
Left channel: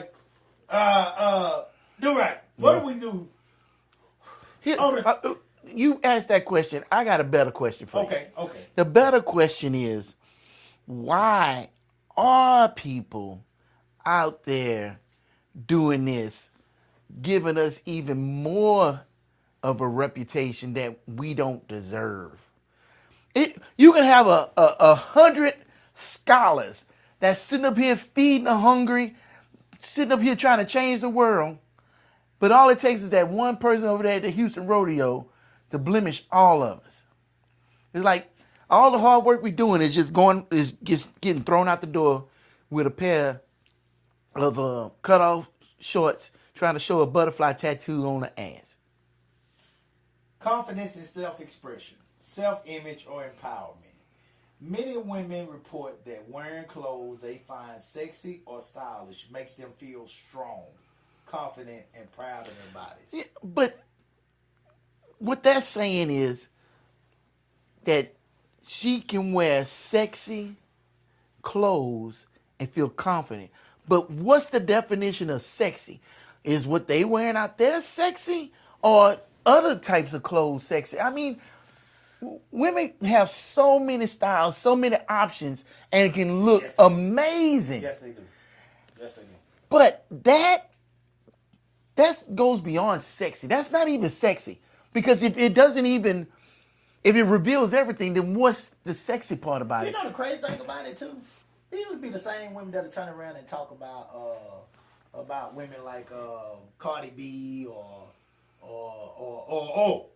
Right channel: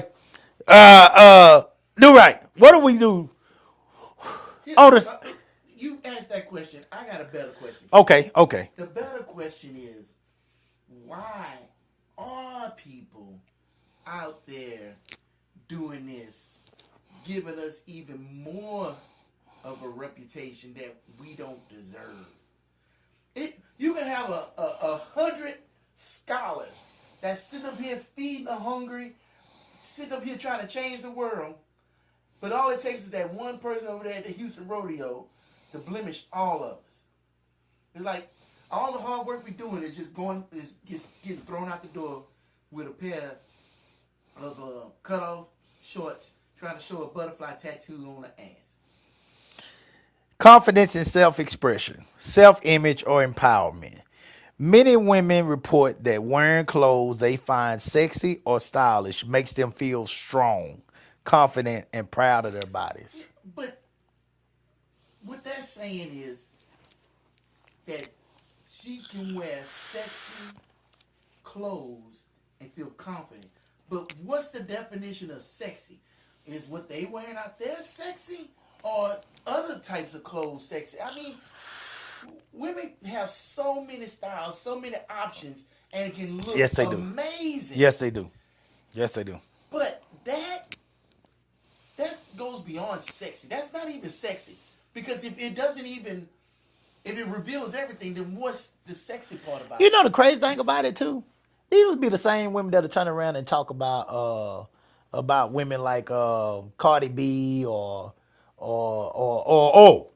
do right. What do we do? You asked that question. I got a better question for you. Okay. The better question is, why are people out there doing this, giving us even more of a reputation that we don't deserve? You can have 100 scholars that's sitting up here feeding the hungry, sitting up here trying to change the world, but all it takes is that one person over there at the Houston Rodeo to blemish all of us. It's like all the hard work we're doing is just getting thrown out the door with a pair of cut-off shorts trying to show a butterfly tattoo on the ass. Confidence in self-expression, self-image, or empowerment. Many women report that wearing clothes they find sexy or stylish makes them feel strong, confident, and proud of their bodies. Yeah, but what that's saying is that she can wear sexy clothes and feel confident. But what's the definition of sexy? Is what they wearing out there sexy, or other types of clothes sexy? I mean, women have so many styles, so many options, and can look Yes, they do. amazing. Yes, they do. Yes, they do. But that goes beyond sexy. That's not even sexy. Because if it reveals everything, then what's the sexy part about it? You know the crazy thing about it too? These would be the same women that'll turn around and talk about women like Cardi B or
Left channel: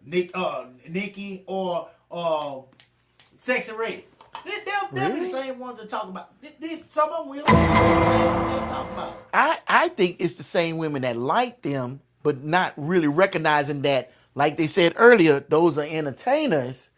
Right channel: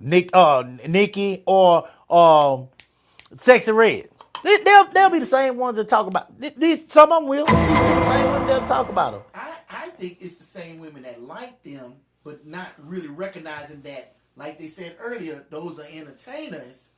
Nicki or Sexy Red. They'll be the same ones that talk about these. Some of them will. Be the same ones that'll talk about them. I think it's the same women that like them, but not really recognizing that, like they said earlier, those are entertainers,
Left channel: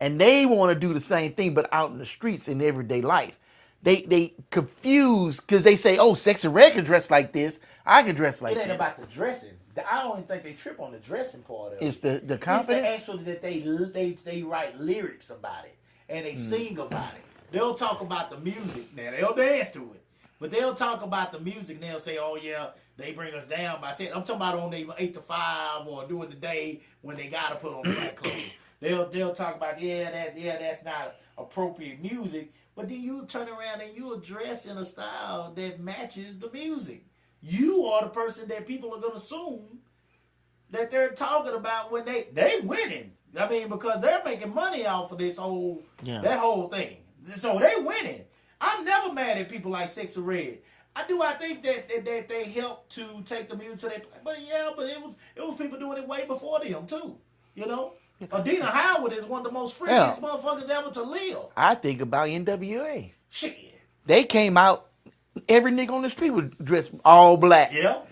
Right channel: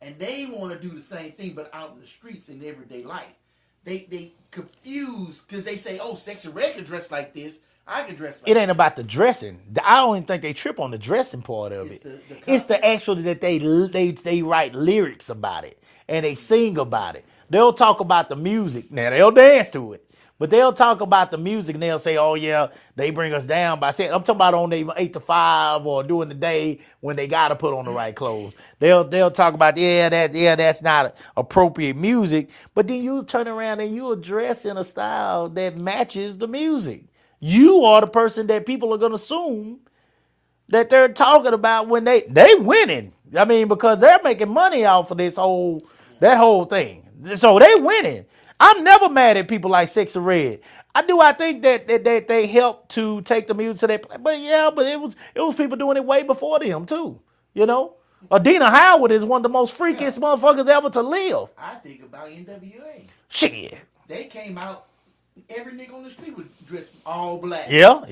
and they want to do the same thing, but out in the streets in everyday life. They confuse because they say, "Oh, Sexy Red can dress like this. I can dress like." It ain't this. about the dressing. I don't even think they trip on the dressing part of It's it. the It's confidence? the actual that they write lyrics about it and they sing about it. They'll talk about the music. Now they'll dance to it, but they'll talk about the music and they'll say, "Oh yeah, they bring us down by saying." I'm talking about on their 8 to 5 or during the day when they gotta put on the right clothes. They'll talk about that's not appropriate music, but then you turn around and you dress in a style that matches the music. You are the person that people are gonna assume that they're talking about when they winning. I mean, because they're making money off of that whole thing. So they winning. I'm never mad at people like Sexy Red. I think that they helped to take the music to that. But it was people doing it way before them too. You know, Adina Howard is one of the most freakiest motherfuckers ever to live. I think about NWA. Shit. They came out. Every nigga on the street was dressed all black. Yeah.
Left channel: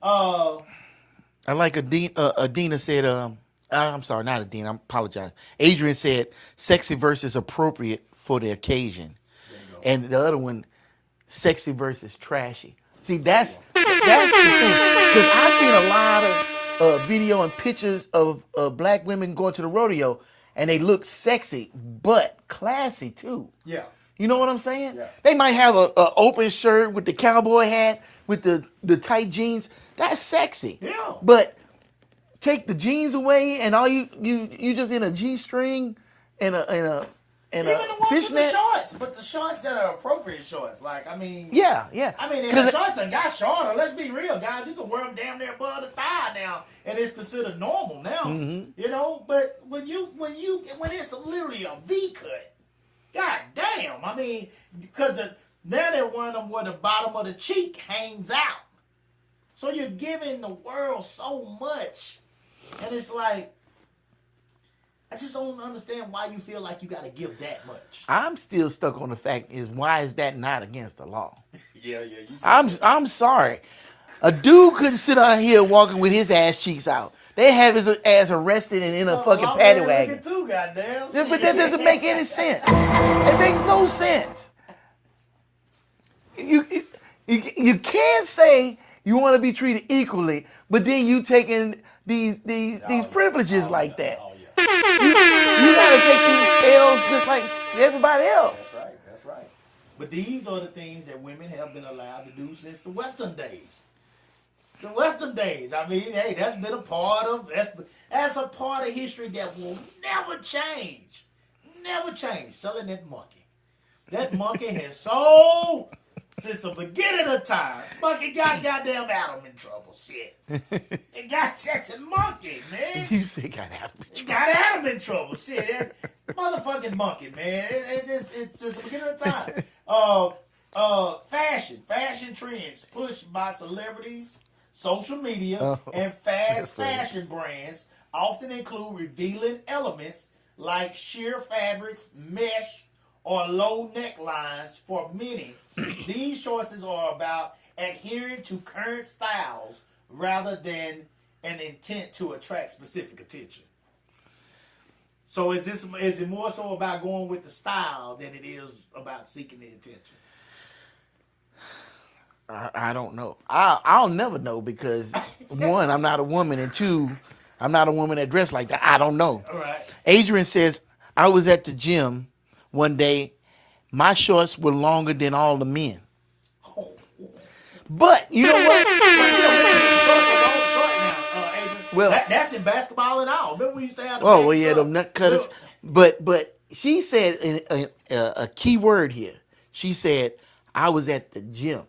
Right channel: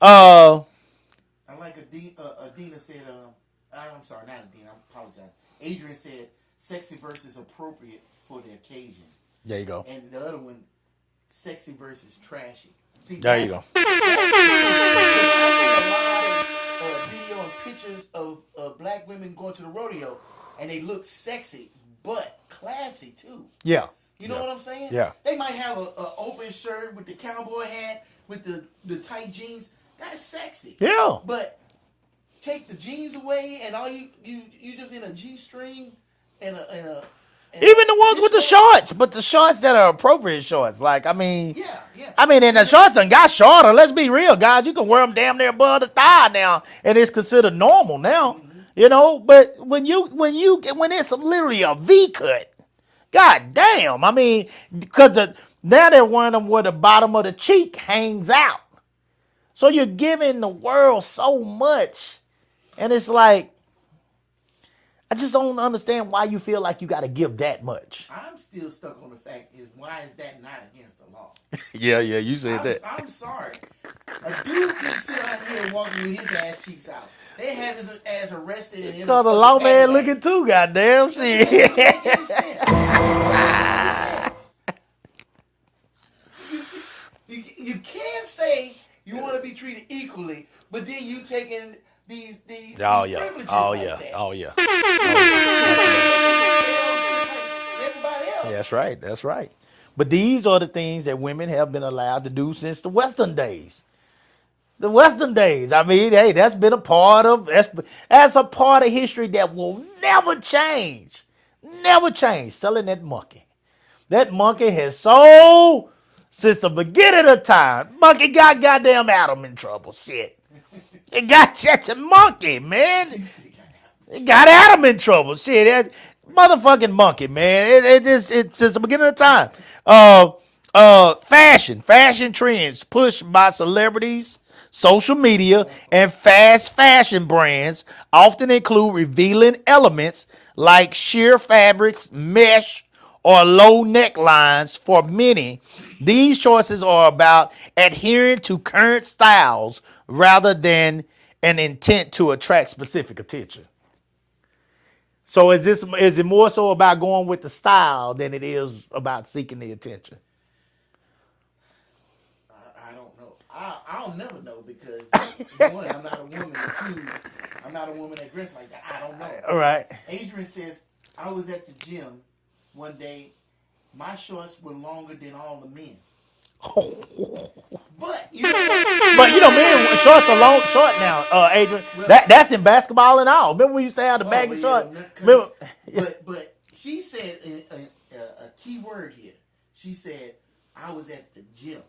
I like Adina said, I'm sorry, not Adina, I apologize. Adrian said, sexy versus appropriate for the occasion. There you go. And the other one, sexy versus trashy. See, There you that's go. because I've seen a lot of video and pictures of black women going to the rodeo, and they look sexy, but classy too. Yeah. You know what I'm saying? Yeah. They might have a open shirt with the cowboy hat, with the tight jeans. That's sexy. Yeah. But take the jeans away, and all you just in a G-string and a Even the ones with the fishnet. shorts, but the shorts that are appropriate shorts. Like, I mean, Yeah. I mean, and the shorts done got shorter. Let's be real, guys. You can wear them damn near above the thigh now, and it's considered normal now. You know, but when it's literally a V cut, god damn. I mean, because now they're wearing them where the bottom of the cheek hangs out. So you're giving the world so much, and it's like, I just don't understand why you feel like you got to give that much. I'm still stuck on the fact is why is that not against the law? Yeah, you said I'm sorry. A dude couldn't sit out here walking with his ass cheeks out. They have his ass arrested and in a the fucking law man paddy wagon. looking too, goddamn. But that doesn't make any sense. It makes no sense. You can't say you want to be treated equally, but then you taking these privileges like that. Oh yeah. You gotta take these L's just like everybody else. That's right. But these are the things that women have been allowed to do since the Western days. The Western days. I mean, hey, that's a part of history that will never change. Never change. Selling that monkey. That monkey has sold since the beginning of time. Monkey got goddamn Adam in trouble. Shit. It got such a monkey, man. You say got Adam. It got Adam in trouble. Shit, that motherfucking monkey, man. It's since the beginning of time. Fashion trends pushed by celebrities, social media, and fast fashion brands often include revealing elements like sheer fabrics, mesh, or low necklines. For many, these choices are about adhering to current styles rather than an intent to attract specific attention. So is it more so about going with the style than it is about seeking the attention? I don't know. I'll never know because one, I'm not a woman, and two, I'm not a woman that dressed like that. I don't know. All right. Adrian says, I was at the gym one day. My shorts were longer than all the men. But But you know what? But you know, remember shorts are long short now, Adrian. Well- That's in basketball and all. Remember when you say how the Oh, baggy well, yeah, short? them nut cutters. Remember- But she said a key word here. She said, I was at the gym.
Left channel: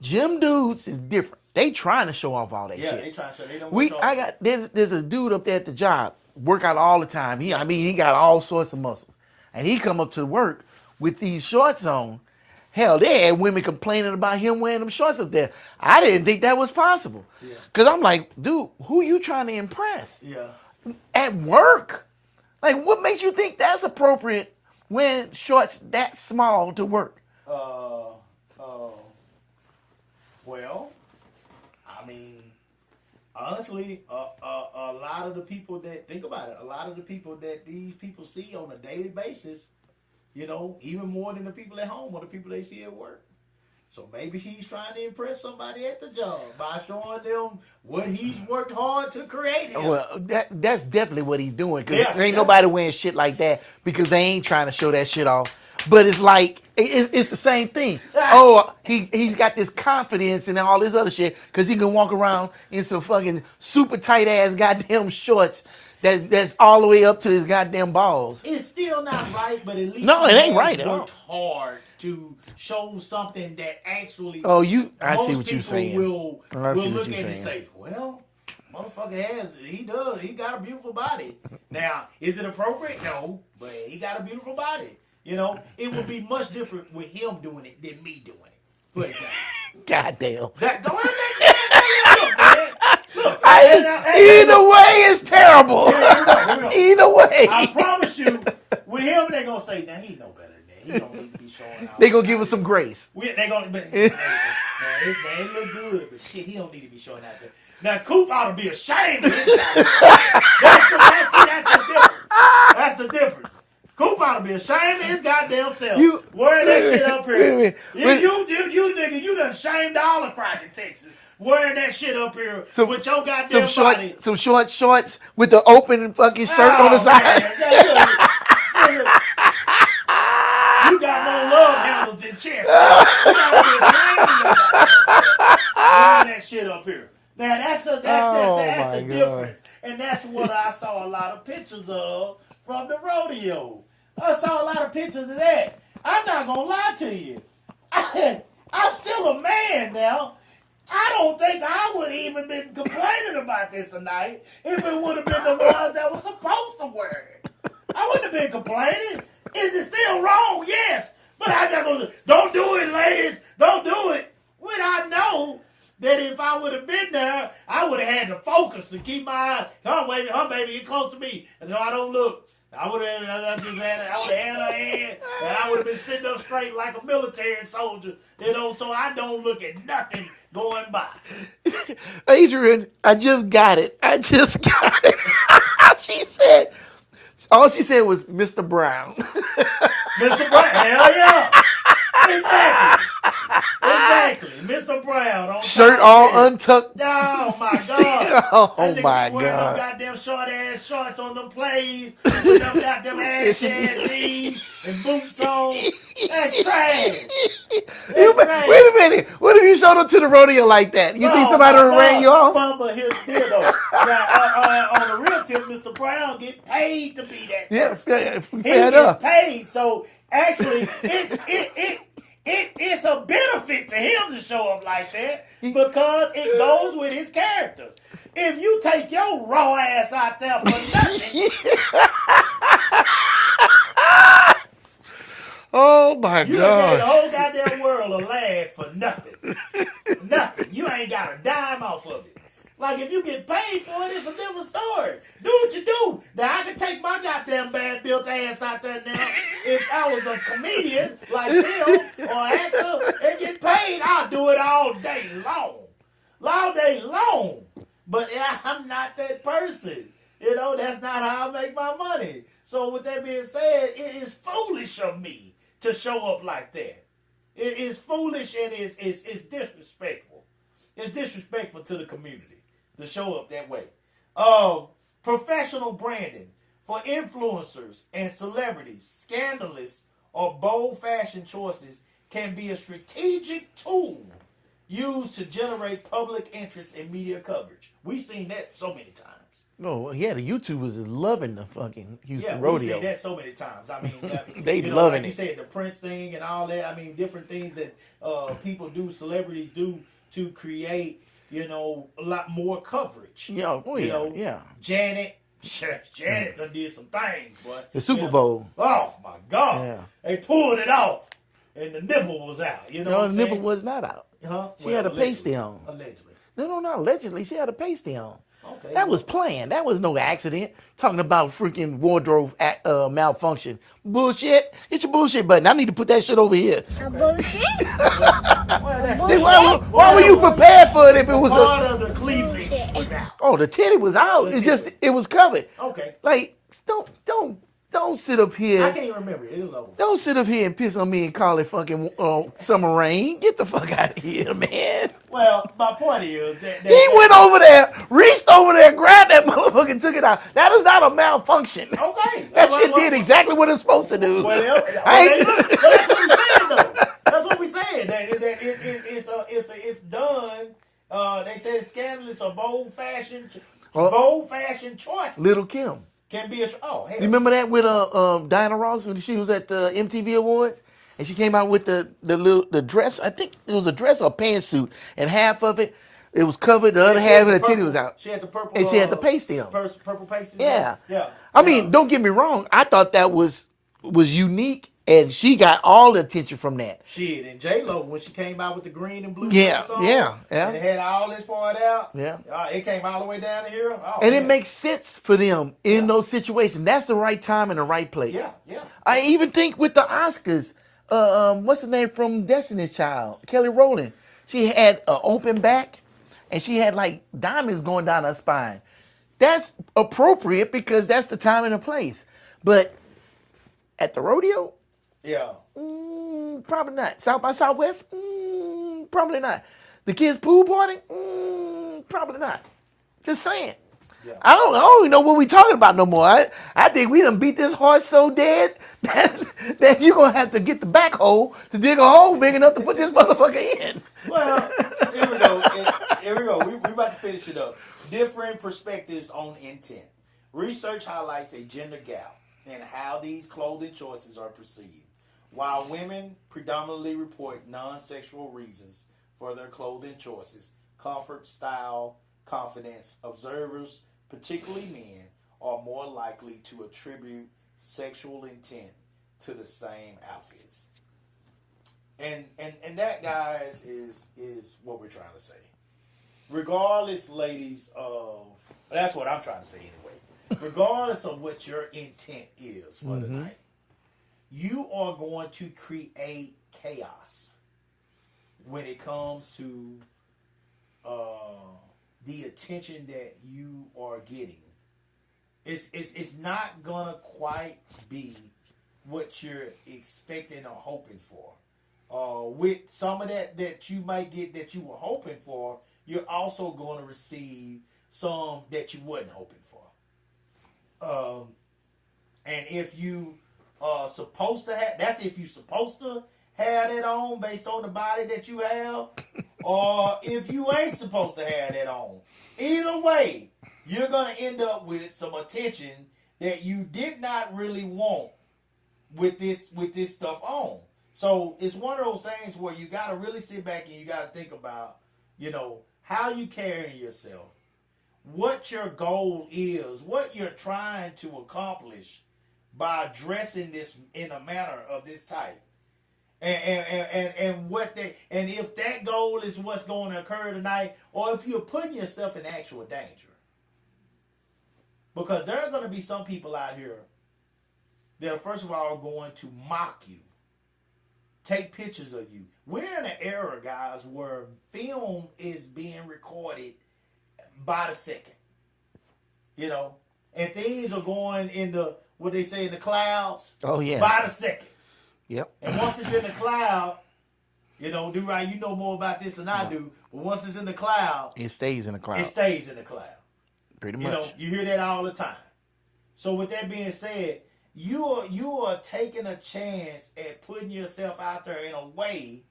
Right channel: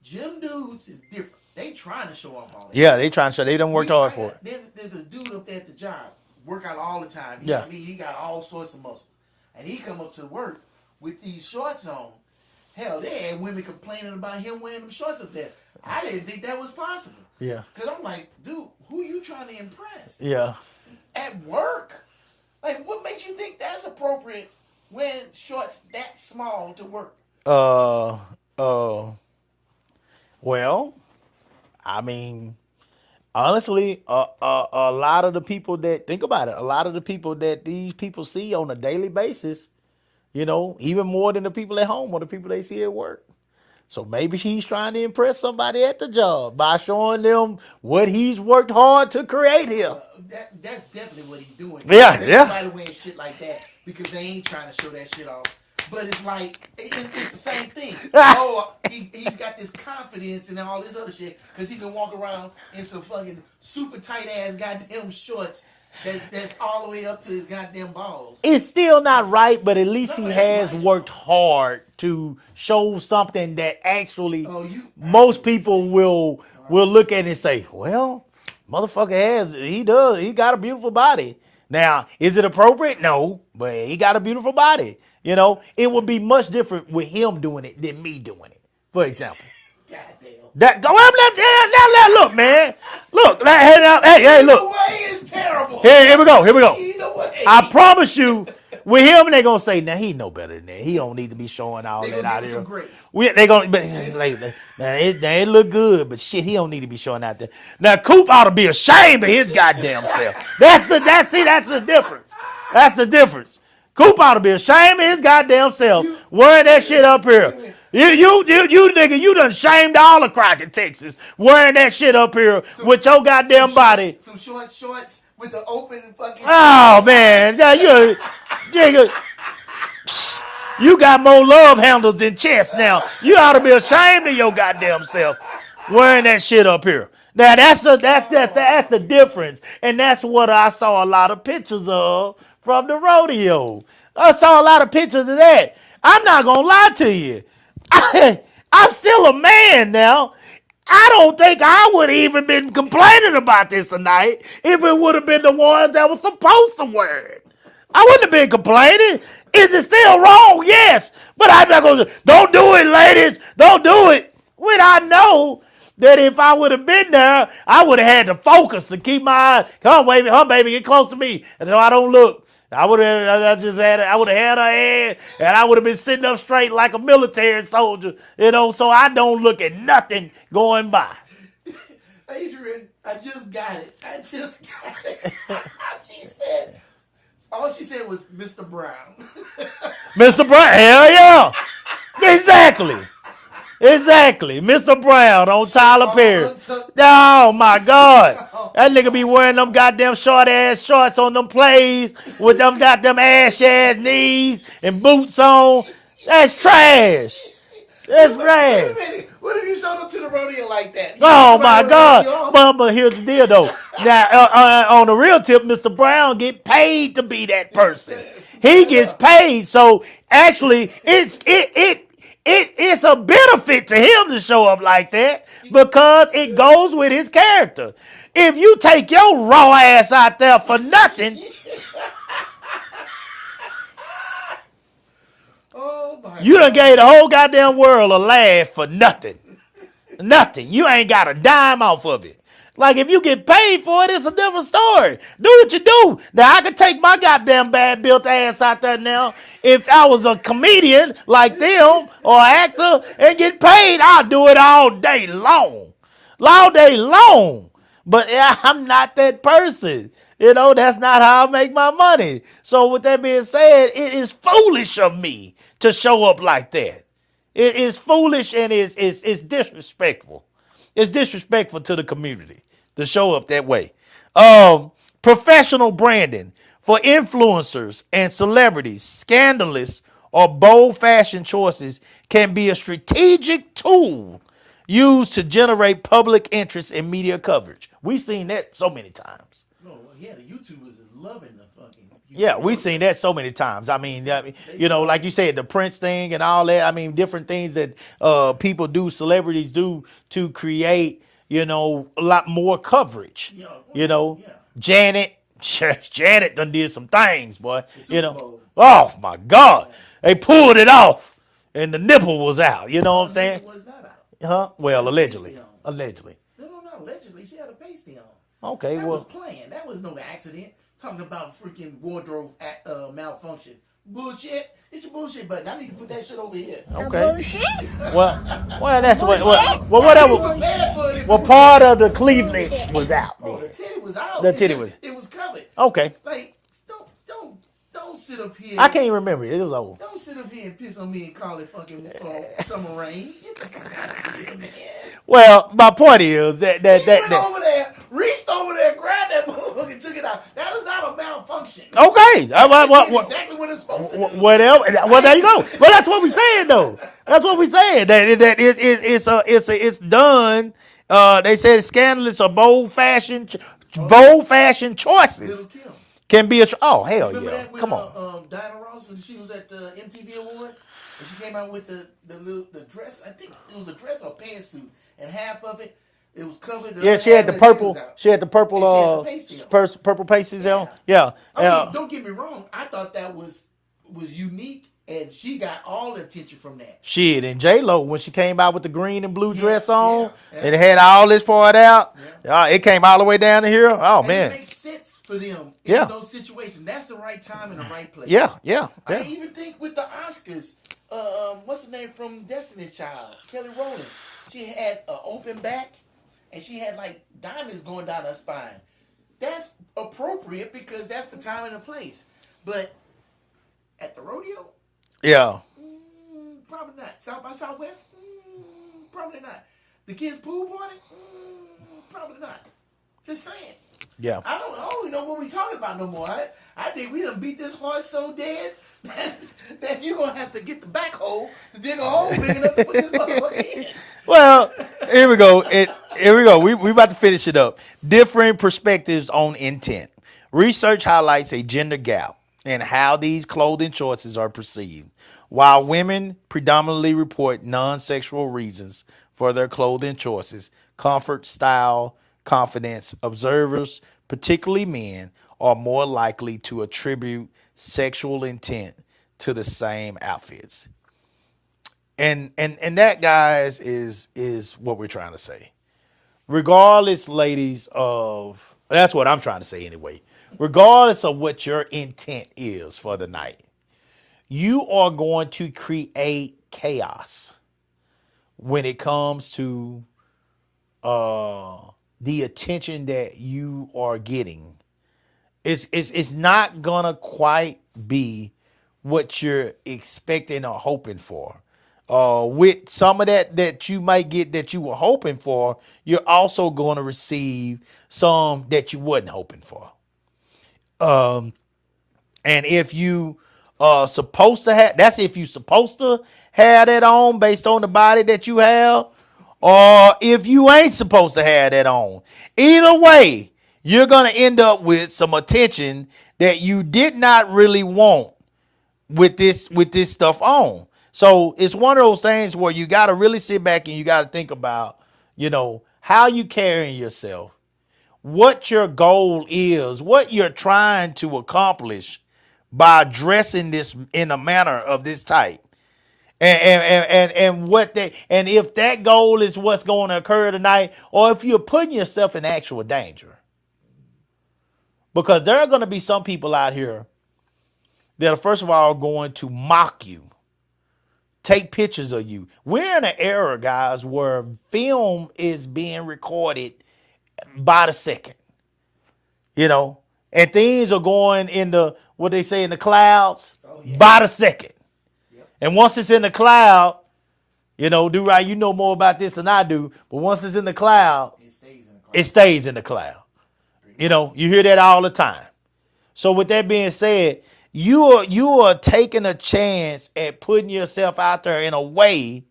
Gym dudes is different. They trying to show off all that. Yeah, shit. they trying to show they don't work hard for it. There's a dude up there at the job, work out all the time. Yeah. I mean, he got all sorts of muscles. And he come up to work with these shorts on. Hell, they had women complaining about him wearing them shorts up there. I didn't think that was possible. Yeah. Because I'm like, dude, who you trying to impress? Yeah. At work? Like, what makes you think that's appropriate wearing shorts that small to work? Well, I mean, honestly, a lot of the people that think about it, a lot of the people that these people see on a daily basis, you know, even more than the people at home or the people they see at work. So maybe he's trying to impress somebody at the job by showing them what he's worked hard to create here. Well, that's definitely what he's doing. Yeah, Ain't yeah. nobody wearing shit like that because they ain't trying to show that shit off. But it's like, it's the same thing. Oh, he's got this confidence and all this other shit because he can walk around in some fucking super tight ass goddamn shorts that's all the way up to his goddamn balls. It's still not right, but at least No, he it ain't has right at all. worked hard to show something that actually Oh, I see most what you're people saying. will I see will what look you're at it and saying. say, well, motherfucker he got a beautiful body. Now, is it appropriate? No, but he got a beautiful body. You know, it would be much different with him doing it than me doing it, for example. Goddamn. That go look, man. Look, hey, Either look. way is terrible. Here we go. Either way. I promise you, with him, they gonna say, now he know better than that. He don't need to be showing all. They gonna that give out us some here. grace. They gonna, but it look good, but shit, he don't need to be showing out there. Now Coop ought to be ashamed of his goddamn self. That's the difference. That's the difference. Coop ought to be ashamed of his goddamn self. Wearing that shit up here. You nigga, you done shamed all of Crockett, Texas. Wearing that shit up here with your goddamn body. Some short shorts with the open fucking shirt. Oh on the side. man, nigga, you got more love handles than chest now. You ought to be ashamed of your goddamn self wearing that shit up here. Now that's the difference, and that's what I saw a lot of pictures of from the rodeo. I saw a lot of pictures of that. I'm not gonna lie to you. I'm still a man now. I don't think I would have even been complaining about this tonight if it would have been the ones that were supposed to wear it. I wouldn't have been complaining. Is it still wrong? Yes. But I'm not going to, don't do it, ladies. Don't do it. When I know that if I would have been there, I would have had to focus to keep my eye. Come on, baby, get close to me. And so I don't look. I would have had her hand, and I would have been sitting up straight like a military soldier, you know, so I don't look at nothing going by. Adrian, I just got it. All she said was Mr. Brown. Mr. Brown, hell yeah. Exactly. Mr. Brown on Shirt Tyler all Perry. untucked. Oh my God. Oh, That nigga my be wearing them God. goddamn short ass shorts on them plays with them goddamn ass knees and boots on. That's trash. That's trash. Wait a minute. What if you showed up to the rodeo like that? You think Oh somebody my would ring you God! off? But here's the deal though. Now on the real tip, Mr. Brown get paid to be that person. He gets paid, so actually it's a benefit to him to show up like that because it goes with his character. If you take your raw ass out there for nothing, Oh my God. you done gave the whole goddamn world a laugh for nothing. Nothing. You ain't got a dime off of it. Like, if you get paid for it, it's a different story. Do what you do. Now, I could take my goddamn bad built ass out there now. If I was a comedian like them or actor and get paid, I'll do it all day long. All day long. But I'm not that person. You know, that's not how I make my money. So with that being said, it is foolish of me to show up like that. It is foolish and it's disrespectful. It's disrespectful to the community to show up that way. Professional branding for influencers and celebrities, scandalous or bold fashion choices can be a strategic tool used to generate public interest in media coverage. We've seen that so many times. Oh, yeah, the YouTubers is loving the fucking Houston Yeah, we've rodeo. seen that so many times. I mean, They you know, loving like you it. said, the Prince thing and all that. I mean, different things that people do, celebrities do to create, you know, a lot more coverage. Yeah, oh, you yeah, know, yeah. Janet done did some things, boy. The Super you know. Bowl. Oh my God, Yeah. they pulled it off, and the nipple was out. You know No, what I'm the saying? nipple was not out. Huh? She Well, had a allegedly. pasty on. Allegedly. No, not allegedly. She had a pasty on. Okay. That well, was planned. That was no accident. Talking about freaking wardrobe malfunction. Bullshit. Get your bullshit button. I need to put that shit over here. okay. Bullshit. Well, that's what. Bullshit. Why are you Whatever. prepared for it if it Well, was part of the cleavage was out. Oh, the titty was out. The It's titty just was- it was covered. Okay. Like, don't sit up here. I can't remember. It was over. Don't sit up here and piss on me and call it fucking summer rain. Get the fuck out of here, man. Well, my point is that He went over there, reached over there, grabbed that motherfucker, and took it out. That is not a malfunction. Okay. That shit did exactly what it's supposed to do. Well, now you know. Well, that's what we're saying, though. That's what we're saying. That it's done. They said scandalous or bold fashion choices. Little Kim. Can be oh hell. You remember yeah. that with Come on. Diana Ross when she was at the MTV Award? And she came out with the dress. I think it was a dress or a pantsuit, and half of it was covered. The other Yeah, she had half the of the titty purple. was out. She had the purple. And she had the pasty on. Purple pasties. Yeah. Yeah. I Yeah. mean, don't get me wrong. I thought that was unique, and she got all the attention from that. Shit, and J-Lo, when she came out with the green and blue Yeah, dress on, yeah. and it had all this part out, Yeah. it came all the way down to here. Oh, And man. it makes sense for them in Yeah. those situations. That's the right time and the right place. yeah. I even think with the Oscars, what's the name from Destiny's Child? Kelly Rowland. She had an open back, and she had like diamonds going down her spine. That's appropriate because that's the time and the place. But at the rodeo, Yeah. probably not. South by Southwest, probably not. The kids' pool party, probably not. Just saying. Yeah. I don't even know what we talking about no more. I think we done beat this horse so dead that you're gonna have to get the backhoe to dig a hole big enough to put this motherfucker in. Well, here we go. Here we go. We about to finish it up. Different perspectives on intent. Research highlights a gender gap in how these clothing choices are perceived. While women predominantly report non-sexual reasons for their clothing choices, comfort, style, confidence, observers, particularly men, are more likely to attribute sexual intent to the same outfits. And that, guys, is what we're trying to say. Regardless, ladies, of that's what I'm trying to say anyway. Regardless of what your intent is for the night, you are going to create chaos when it comes to the attention that you are getting. It's not gonna quite be what you're expecting or hoping for. With some of that you might get that you were hoping for, you're also going to receive some that you wasn't hoping for. And if you are supposed to have, that's if you're supposed to have that on based on the body that you have, or if you ain't supposed to have that on. Either way, you're going to end up with some attention that you did not really want with this stuff on. So it's one of those things where you got to really sit back and you got to think about, how you carrying yourself, what your goal is, what you're trying to accomplish by dressing this in a manner of this type. And if that goal is what's going to occur tonight, or if you're putting yourself in actual danger. Because there are going to be some people out here that are, first of all, going to mock you, take pictures of you. We're in an era, guys, where film is being recorded by the second, and things are going in what they say in the clouds. Oh, yeah. By the second. Yep. And once it's in the cloud, Do-Right, you know more about this than I do, but once it's in the cloud, It stays in the crowd. it stays in the cloud. Pretty much. You hear that all the time. So with that being said, you are taking a chance at putting yourself out there in a way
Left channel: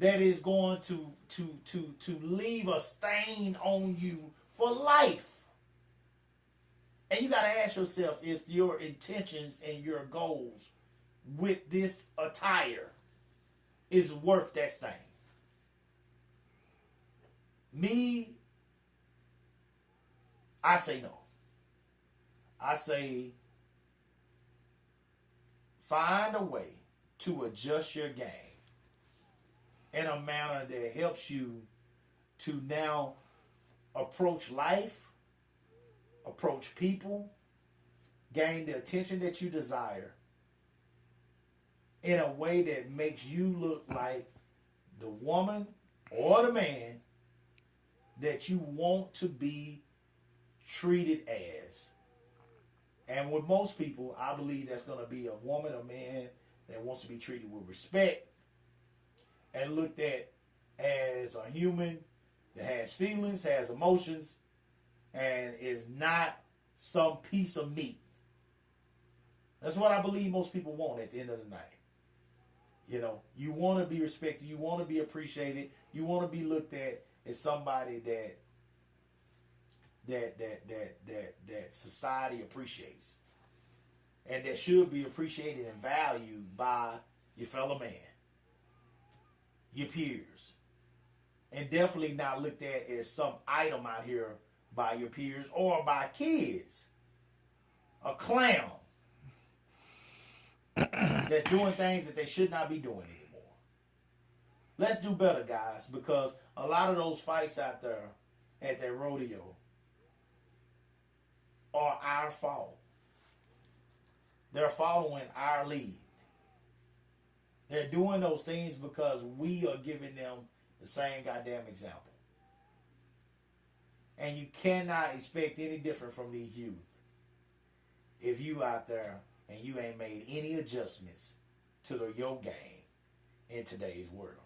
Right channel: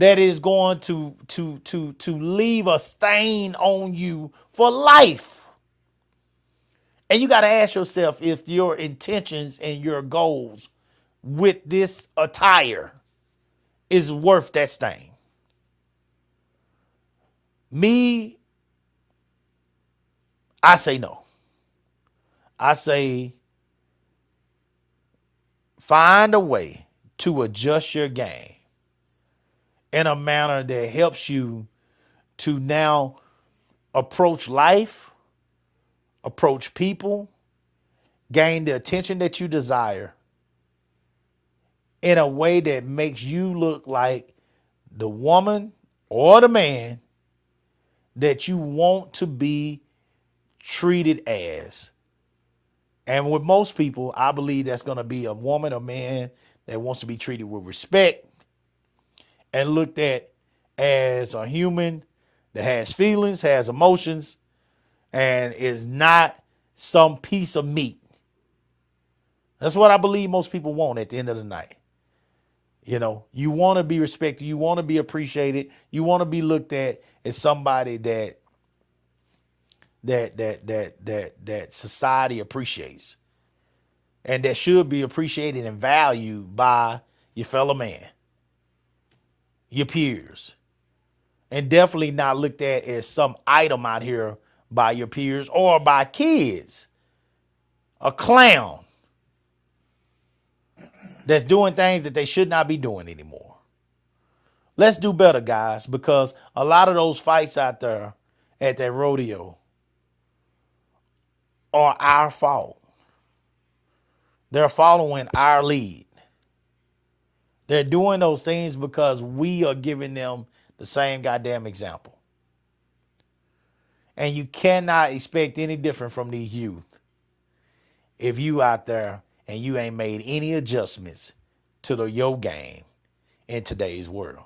that is going to leave a stain on you for life. And you got to ask yourself if your intentions and your goals with this attire is worth that stain. Me, I say no. I say find a way to adjust your game in a manner that helps you to now approach life, approach people, gain the attention that you desire in a way that makes you look like the woman or the man that you want to be treated as. And with most people, I believe that's going to be a woman or man that wants to be treated with respect and looked at as a human that has feelings, has emotions, and is not some piece of meat. That's what I believe most people want at the end of the night. You know, you want to be respected, you want to be appreciated, you want to be looked at as somebody that society appreciates and that should be appreciated and valued by your fellow man, your peers, and definitely not looked at as some item out here by your peers or by kids. A clown that's doing things that they should not be doing anymore. Let's do better, guys, because a lot of those fights out there at that rodeo are our fault. They're following our lead. They're doing those things because we are giving them the same goddamn example. And you cannot expect any different from these youth if you out there and you ain't made any adjustments to your game in today's world.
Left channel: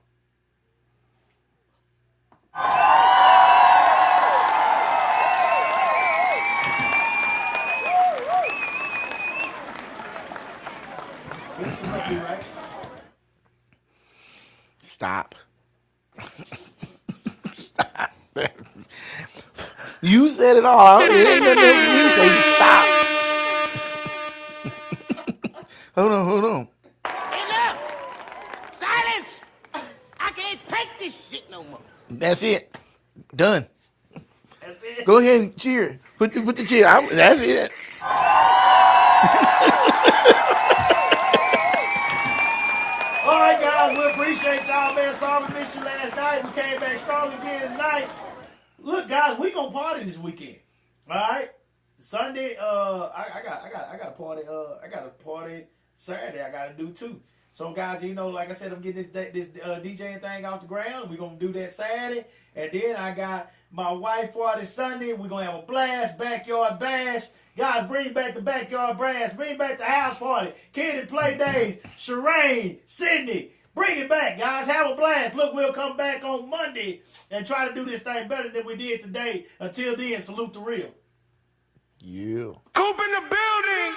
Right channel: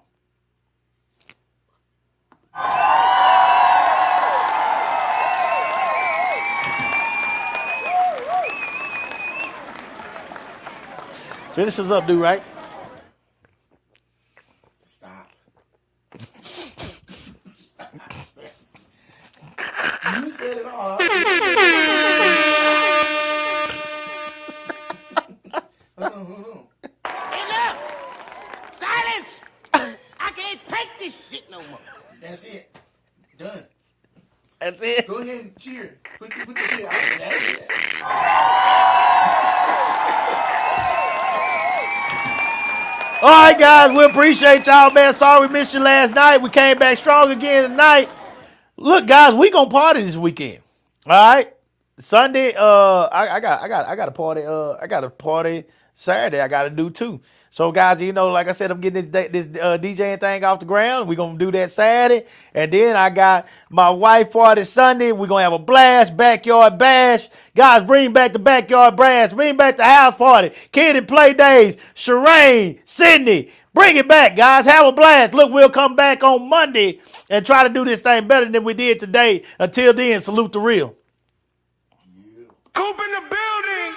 Finish us up, dude, right? Stop. You said it all. Stop. Hold on. Enough! Silence! I can't take this shit no more. That's it. Done. That's it. Go ahead and cheer. Put the cheer out. That's it. All right, guys, we appreciate y'all, man. Sorry we missed you last night. We came back strong again tonight. Look, guys, we gonna party this weekend. All right, Sunday. I got a party. I got a party Saturday. I got to do too. So, guys, you know, like I said, I'm getting this DJing thing off the ground. We're gonna do that Saturday, and then I got my wife party Sunday. We're gonna have a blast, backyard bash. Guys, bring back the backyard bash. Bring back the house party, kid and play days. Shireen, Sydney, bring it back, guys. Have a blast. Look, we'll come back on Monday and try to do this thing better than we did today. Until then, salute the real. Yeah. Coop in the building!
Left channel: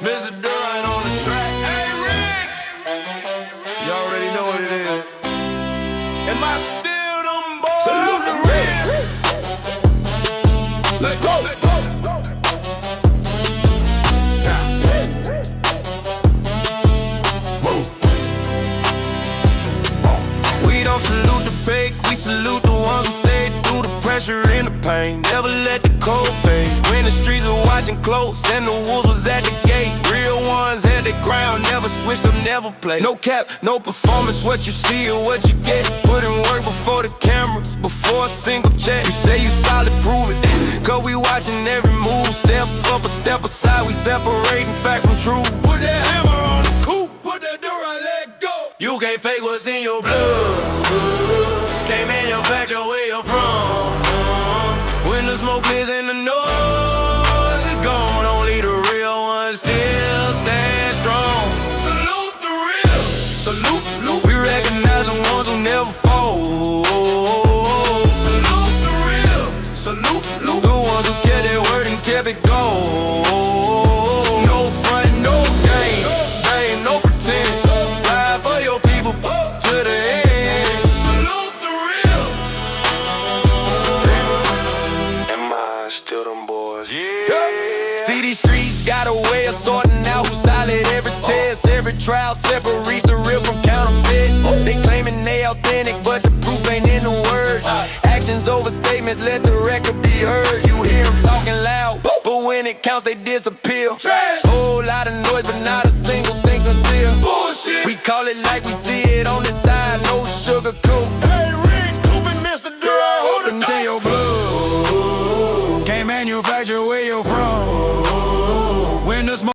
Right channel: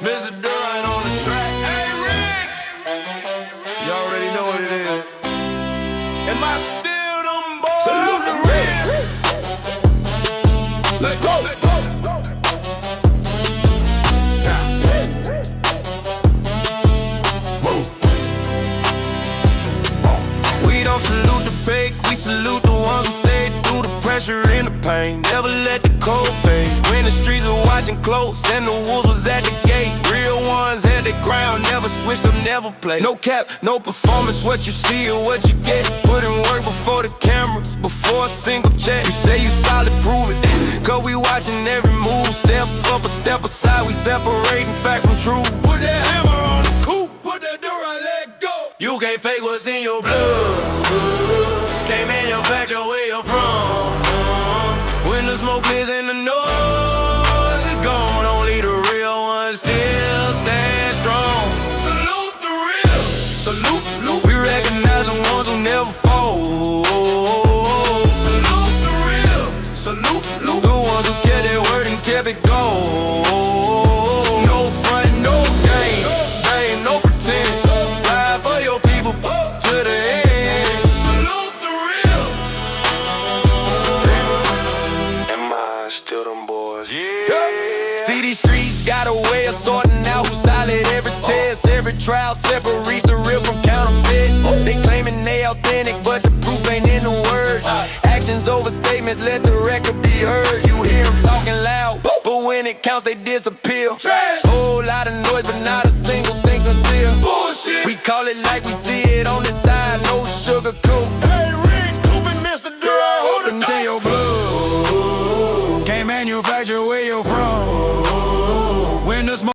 Mr. Durant on the track. Hey, Rick! You already know what it is. Am I still them boys? Salute the real. Let's go. We don't salute the fake, we salute the ones who stayed through the pressure and the pain. Never let the cold fade. When the streets were watching close and the wolves was at the gate. Real ones had the ground, never switched up, never played. No cap, no performance, what you see or what you get. Put in work before the cameras, before a single check. You say you solid, prove it. Cause we watching every move. Step up or step aside, we separating fact from truth. Put that hammer on the coupe, put that door, I let go. You can't fake what's in your blood. Can't manufacture where you're from. When the smoke clears and the noise is gone, only the real ones still stand strong. Salute the real. Salute, we recognize the ones who never fall. Salute the real. Salute, the ones who kept their word and kept it going. No front, no game, no trial separates the real from counterfeit. They claiming they authentic, but the proof ain't in the words. Actions over statements, let the record be heard. You hear them talking loud, but when it counts, they disappear. Whole lot of noise, but not a single thing sincere. We call it like we